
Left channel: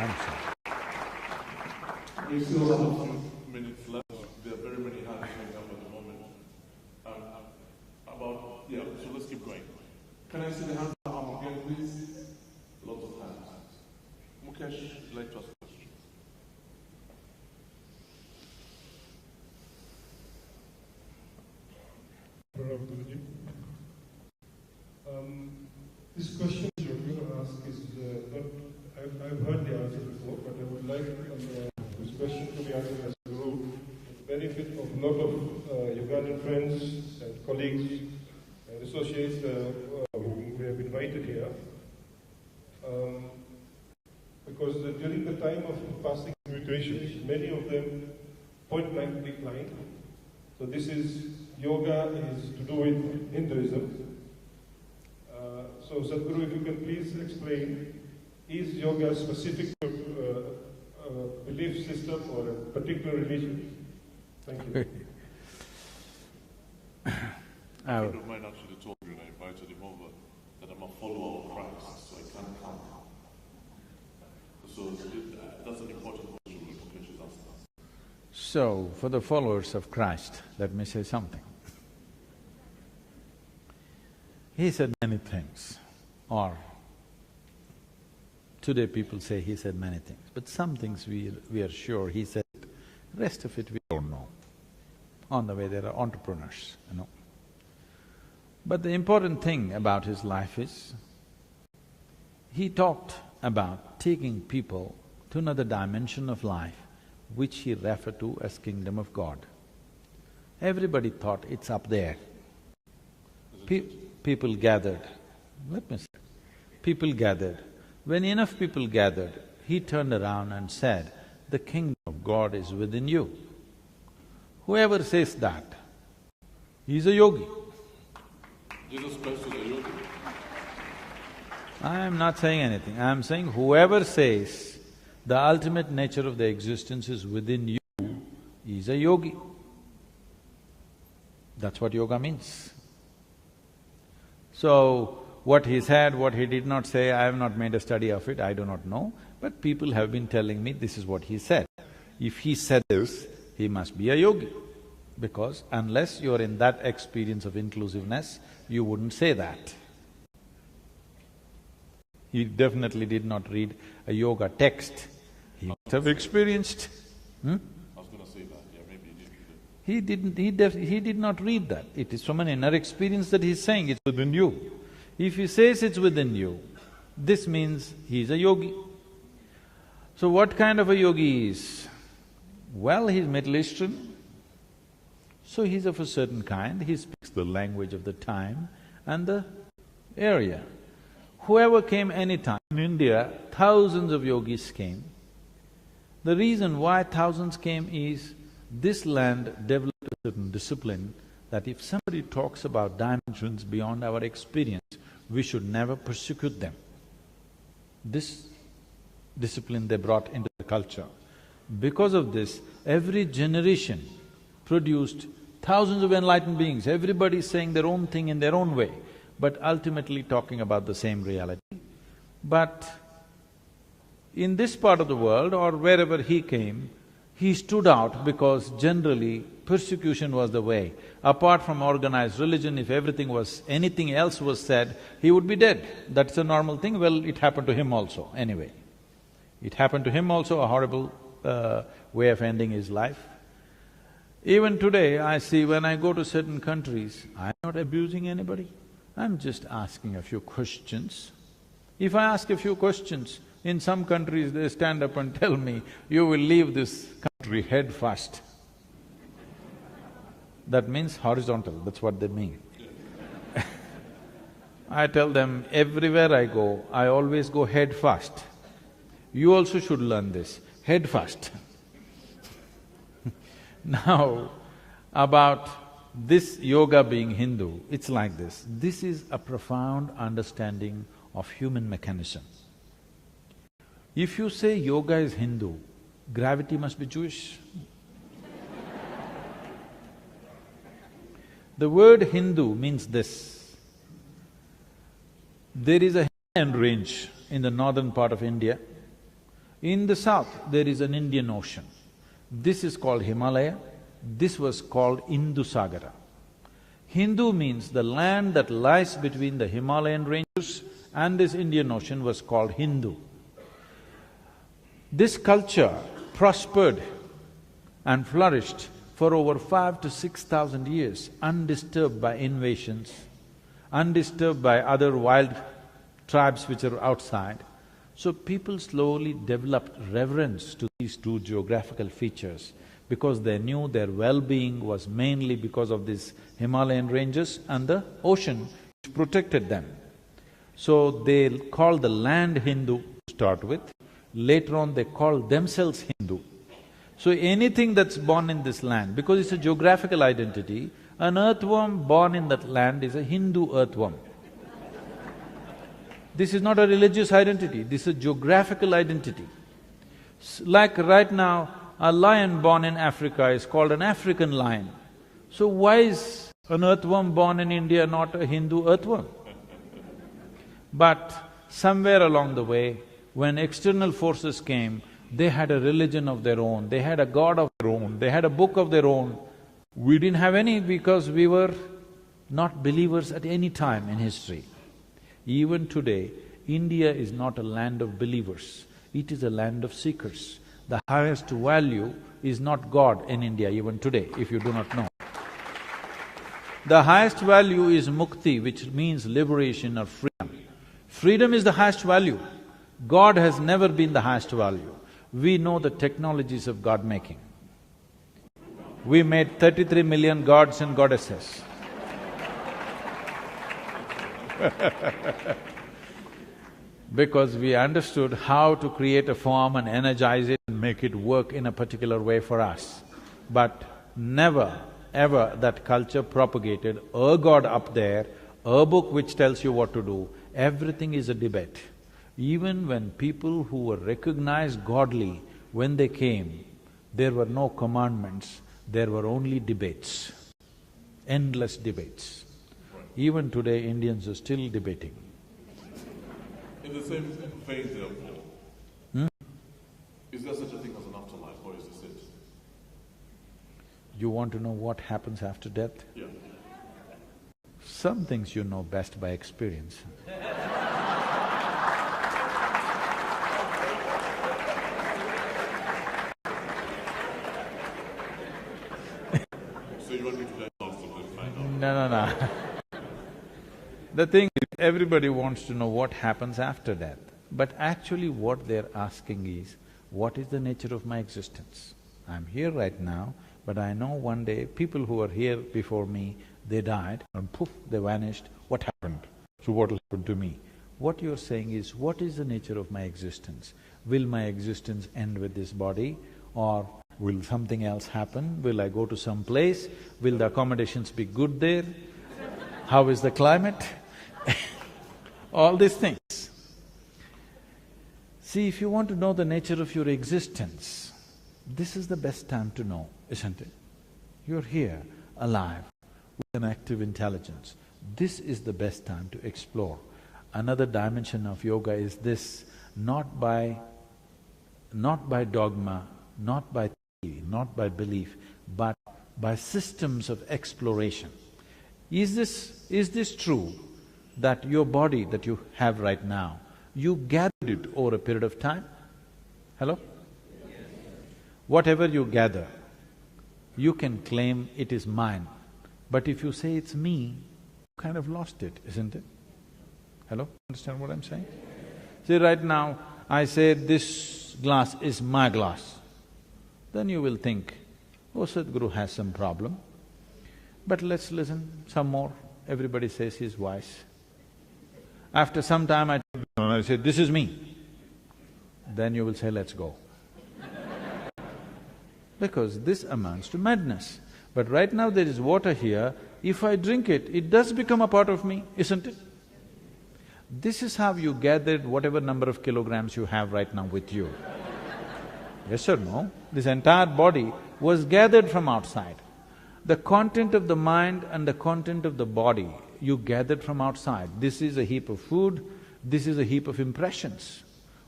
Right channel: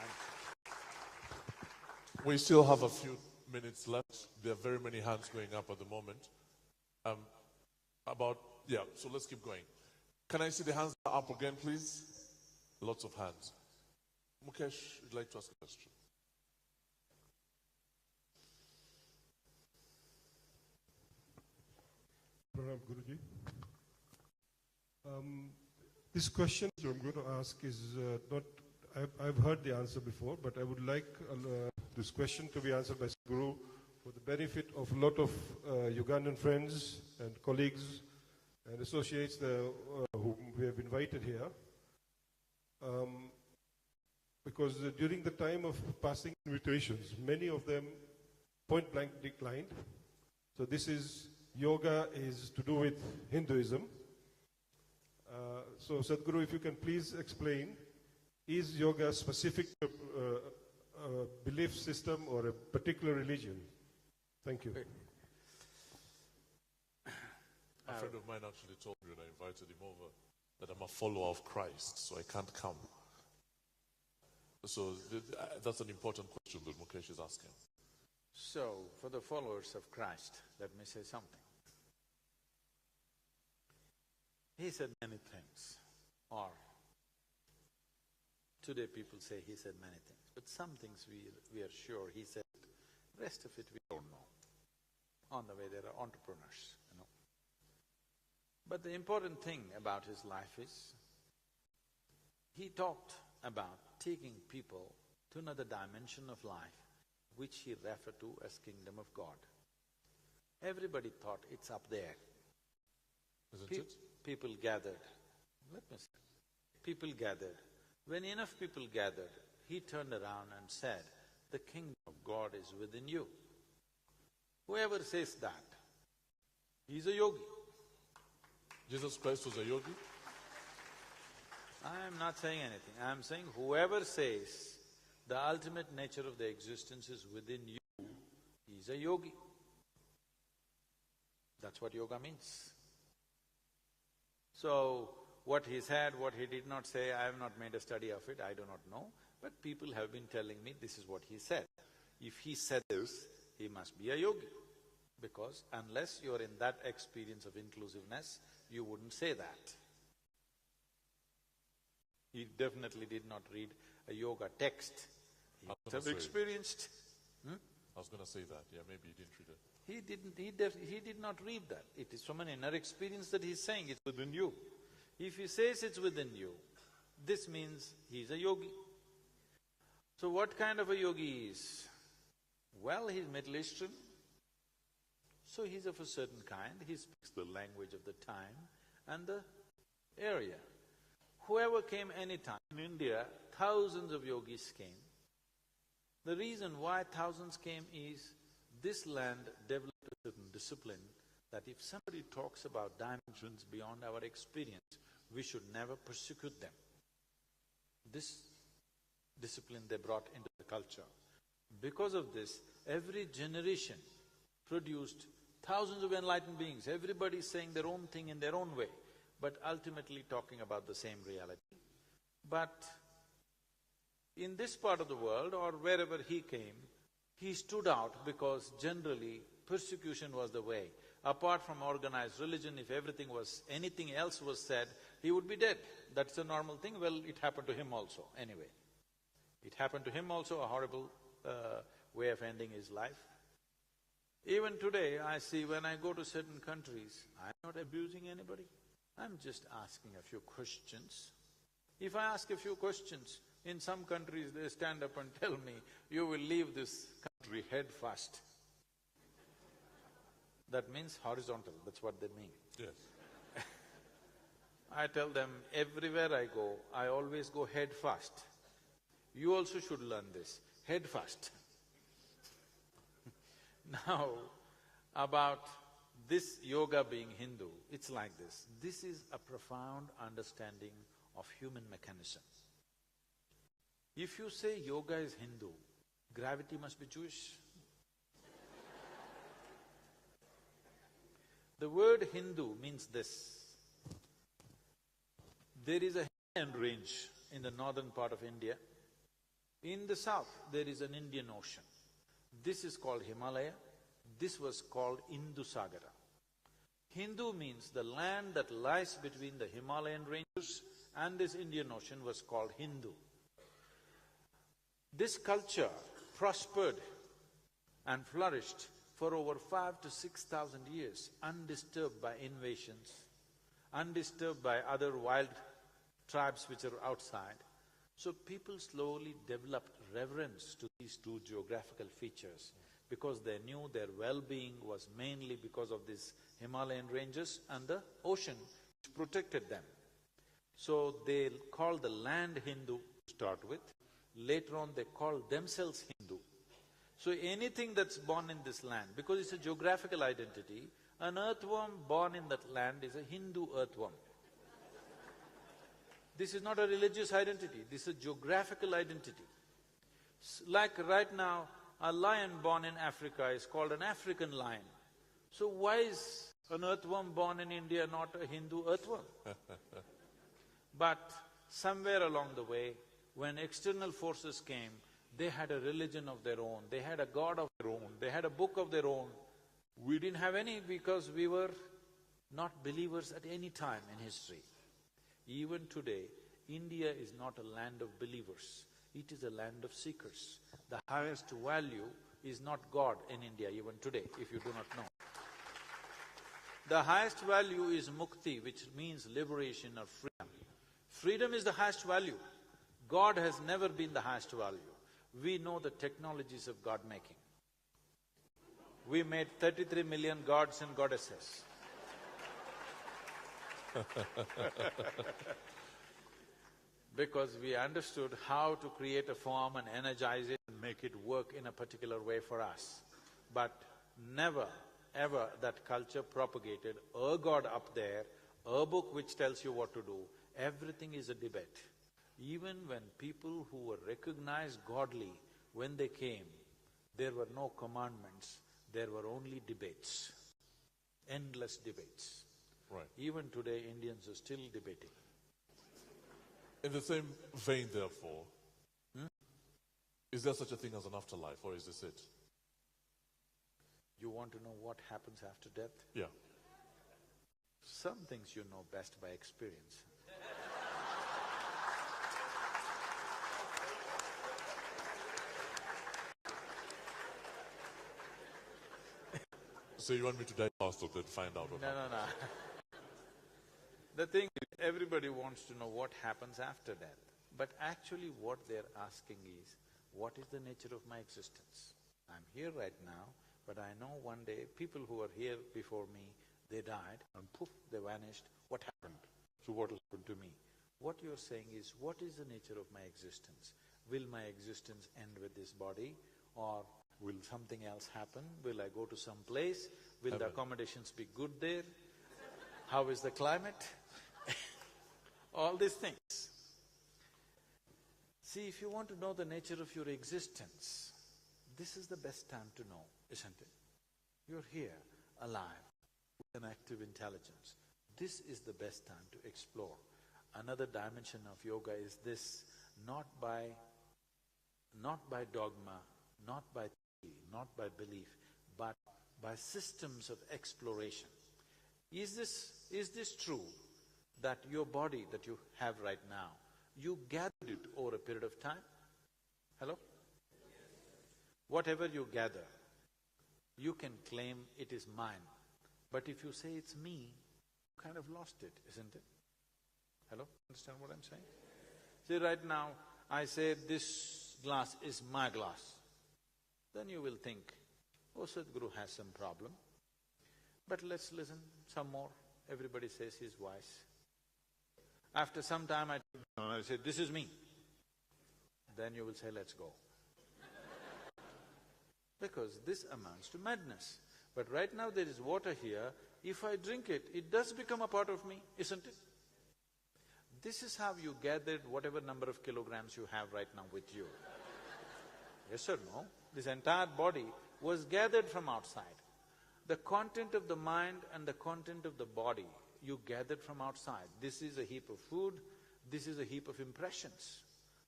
I'm sorry. We still have a few minutes left. There are very many hands going up at the moment. So let's keep going. Can I see the hands up again, please? Lots of hands. Mukesh, you'd like to ask a question? This question I'm going to ask is not, I've heard the answer before, but I would like this question to be answered as Guru, for the benefit of a lot of Ugandan friends and colleagues and associates who we have invited here. Because during the time of passing invitations, many of them point blank declined. So this is, yoga is to do with Hinduism. So Sadhguru, if you can please explain, is yoga specific to a belief system or a particular religion? Thank you. A friend of mine actually told me when I invited him over that I'm a follower of Christ, so I can't come. So that's an important question that Mukesh is asking. So, for the followers of Christ, let me say something. He said many things, or today people say he said many things, but some things we are sure he said, rest of it we don't know. On the way there are entrepreneurs, you know. But the important thing about his life is, he talked about taking people to another dimension of life, which he referred to as Kingdom of God. Everybody thought it's up there. People gathered, let me say, people gathered. When enough people gathered, he turned around and said, the Kingdom of God is within you. Whoever says that, he's a yogi. Jesus Christ was a yogi? I am not saying anything, I am saying whoever says the ultimate nature of the existence is within you is a yogi. That's what yoga means. So, what he said, what he did not say, I have not made a study of it, I do not know, but people have been telling me this is what he said. If he said this, he must be a yogi, because unless you are in that experience of inclusiveness, you wouldn't say that. He definitely did not read a yoga text. He must have experienced. I was gonna say that, yeah, maybe he didn't read it. He did not read that. It is from an inner experience that he's saying it's within you. If he says it's within you, this means he's a yogi. So what kind of a yogi he is? Well, he's Middle Eastern, so he's of a certain kind, he speaks the language of the time and the area. Whoever came anytime, in India, thousands of yogis came. The reason why thousands came is, this land developed a certain discipline that if somebody talks about dimensions beyond our experience, we should never persecute them. This discipline they brought into the culture. Because of this, every generation produced thousands of enlightened beings, everybody saying their own thing in their own way, but ultimately talking about the same reality. But in this part of the world or wherever he came, he stood out because generally persecution was the way. Apart from organized religion, if anything else was said, he would be dead. That's a normal thing. Well, it happened to him also, anyway. It happened to him also, a horrible way of ending his life. Even today, I see when I go to certain countries, I'm not abusing anybody, I'm just asking a few questions. If I ask a few questions, in some countries they stand up and tell me, you will leave this country head first. That means horizontal, that's what they mean. I tell them, everywhere I go, I always go head first. You also should learn this, head first. Now, about this yoga being Hindu, it's like this. This is a profound understanding of human mechanism. If you say yoga is Hindu, gravity must be Jewish. The word Hindu means this. There is a Himalayan range in the northern part of India. In the south, there is an Indian Ocean. This is called Himalaya, this was called Indusagara. Hindu means the land that lies between the Himalayan ranges and this Indian Ocean was called Hindu. This culture prospered and flourished for over 5,000 to 6,000 years, undisturbed by invasions, undisturbed by other wild tribes which are outside. So people slowly developed reverence to these two geographical features because they knew their well-being was mainly because of these Himalayan ranges and the ocean which protected them. So they called the land Hindu to start with, later on they called themselves Hindu. So anything that's born in this land, because it's a geographical identity, an earthworm born in that land is a Hindu earthworm. This is not a religious identity, this is a geographical identity. Like right now, a lion born in Africa is called an African lion. So why is an earthworm born in India not a Hindu earthworm? But somewhere along the way, when external forces came, they had a religion of their own, they had a god of their own, they had a book of their own. We didn't have any because we were not believers at any time in history. Even today, India is not a land of believers, it is a land of seekers. The highest value is not God in India even today, if you do not know. The highest value is mukti, which means liberation or freedom. Freedom is the highest value. God has never been the highest value. We know the technologies of God-making. We made 33 million gods and goddesses. Because we understood how to create a form and energize it and make it work in a particular way for us. But never, ever that culture propagated a god up there, a book which tells you what to do. Everything is a debate. Even when people who were recognized godly, when they came, there were no commandments, there were only debates, endless debates. Even today, Indians are still debating. In the same vein, therefore, is there such a thing as an afterlife, or is this it? You want to know what happens after death? Yeah. Some things you know best by experience. So you want me to die faster than find out? No. The thing is, everybody wants to know what happens after death. But actually what they're asking is, what is the nature of my existence? I'm here right now, but I know one day people who were here before me, they died and poof, they vanished. What happened? So what will happen to me? What you're saying is, what is the nature of my existence? Will my existence end with this body, or will something else happen? Will I go to some place? Will the accommodations be good there? How is the climate? All these things. See, if you want to know the nature of your existence, this is the best time to know, isn't it? You're here, alive, with an active intelligence. This is the best time to explore. Another dimension of yoga is this, not by dogma, not by theory, not by belief, but by systems of exploration. Is this true that your body that you have right now, you gathered it over a period of time? Hello? Whatever you gather, you can claim it is mine. But if you say it's me, you kind of lost it, isn't it? Hello? Understand what I'm saying? See, right now, I say this glass is my glass. Then you will think, oh, Sadhguru has some problem. But let's listen some more. Everybody says he's wise. After some time I say, this is me. Then you will say, let's go. Because this amounts to madness. But right now there is water here, if I drink it, it does become a part of me, isn't it? This is how you gathered whatever number of kilograms you have right now with you. Yes or no? This entire body was gathered from outside. The content of the mind and the content of the body you gathered from outside. This is a heap of food, this is a heap of impressions.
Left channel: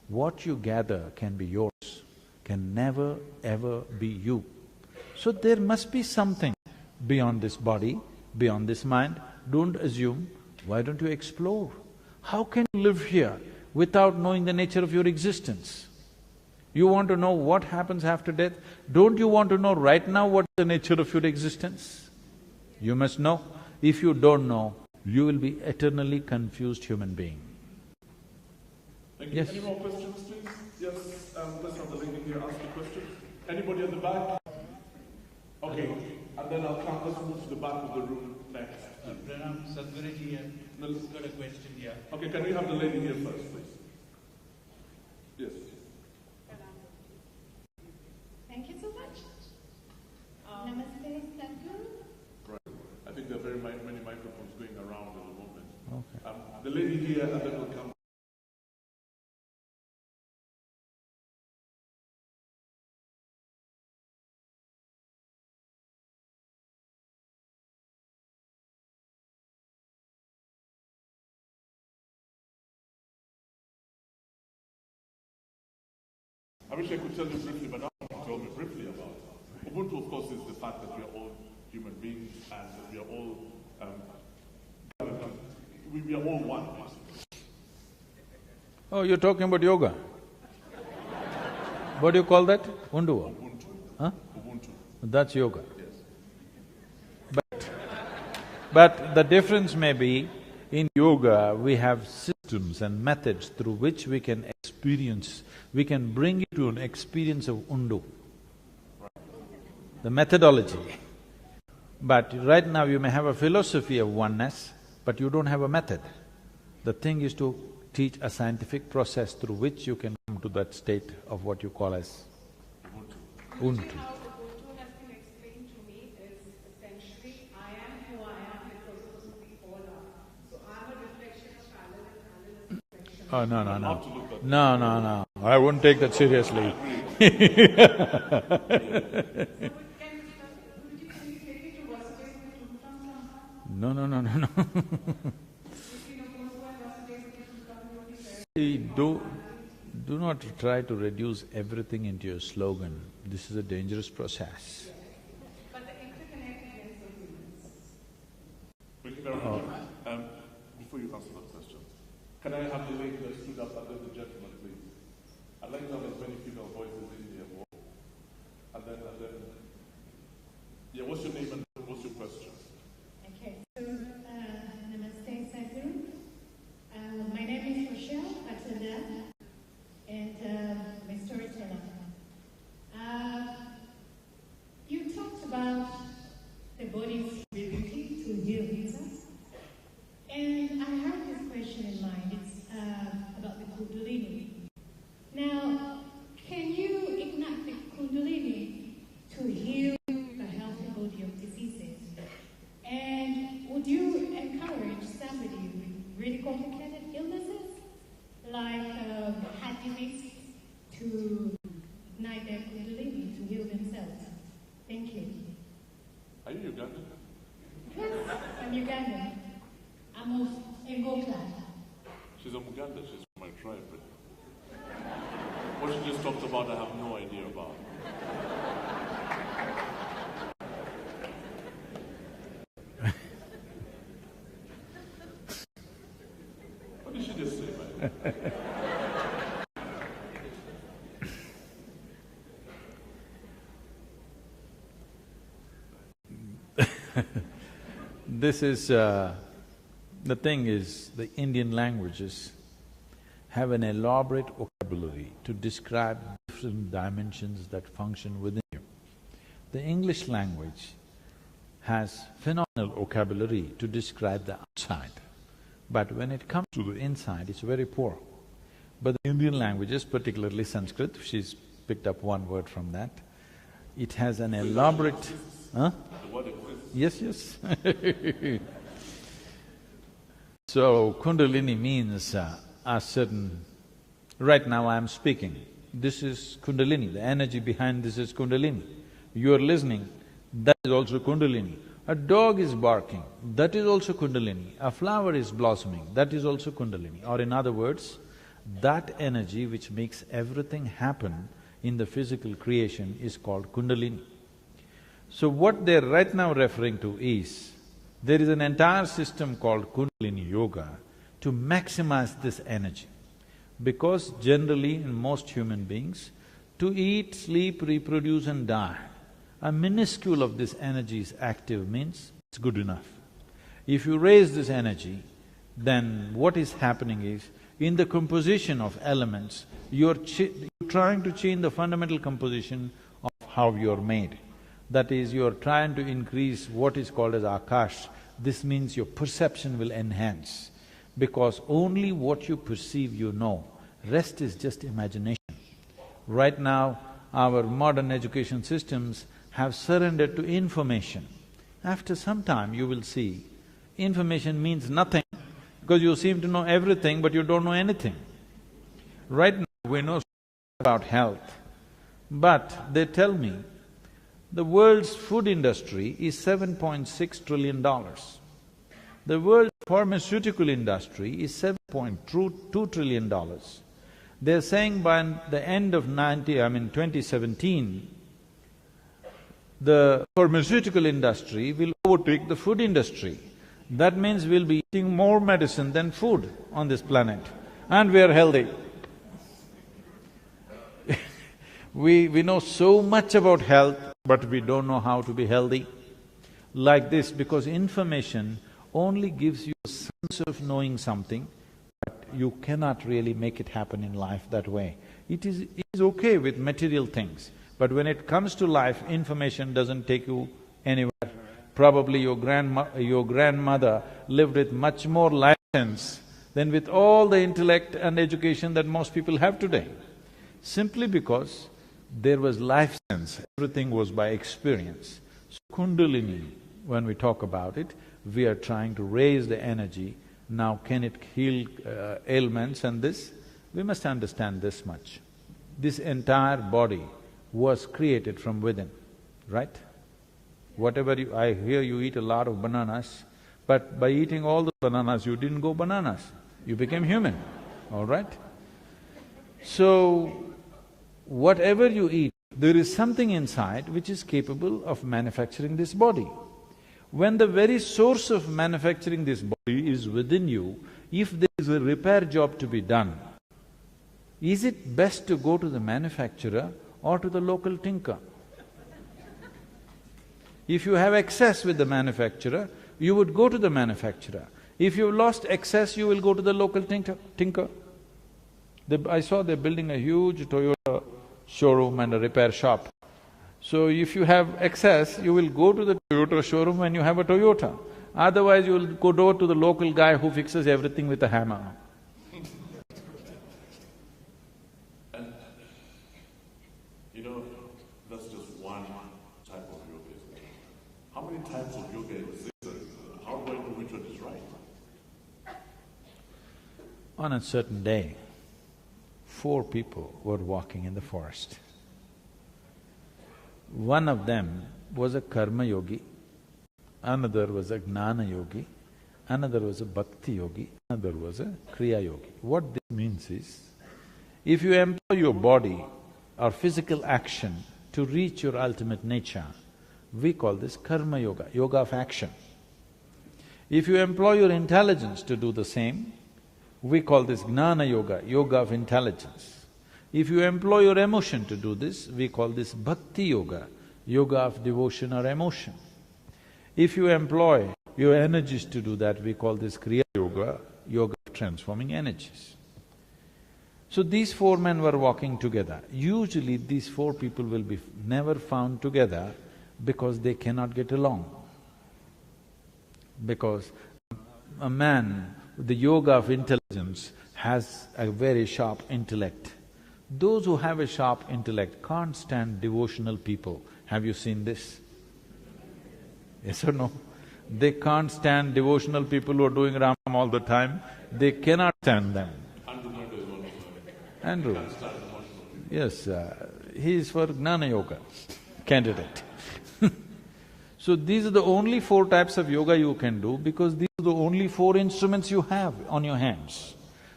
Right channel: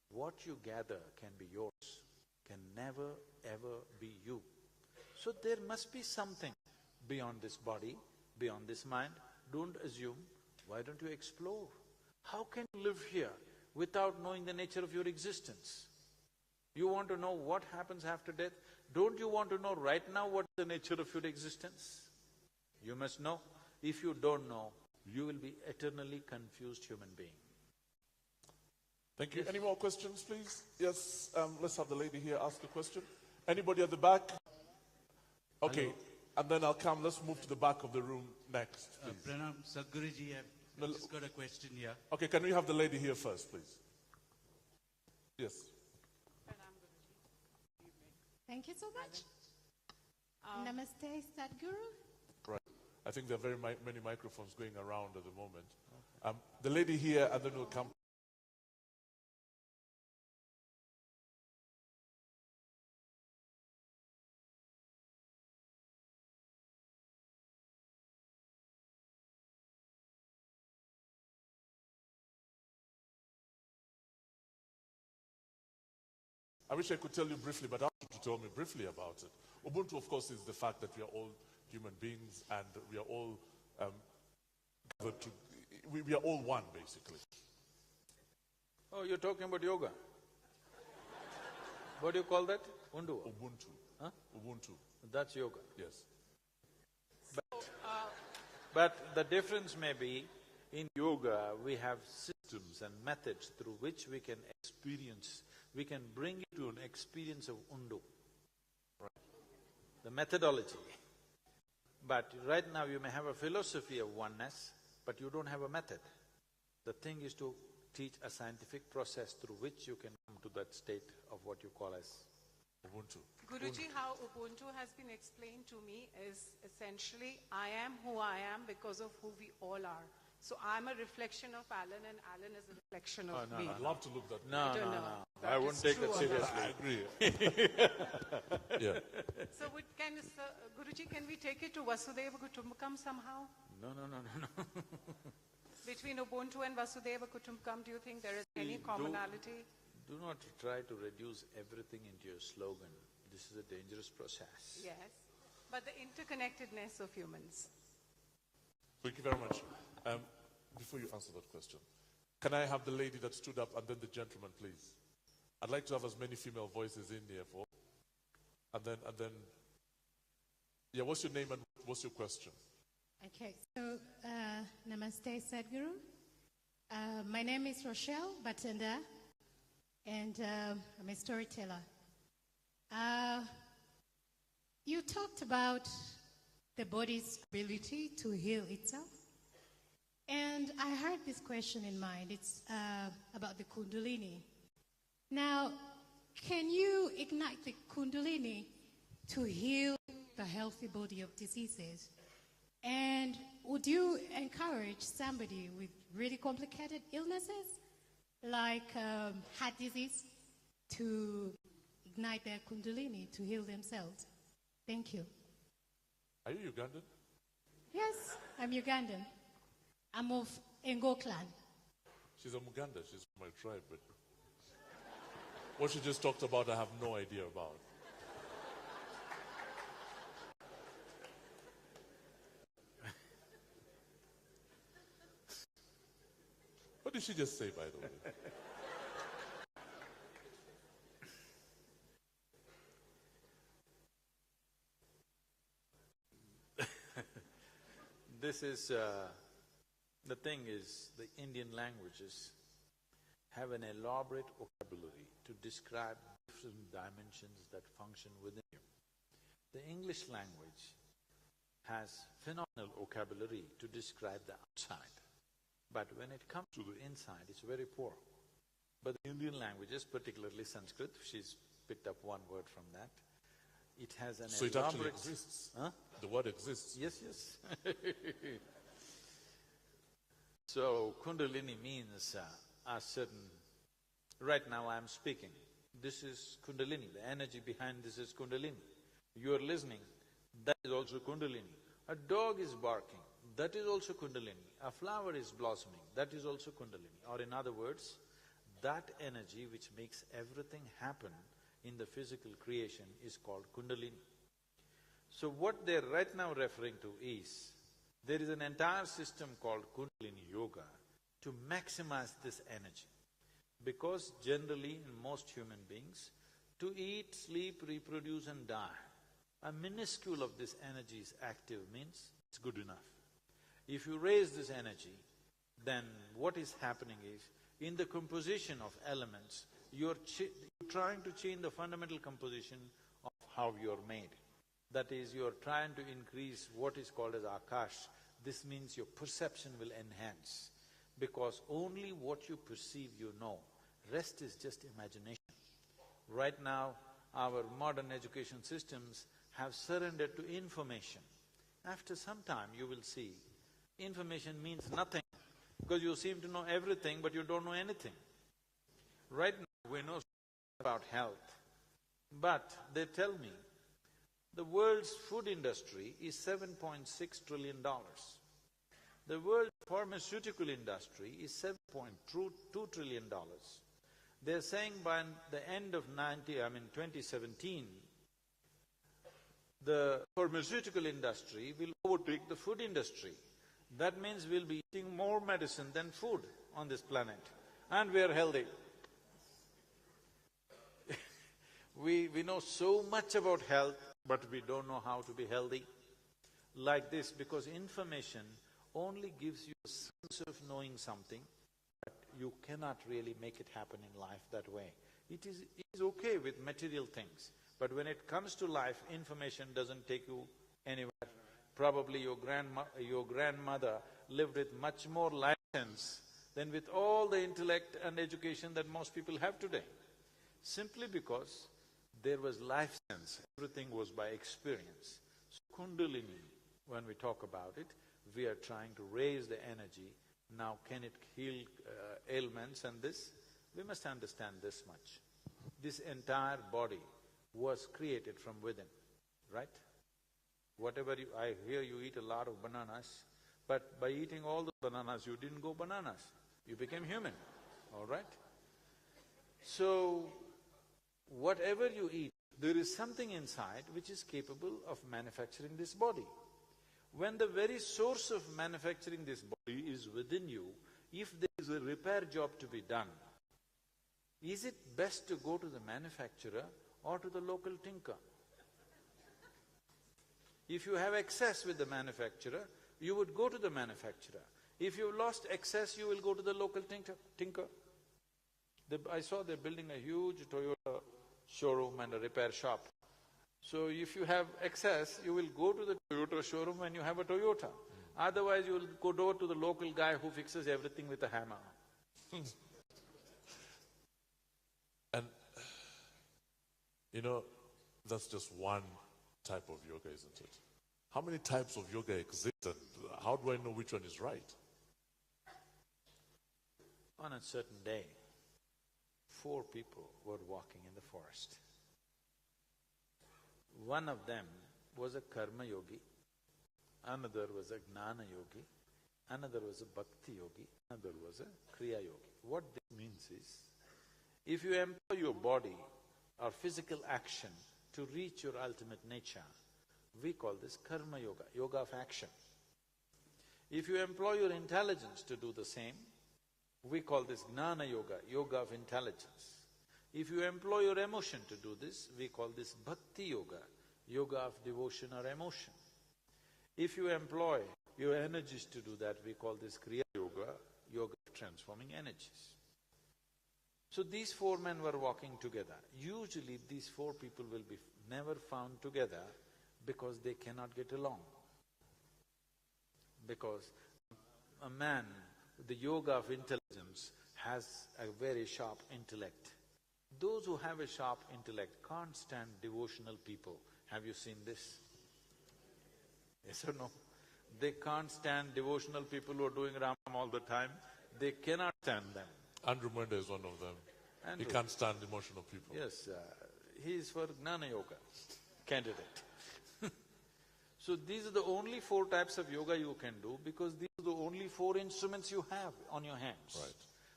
What you gather can be yours, can never ever be you. So there must be something beyond this body, beyond this mind. Don't assume. Why don't you explore? How can you live here without knowing the nature of your existence? You want to know what happens after death? Don't you want to know right now what's the nature of your existence? You must know. If you don't know, you will be eternally confused human being. Thank you. Yes. Any more questions, please? Yes, let's have the lady here ask the question. Anybody at the back? Okay, and then I'll come, let's move to the back of the room next. Pranam, Sadhguruji here. Who's got a question here? Okay, can we have the lady here first, please? Yes. Thank you so much. Namaste, Sadhguru. Right. I think there are very many microphones going around at the moment. Okay. The lady here, and then we'll come. I wish I could tell you briefly, but I don't want you to tell me briefly about it. Ubuntu, of course, is the fact that we are all human beings and we are all we are all one, basically. Oh, you're talking about yoga? What do you call that? Undu? Ubuntu. Huh? Ubuntu. That's yoga. Yes. But the difference may be, in yoga, we have systems and methods through which we can experience, we can bring you to an experience of undu, the methodology. But right now you may have a philosophy of oneness, but you don't have a method. The thing is to teach a scientific process through which you can come to that state of what you call as Ubuntu. Ubuntu. Guruji, how Ubuntu has been explained to me is essentially, I am who I am because of who we all are. So I'm a reflection of Alan and Alan is a reflection of… Oh, no, no, Have no. to look at No. I wouldn't take that seriously. So Guruji, can we take it to Vasudeva Kutumbakam somehow? No. Between Ubuntu and Vasudeva Kutumbakam, do you think there is See, commonality? do not try to reduce everything into your slogan. This is a dangerous process. Yes. But the interconnectedness of humans. Thank you very much. Before you answer that question, can I have the lady that stood up and then the gentleman, please? I'd like to have as many female voices in here. And then, yeah, what's your name and what's your question? Okay, so Namaste, Sadhguru. My name is Rochelle Batanda, and I'm a storyteller. You talked about the body's ability to heal itself, and I heard this question in mind. It's about the Kundalini. Now, can you ignite the Kundalini to heal the healthy body of diseases? And would you encourage somebody with really complicated illnesses, like heart disease, to ignite their Kundalini to heal themselves? Thank you. Are you Ugandan? Yes, I'm Ugandan. I'm of Ngo clan. She's a Muganda, she's from my tribe, but what she just talked about, I have no idea about. What did she just say, man? This is… the thing is, the Indian languages have an elaborate vocabulary to describe different dimensions that function within you. The English language has phenomenal vocabulary to describe the outside, but when it comes to the inside, it's very poor. But the Indian languages, particularly Sanskrit, she's picked up one word from that, it has an So it elaborate… actually exists. Huh? The word exists. Yes. So, Kundalini means a certain… Right now I am speaking, this is Kundalini, the energy behind this is Kundalini. You are listening, that is also Kundalini. A dog is barking, that is also Kundalini. A flower is blossoming, that is also Kundalini. Or in other words, That energy which makes everything happen in the physical creation is called Kundalini. So what they're right now referring to is, there is an entire system called Kundalini Yoga to maximize this energy. Because generally in most human beings, to eat, sleep, reproduce and die, a minuscule of this energy is active means it's good enough. If you raise this energy, then what is happening is, in the composition of elements, you're trying to change the fundamental composition of how you're made. That is, you're trying to increase what is called as akash. This means your perception will enhance, because only what you perceive you know, rest is just imagination. Right now, our modern education systems have surrendered to information. After some time, you will see, information means nothing, because you seem to know everything but you don't know anything. Right now, we know about health, but they tell me the world's food industry is $7.6 trillion. The world's pharmaceutical industry is $7.2 trillion. They're saying by the end of 2017, the pharmaceutical industry will overtake the food industry. That means we'll be eating more medicine than food on this planet, and we are healthy. We know so much about health, but we don't know how to be healthy. Like this, because information only gives you a sense of knowing something, but you cannot really make it happen in life that way. It is okay with material things, but when it comes to life, information doesn't take you anywhere. Probably your grandmother lived with much more life sense than with all the intellect and education that most people have today. Simply because there was life sense, everything was by experience. So Kundalini, when we talk about it, we are trying to raise the energy. Now can it heal ailments and this? We must understand this much. This entire body was created from within, right? Whatever I hear you eat a lot of bananas, but by eating all the bananas, you didn't go bananas, you became human, all right? So, whatever you eat, there is something inside which is capable of manufacturing this body. When the very source of manufacturing this body is within you, if there is a repair job to be done, is it best to go to the manufacturer or to the local tinker? If you have excess with the manufacturer, you would go to the manufacturer. If you've lost excess, you will go to the local tinker. I saw they're building a huge Toyota showroom and a repair shop. So if you have excess, you will go to the Toyota showroom when you have a Toyota. Otherwise, you will go to the local guy who fixes everything with a hammer. And, that's just one type of yoga, isn't it? How many types of yoga exist, and how do I know which one is right? On a certain day, 4 people were walking in the forest. One of them was a karma yogi, another was a gnana yogi, another was a bhakti yogi, another was a kriya yogi. What this means is, if you employ your body or physical action to reach your ultimate nature, we call this karma yoga, yoga of action. If you employ your intelligence to do the same, we call this gnana yoga, yoga of intelligence. If you employ your emotion to do this, we call this bhakti yoga, yoga of devotion or emotion. If you employ your energies to do that, we call this kriya yoga, yoga of transforming energies. So these 4 men were walking together. Usually these 4 people will be never found together because they cannot get along. Because a man with the yoga of intelligence has a very sharp intellect. Those who have a sharp intellect can't stand devotional people. Have you seen this? Yes or no? They can't stand devotional people who are doing Ram all the time. They cannot stand them. Andrew Munda is one of them. Andrew. He can't stand emotional people. Yes, he is for Gnana Yoga candidate. So these are the only 4 types of yoga you can do, because these are the only 4 instruments you have on your hands.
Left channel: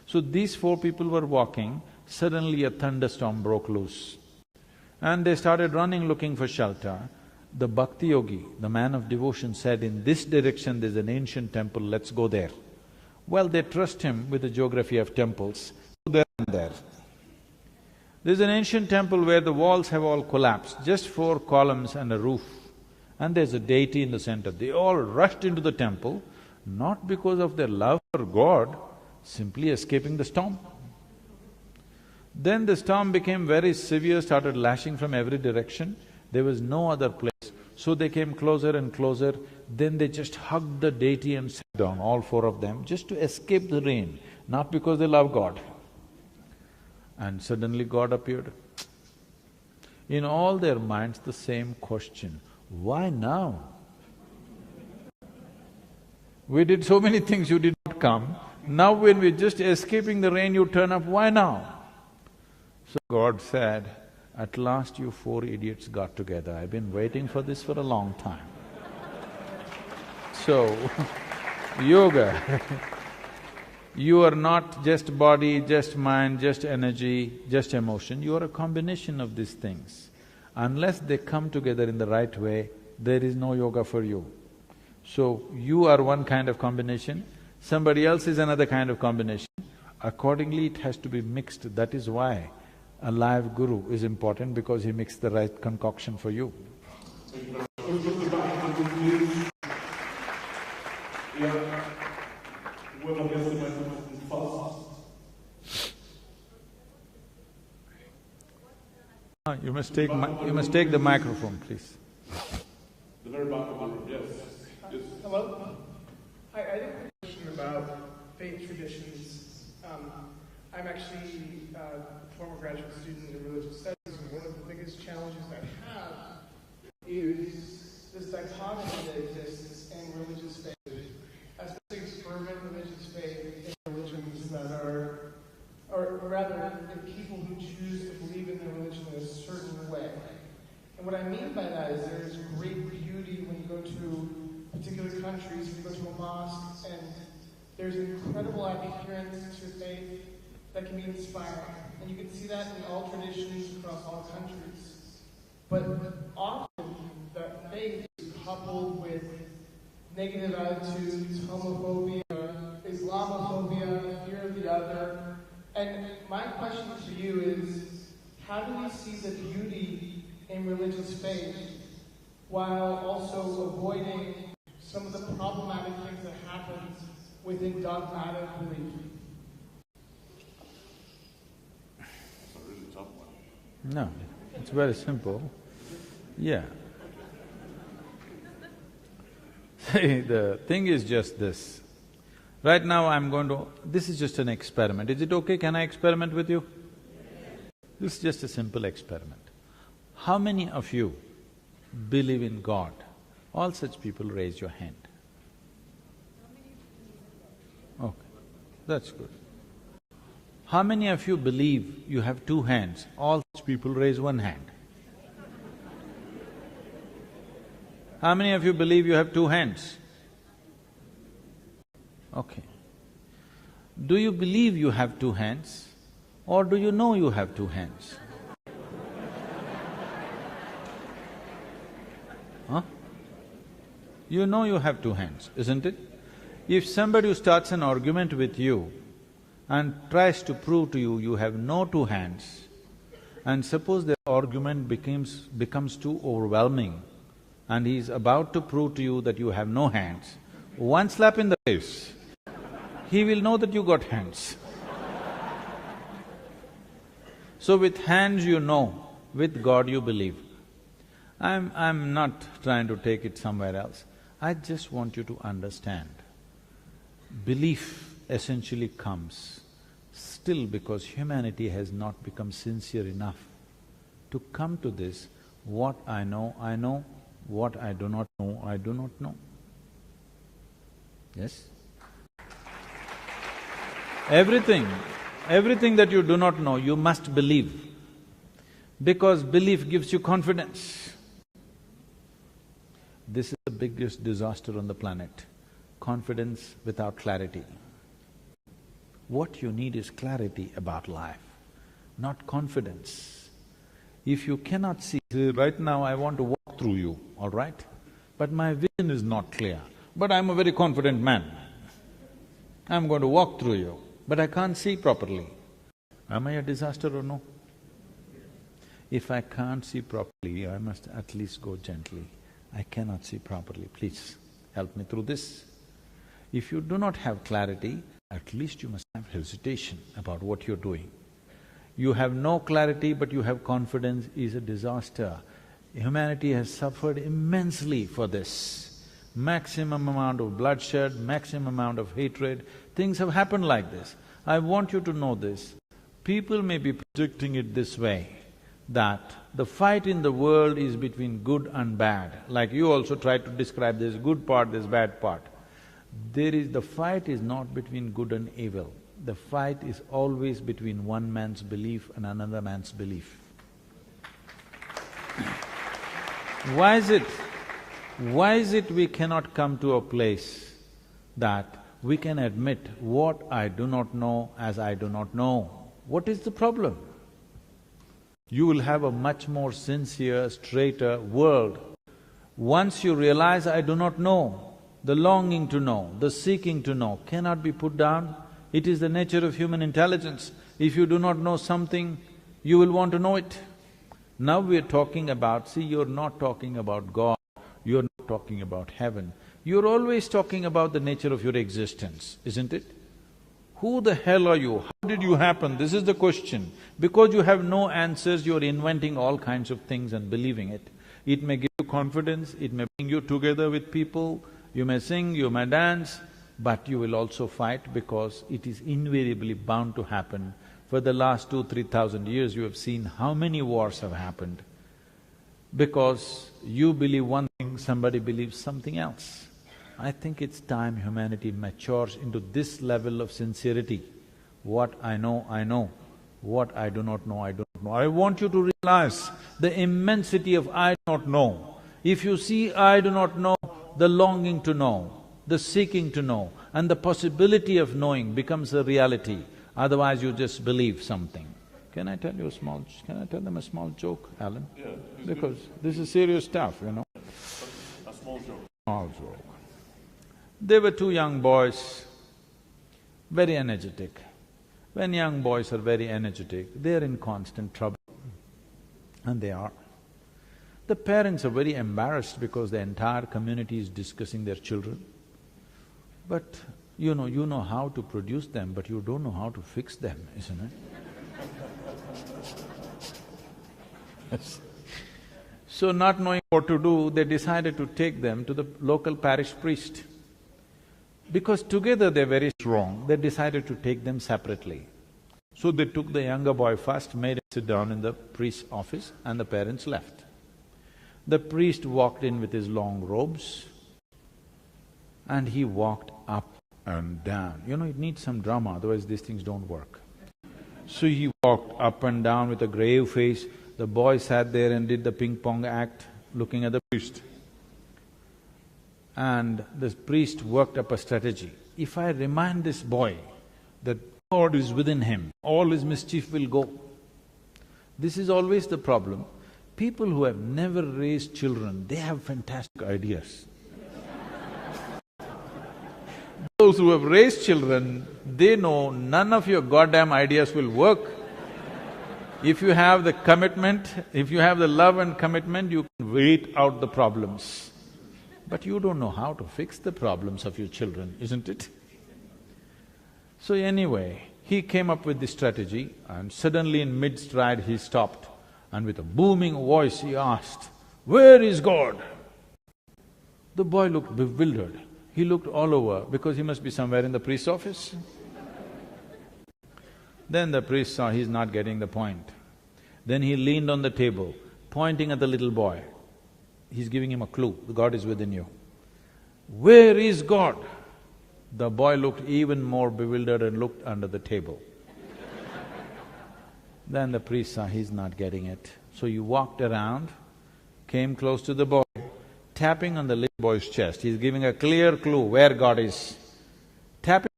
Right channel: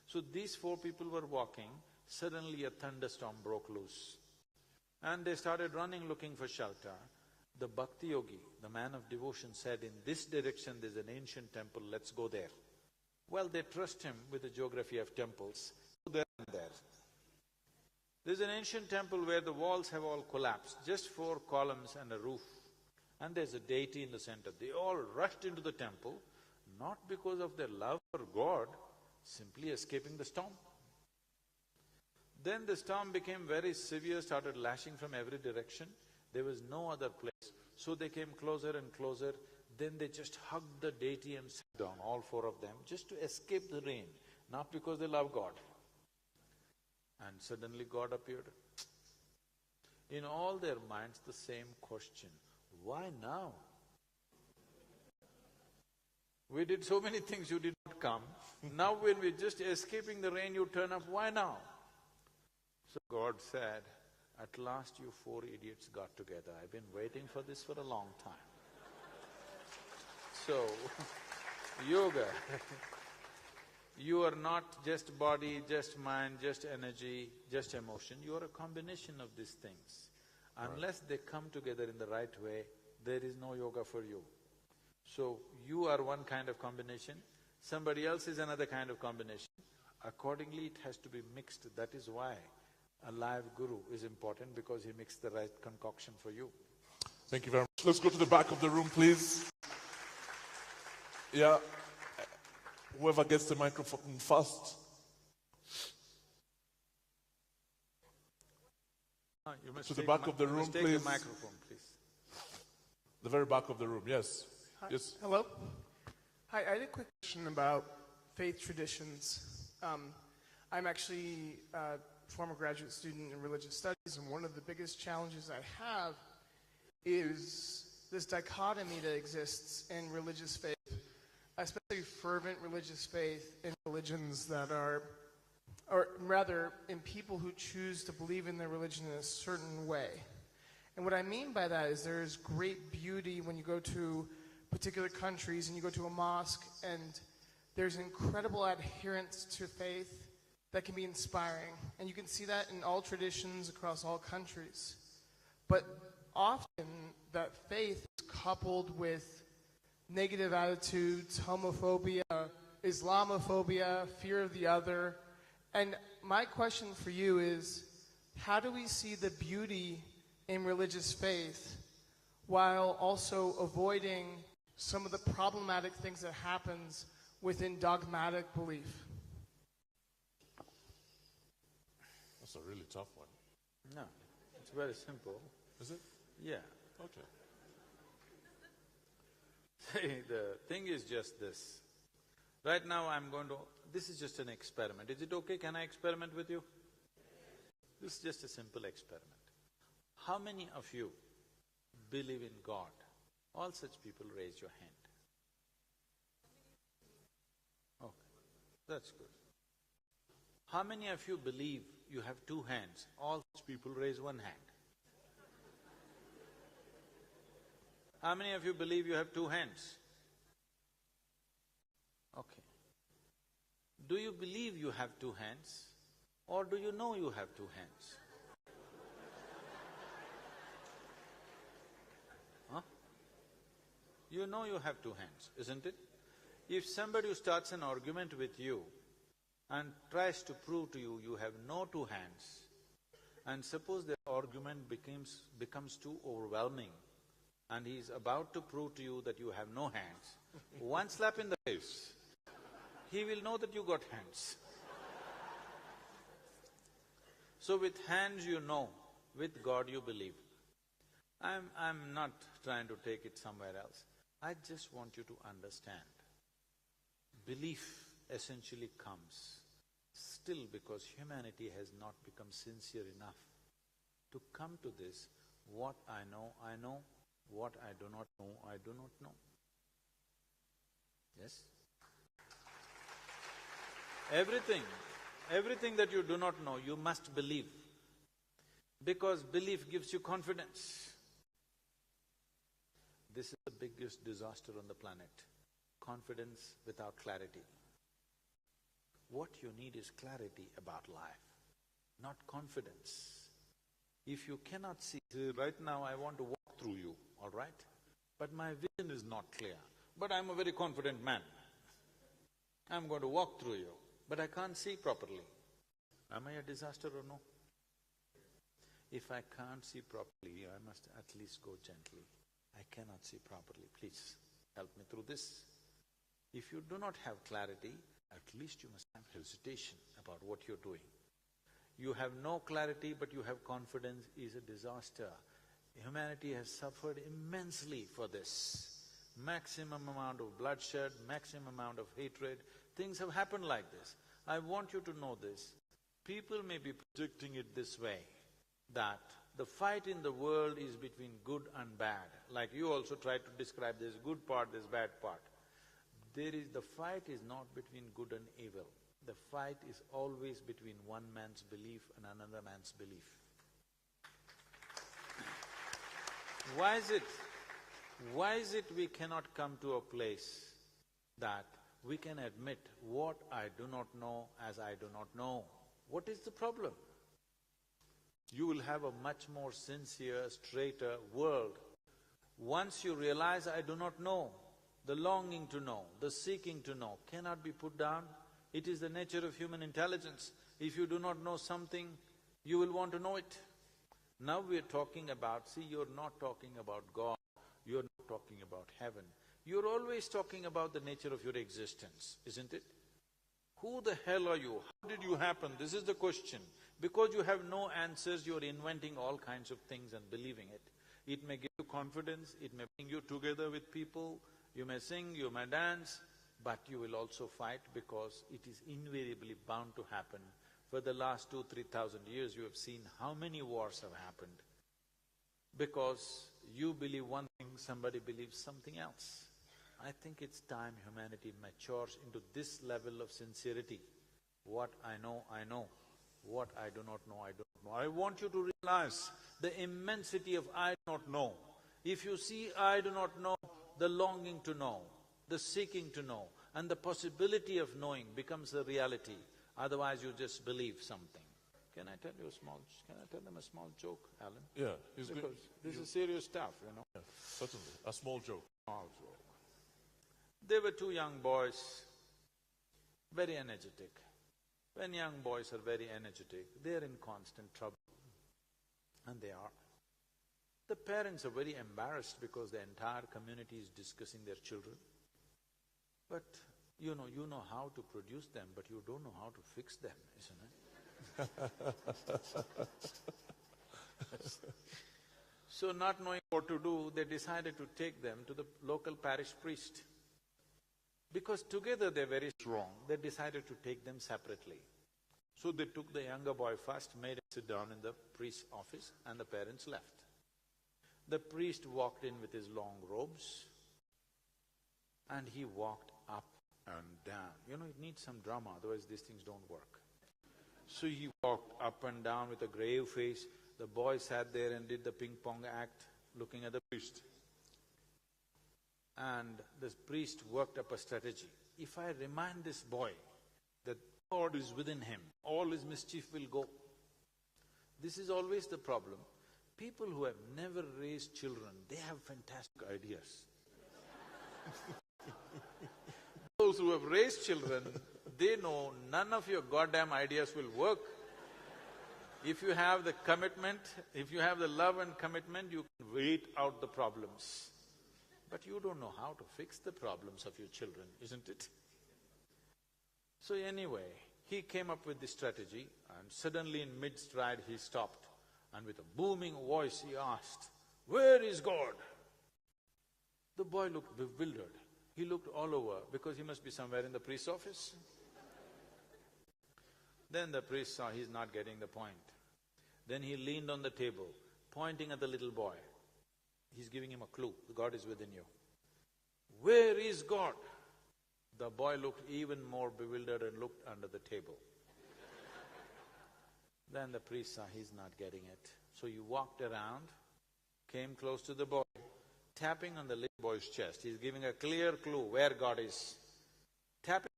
So these four people were walking, suddenly a thunderstorm broke loose. And they started running looking for shelter. The Bhakti Yogi, the man of devotion, said, in this direction there's an ancient temple, let's go there. Well, they trust him with the geography of temples, so they ran there. There's an ancient temple where the walls have all collapsed, just four columns and a roof, and there's a deity in the center. They all rushed into the temple, not because of their love for God, simply escaping the storm. Then the storm became very severe, started lashing from every direction. There was no other place. So they came closer and closer, then they just hugged the deity and sat down, all four of them, just to escape the rain, not because they love God. And suddenly God appeared. In all their minds, the same question, why now? We did so many things, you did not come. Now when we're just escaping the rain, you turn up, why now? So God said, at last you four idiots got together. I've been waiting for this for a long time. So, yoga, you are not just body, just mind, just energy, just emotion, you are a combination of these things. Unless they come together in the right way, there is no yoga for you. So, you are one kind of combination, somebody else is another kind of combination. Accordingly, it has to be mixed. That is why a live guru is important, because he mixed the right concoction for you. Thank you very much. Let's go to the back of the room, please. Yeah. Whoever gets the microphone first. You must take the microphone, please. The very back of the room, yes. Yes. Hello? Hi, I had a quick question about faith traditions. I'm actually a former graduate student in religious studies, and one of the biggest challenges I have is this dichotomy that exists in religious faith, especially fervent religious faith in religions that are, or rather, in people who choose to believe in their religion in a certain way. And what I mean by that is there is great beauty when you go to particular countries and you go to a mosque, and there's incredible adherence to faith that can be inspiring. And you can see that in all traditions across all countries. But often that faith is coupled with negative attitudes, homophobia, Islamophobia, fear of the other. And my question for you is, how do we see the beauty in religious faith while also avoiding some of the problematic things that happens within dogmatic belief? That's a really tough one. No, it's very simple. Yeah. See, the thing is just this. Right now I'm going to… this is just an experiment. Is it okay? Can I experiment with you? This is just a simple experiment. How many of you believe in God? All such people raise your hand. Okay, that's good. How many of you believe you have two hands? All such people raise one hand. How many of you believe you have two hands? Okay. Do you believe you have two hands, or do you know you have two hands? Huh? You know you have two hands, isn't it? If somebody who starts an argument with you and tries to prove to you you have no two hands, and suppose the argument becomes too overwhelming and he's about to prove to you that you have no hands, one slap in the face, he will know that you got hands. So with hands you know, with God you believe. I'm not trying to take it somewhere else. I just want you to understand, belief essentially comes still because humanity has not become sincere enough to come to this, what I know, what I do not know, I do not know. Yes? Everything that you do not know, you must believe, because belief gives you confidence. This is the biggest disaster on the planet, confidence without clarity. What you need is clarity about life, not confidence. If you cannot see, right now I want to walk through you, all right? But my vision is not clear. But I'm a very confident man. I'm going to walk through you, but I can't see properly. Am I a disaster or no? If I can't see properly, I must at least go gently. I cannot see properly, please help me through this. If you do not have clarity, at least you must have hesitation about what you're doing. You have no clarity but you have confidence is a disaster. Humanity has suffered immensely for this. Maximum amount of bloodshed, maximum amount of hatred, things have happened like this. I want you to know this. People may be projecting it this way, that the fight in the world is between good and bad. Like you also tried to describe there's good part, there's bad part. The fight is not between good and evil. The fight is always between one man's belief and another man's belief. Why is it? Why is it we cannot come to a place that we can admit what I do not know as I do not know? What is the problem? You will have a much more sincere, straighter world. Once you realize I do not know, the longing to know, the seeking to know cannot be put down. It is the nature of human intelligence. If you do not know something, you will want to know it. Now we are talking about… see, you're not talking about God, you're not talking about heaven. You're always talking about the nature of your existence, isn't it? Who the hell are you? How did you happen? This is the question. Because you have no answers, you're inventing all kinds of things and believing it. It may give you confidence, it may bring you together with people, you may sing, you may dance, but you will also fight because it is invariably bound to happen. For the last 2,000–3,000 years, you have seen how many wars have happened. Because you believe one thing, somebody believes something else. I think it's time humanity matures into this level of sincerity. What I know, I know. What I do not know, I do not know. I want you to realize the immensity of I do not know. If you see I do not know, the longing to know, the seeking to know, and the possibility of knowing becomes a reality. Otherwise you just believe something. Can I tell you a small… can I tell them a small joke, Alan? Yeah. Because this is serious stuff, you know. A small joke. Small joke. There were two young boys, very energetic. When young boys are very energetic, they're in constant trouble. And they are. The parents are very embarrassed because the entire community is discussing their children. But you know how to produce them, but you don't know how to fix them, isn't it? So not knowing what to do, they decided to take them to the local parish priest. Because together they're very strong, they decided to take them separately. So they took the younger boy first, made him sit down in the priest's office, and the parents left. The priest walked in with his long robes, and he walked up and down. You know, it needs some drama, otherwise these things don't work. So he walked up and down with a grave face. The boy sat there and did the ping-pong act, looking at the priest. And the priest worked up a strategy. If I remind this boy that God is within him, all his mischief will go. This is always the problem. People who have never raised children, they have fantastic ideas. Those who have raised children, they know none of your goddamn ideas will work. If you have the commitment, if you have the love and commitment, you can wait out the problems. But you don't know how to fix the problems of your children, isn't it? So anyway, he came up with this strategy, and suddenly in mid-stride he stopped, and with a booming voice he asked, "Where is God?" The boy looked bewildered. He looked all over because he must be somewhere in the priest's office. Then the priest saw he's not getting the point. Then he leaned on the table, pointing at the little boy. He's giving him a clue, God is within you. "Where is God?" The boy looked even more bewildered and looked under the table. Then the priest saw he's not getting it. So he walked around, came close to the boy, tapping on the little boy's chest. He's giving a clear clue where God is. Tapping on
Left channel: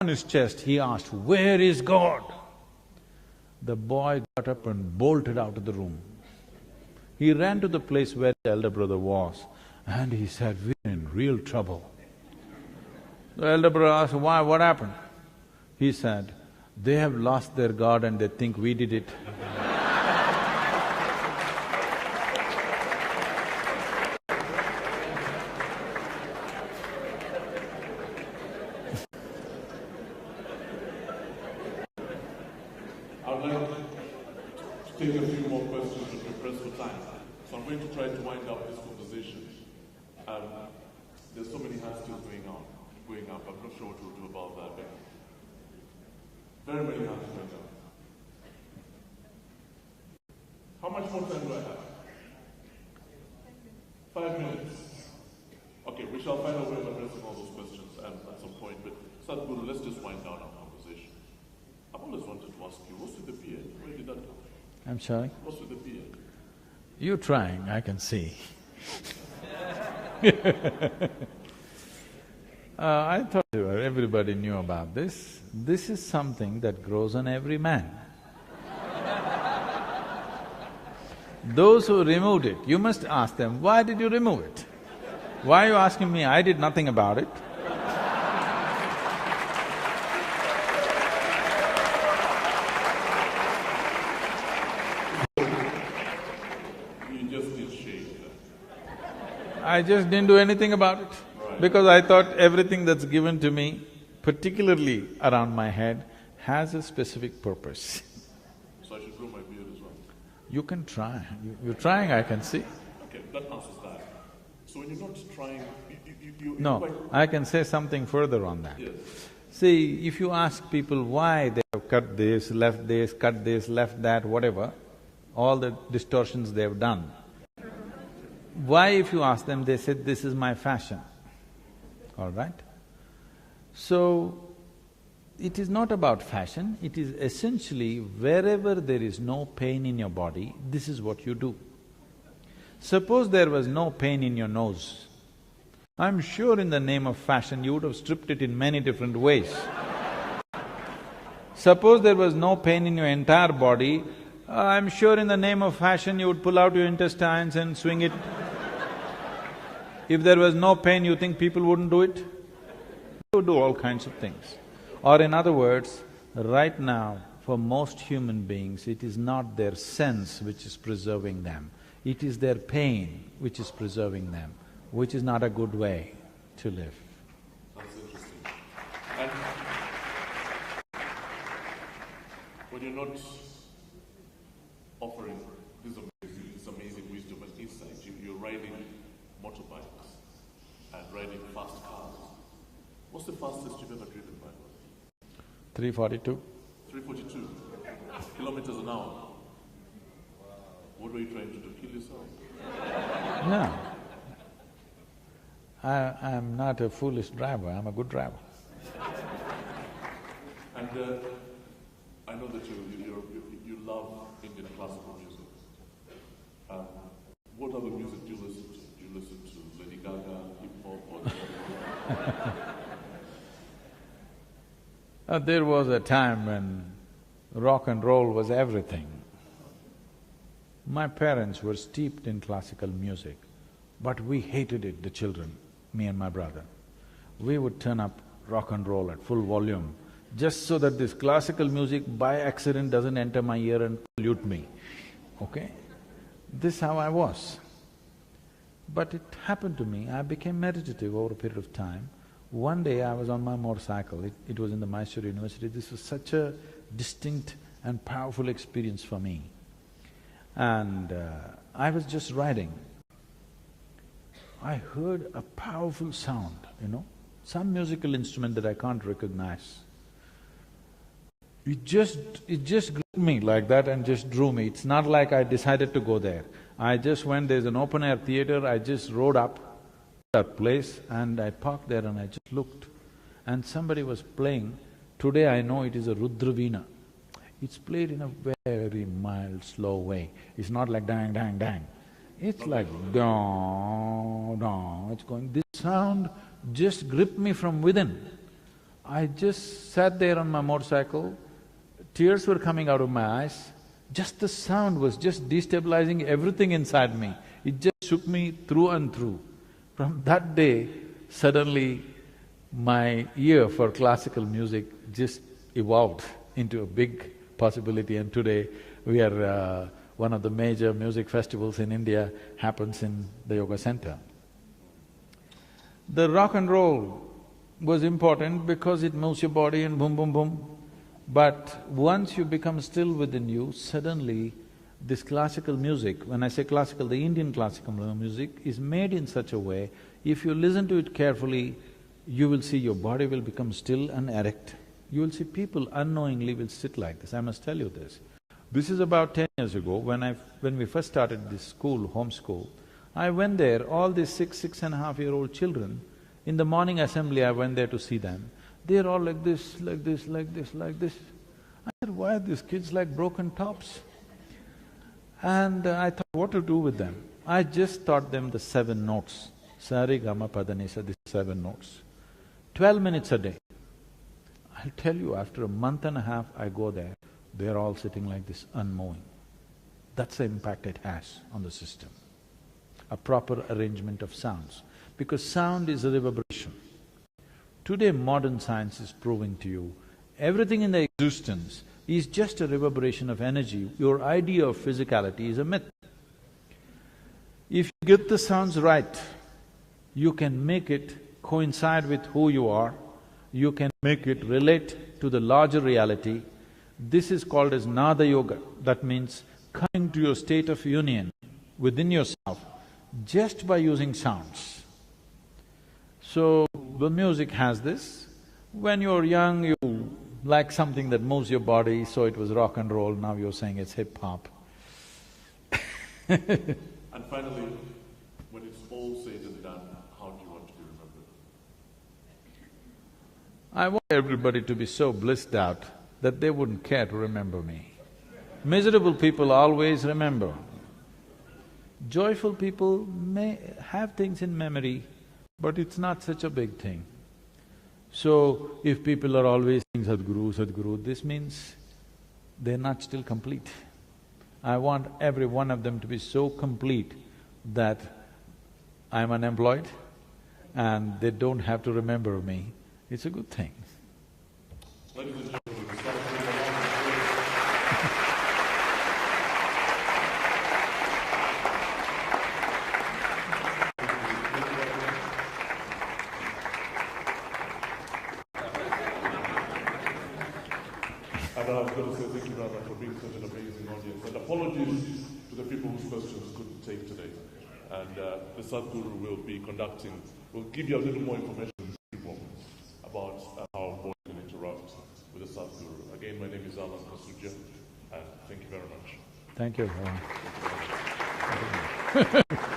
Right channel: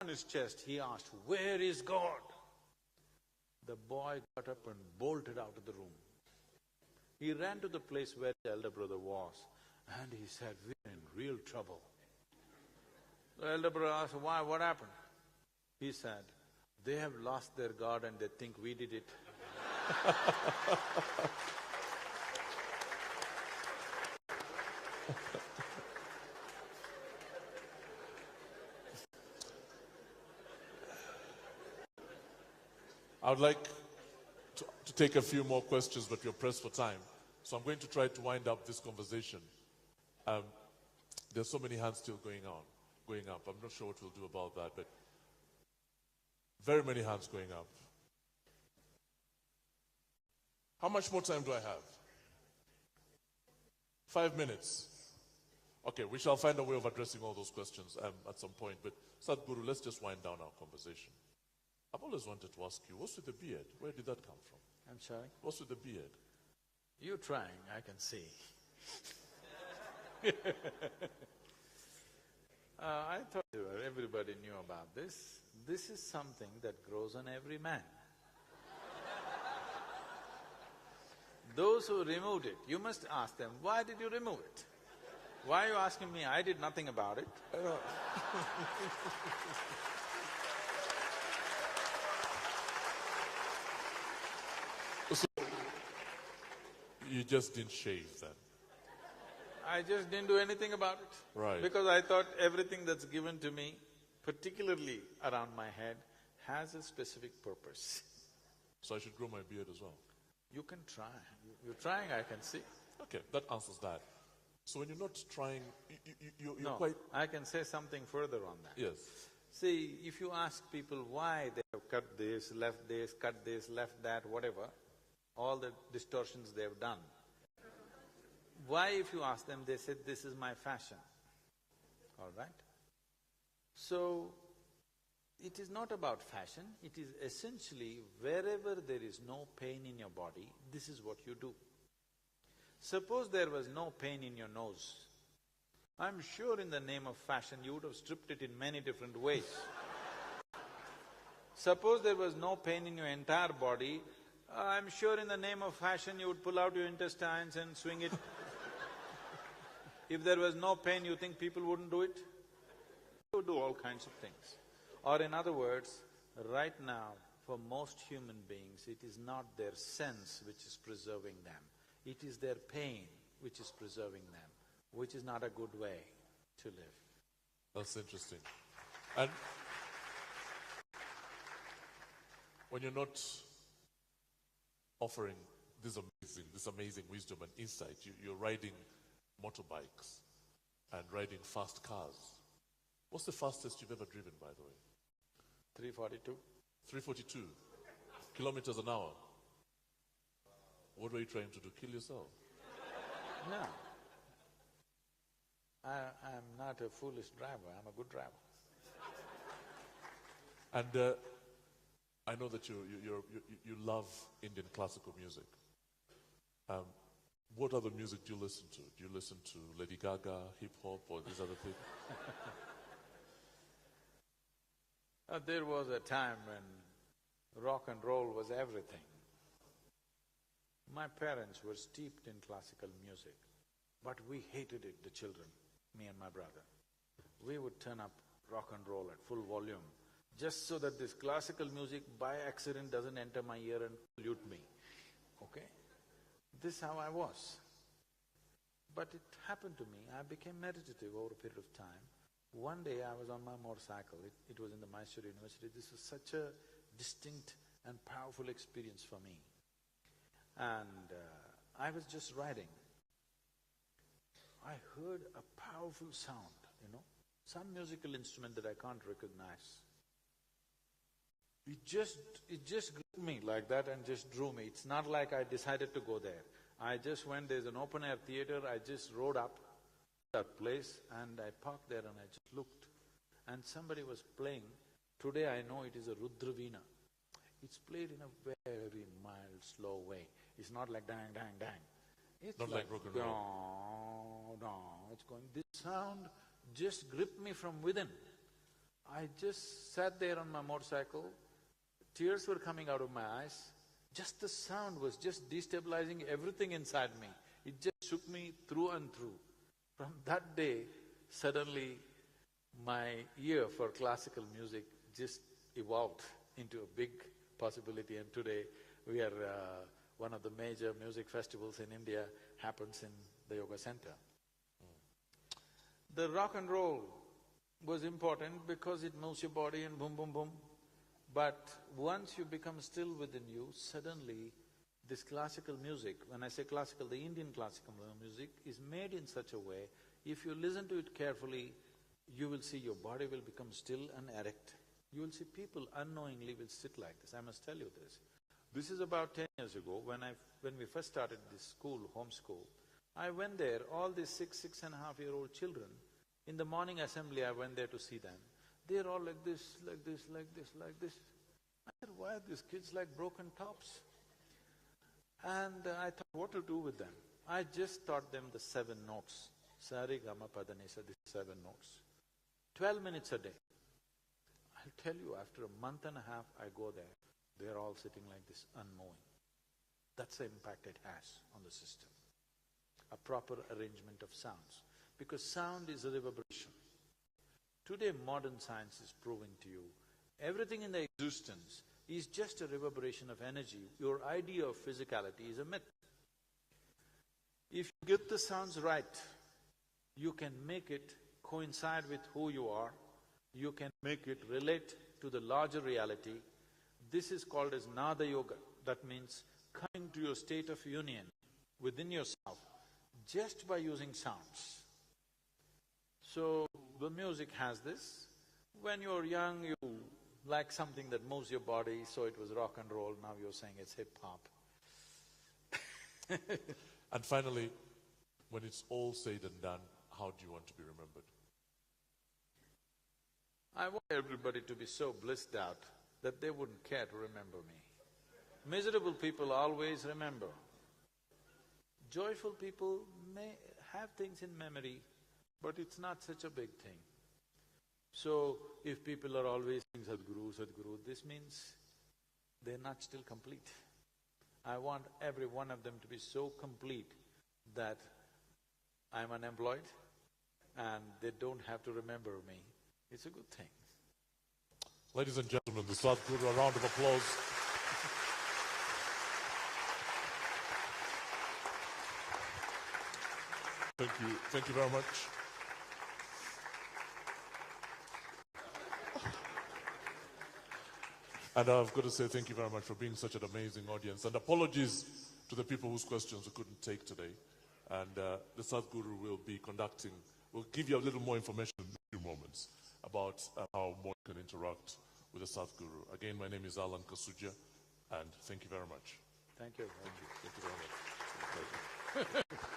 his chest, he asked, "Where is God?" The boy got up and bolted out of the room. He ran to the place where the elder brother was and he said, "We're in real trouble." The elder brother asked, "Why? What happened?" He said, "They have lost their God and they think we did it." I'd like to take a few more questions, but we're pressed for time. So I'm going to try to wind up this conversation. There's so many hands still going up. I'm not sure what we'll do about that, but very many hands going up. How much more time do I have? 5 minutes. Okay, we shall find a way of addressing all those questions at some point, but Sadhguru, let's just wind down our conversation. I've always wanted to ask you, what's with the beard? Where did that come from? I'm sorry? What's with the beard? You're trying, I can see. I thought everybody knew about this. This is something that grows on every man. Those who removed it, you must ask them, why did you remove it? Why are you asking me? I did nothing about it. You just did shave that. I just didn't do anything about it. Right. Because I thought everything that's given to me, particularly around my head, has a specific purpose. So I should grow my beard as well? You can try. You're trying, I can see. Okay, that answers that. So when you're not trying, you're No, quite… I can say something further on that. Yes. See, if you ask people why they have cut this, left that, whatever, all the distortions they've done, why if you ask them, they said, "This is my fashion." All right? So, it is not about fashion, it is essentially wherever there is no pain in your body, this is what you do. Suppose there was no pain in your nose, I'm sure in the name of fashion you would have stripped it in many different ways. Suppose there was no pain in your entire body, I'm sure in the name of fashion you would pull out your intestines and swing it. If there was no pain, you think people wouldn't do it? They would do all kinds of things. Or in other words, right now, for most human beings, it is not their sense which is preserving them, it is their pain which is preserving them, which is not a good way to live. That's interesting. And when you're not offering this amazing wisdom and insight, you're riding motorbikes and riding fast cars. What's the fastest you've ever driven by? 342. 342 kilometers an hour. What were you trying to do? Kill yourself? No. I'm not a foolish driver, I'm a good driver. And I know that you love Indian classical music. What other music do you listen to? Do you listen to Lady Gaga, hip hop, or… There was a time when rock and roll was everything. My parents were steeped in classical music, but we hated it, the children, me and my brother. We would turn up rock and roll at full volume, just so that this classical music by accident doesn't enter my ear and pollute me, okay? This is how I was. But it happened to me, I became meditative over a period of time. One day I was on my motorcycle, it was in the Mysore University. This was such a distinct and powerful experience for me. And I was just riding. I heard a powerful sound, some musical instrument that I can't recognize. It just gripped me like that and just drew me. It's not like I decided to go there. I just went, there's an open-air theatre, I just rode up to that place and I parked there and I just looked. And somebody was playing, today I know it is a Rudraveena. It's played in a very mild, slow way. It's not like dang, dang, dang. It's like dong, dong, it's going… This sound just gripped me from within. I just sat there on my motorcycle, tears were coming out of my eyes, just the sound was just destabilizing everything inside me. It just shook me through and through. From that day, suddenly my ear for classical music just evolved into a big possibility, and today we are… one of the major music festivals in India happens in the yoga center. The rock and roll was important because it moves your body and boom, boom, boom. But once you become still within you, suddenly this classical music, when I say classical, the Indian classical music is made in such a way, if you listen to it carefully, you will see your body will become still and erect. You will see people unknowingly will sit like this, I must tell you this. This is about 10 years ago, when we first started this school, home school. I went there, all these 6.5-year-old children, in the morning assembly I went there to see them. They're all like this, like this, like this, like this. I said, why are these kids like broken tops? And I thought what to do with them. I just taught them the 7 notes. Sa re ga ma pa da ni sa, these 7 notes. 12 minutes a day. I'll tell you, after a month and a half I go there, they're all sitting like this, unmoving. That's the impact it has on the system. A proper arrangement of sounds, because sound is a reverberation. Today modern science is proving to you, everything in the existence is just a reverberation of energy. Your idea of physicality is a myth. If you get the sounds right, you can make it coincide with who you are, you can make it relate to the larger reality. This is called as Nada Yoga. That means coming to your state of union within yourself just by using sounds. So, the music has this. When you're young, you like something that moves your body, so it was rock and roll, now you're saying it's hip-hop. And finally, when it's all said and done, how do you want to be remembered? I want everybody to be so blissed out that they wouldn't care to remember me. Miserable people always remember. Joyful people may have things in memory, but it's not such a big thing. So, if people are always saying Sadhguru, Sadhguru, this means they're not still complete. I want every one of them to be so complete that I'm unemployed and they don't have to remember me. It's a good thing. Ladies and gentlemen, the Sadhguru, a round of applause. Such an amazing audience, and apologies to the people whose questions we couldn't take today. And the Sadhguru will be conducting, will give you a little more information in a few moments about how one can interact with the Sadhguru. Again, my name is Kasujja, and thank you very much. Thank you.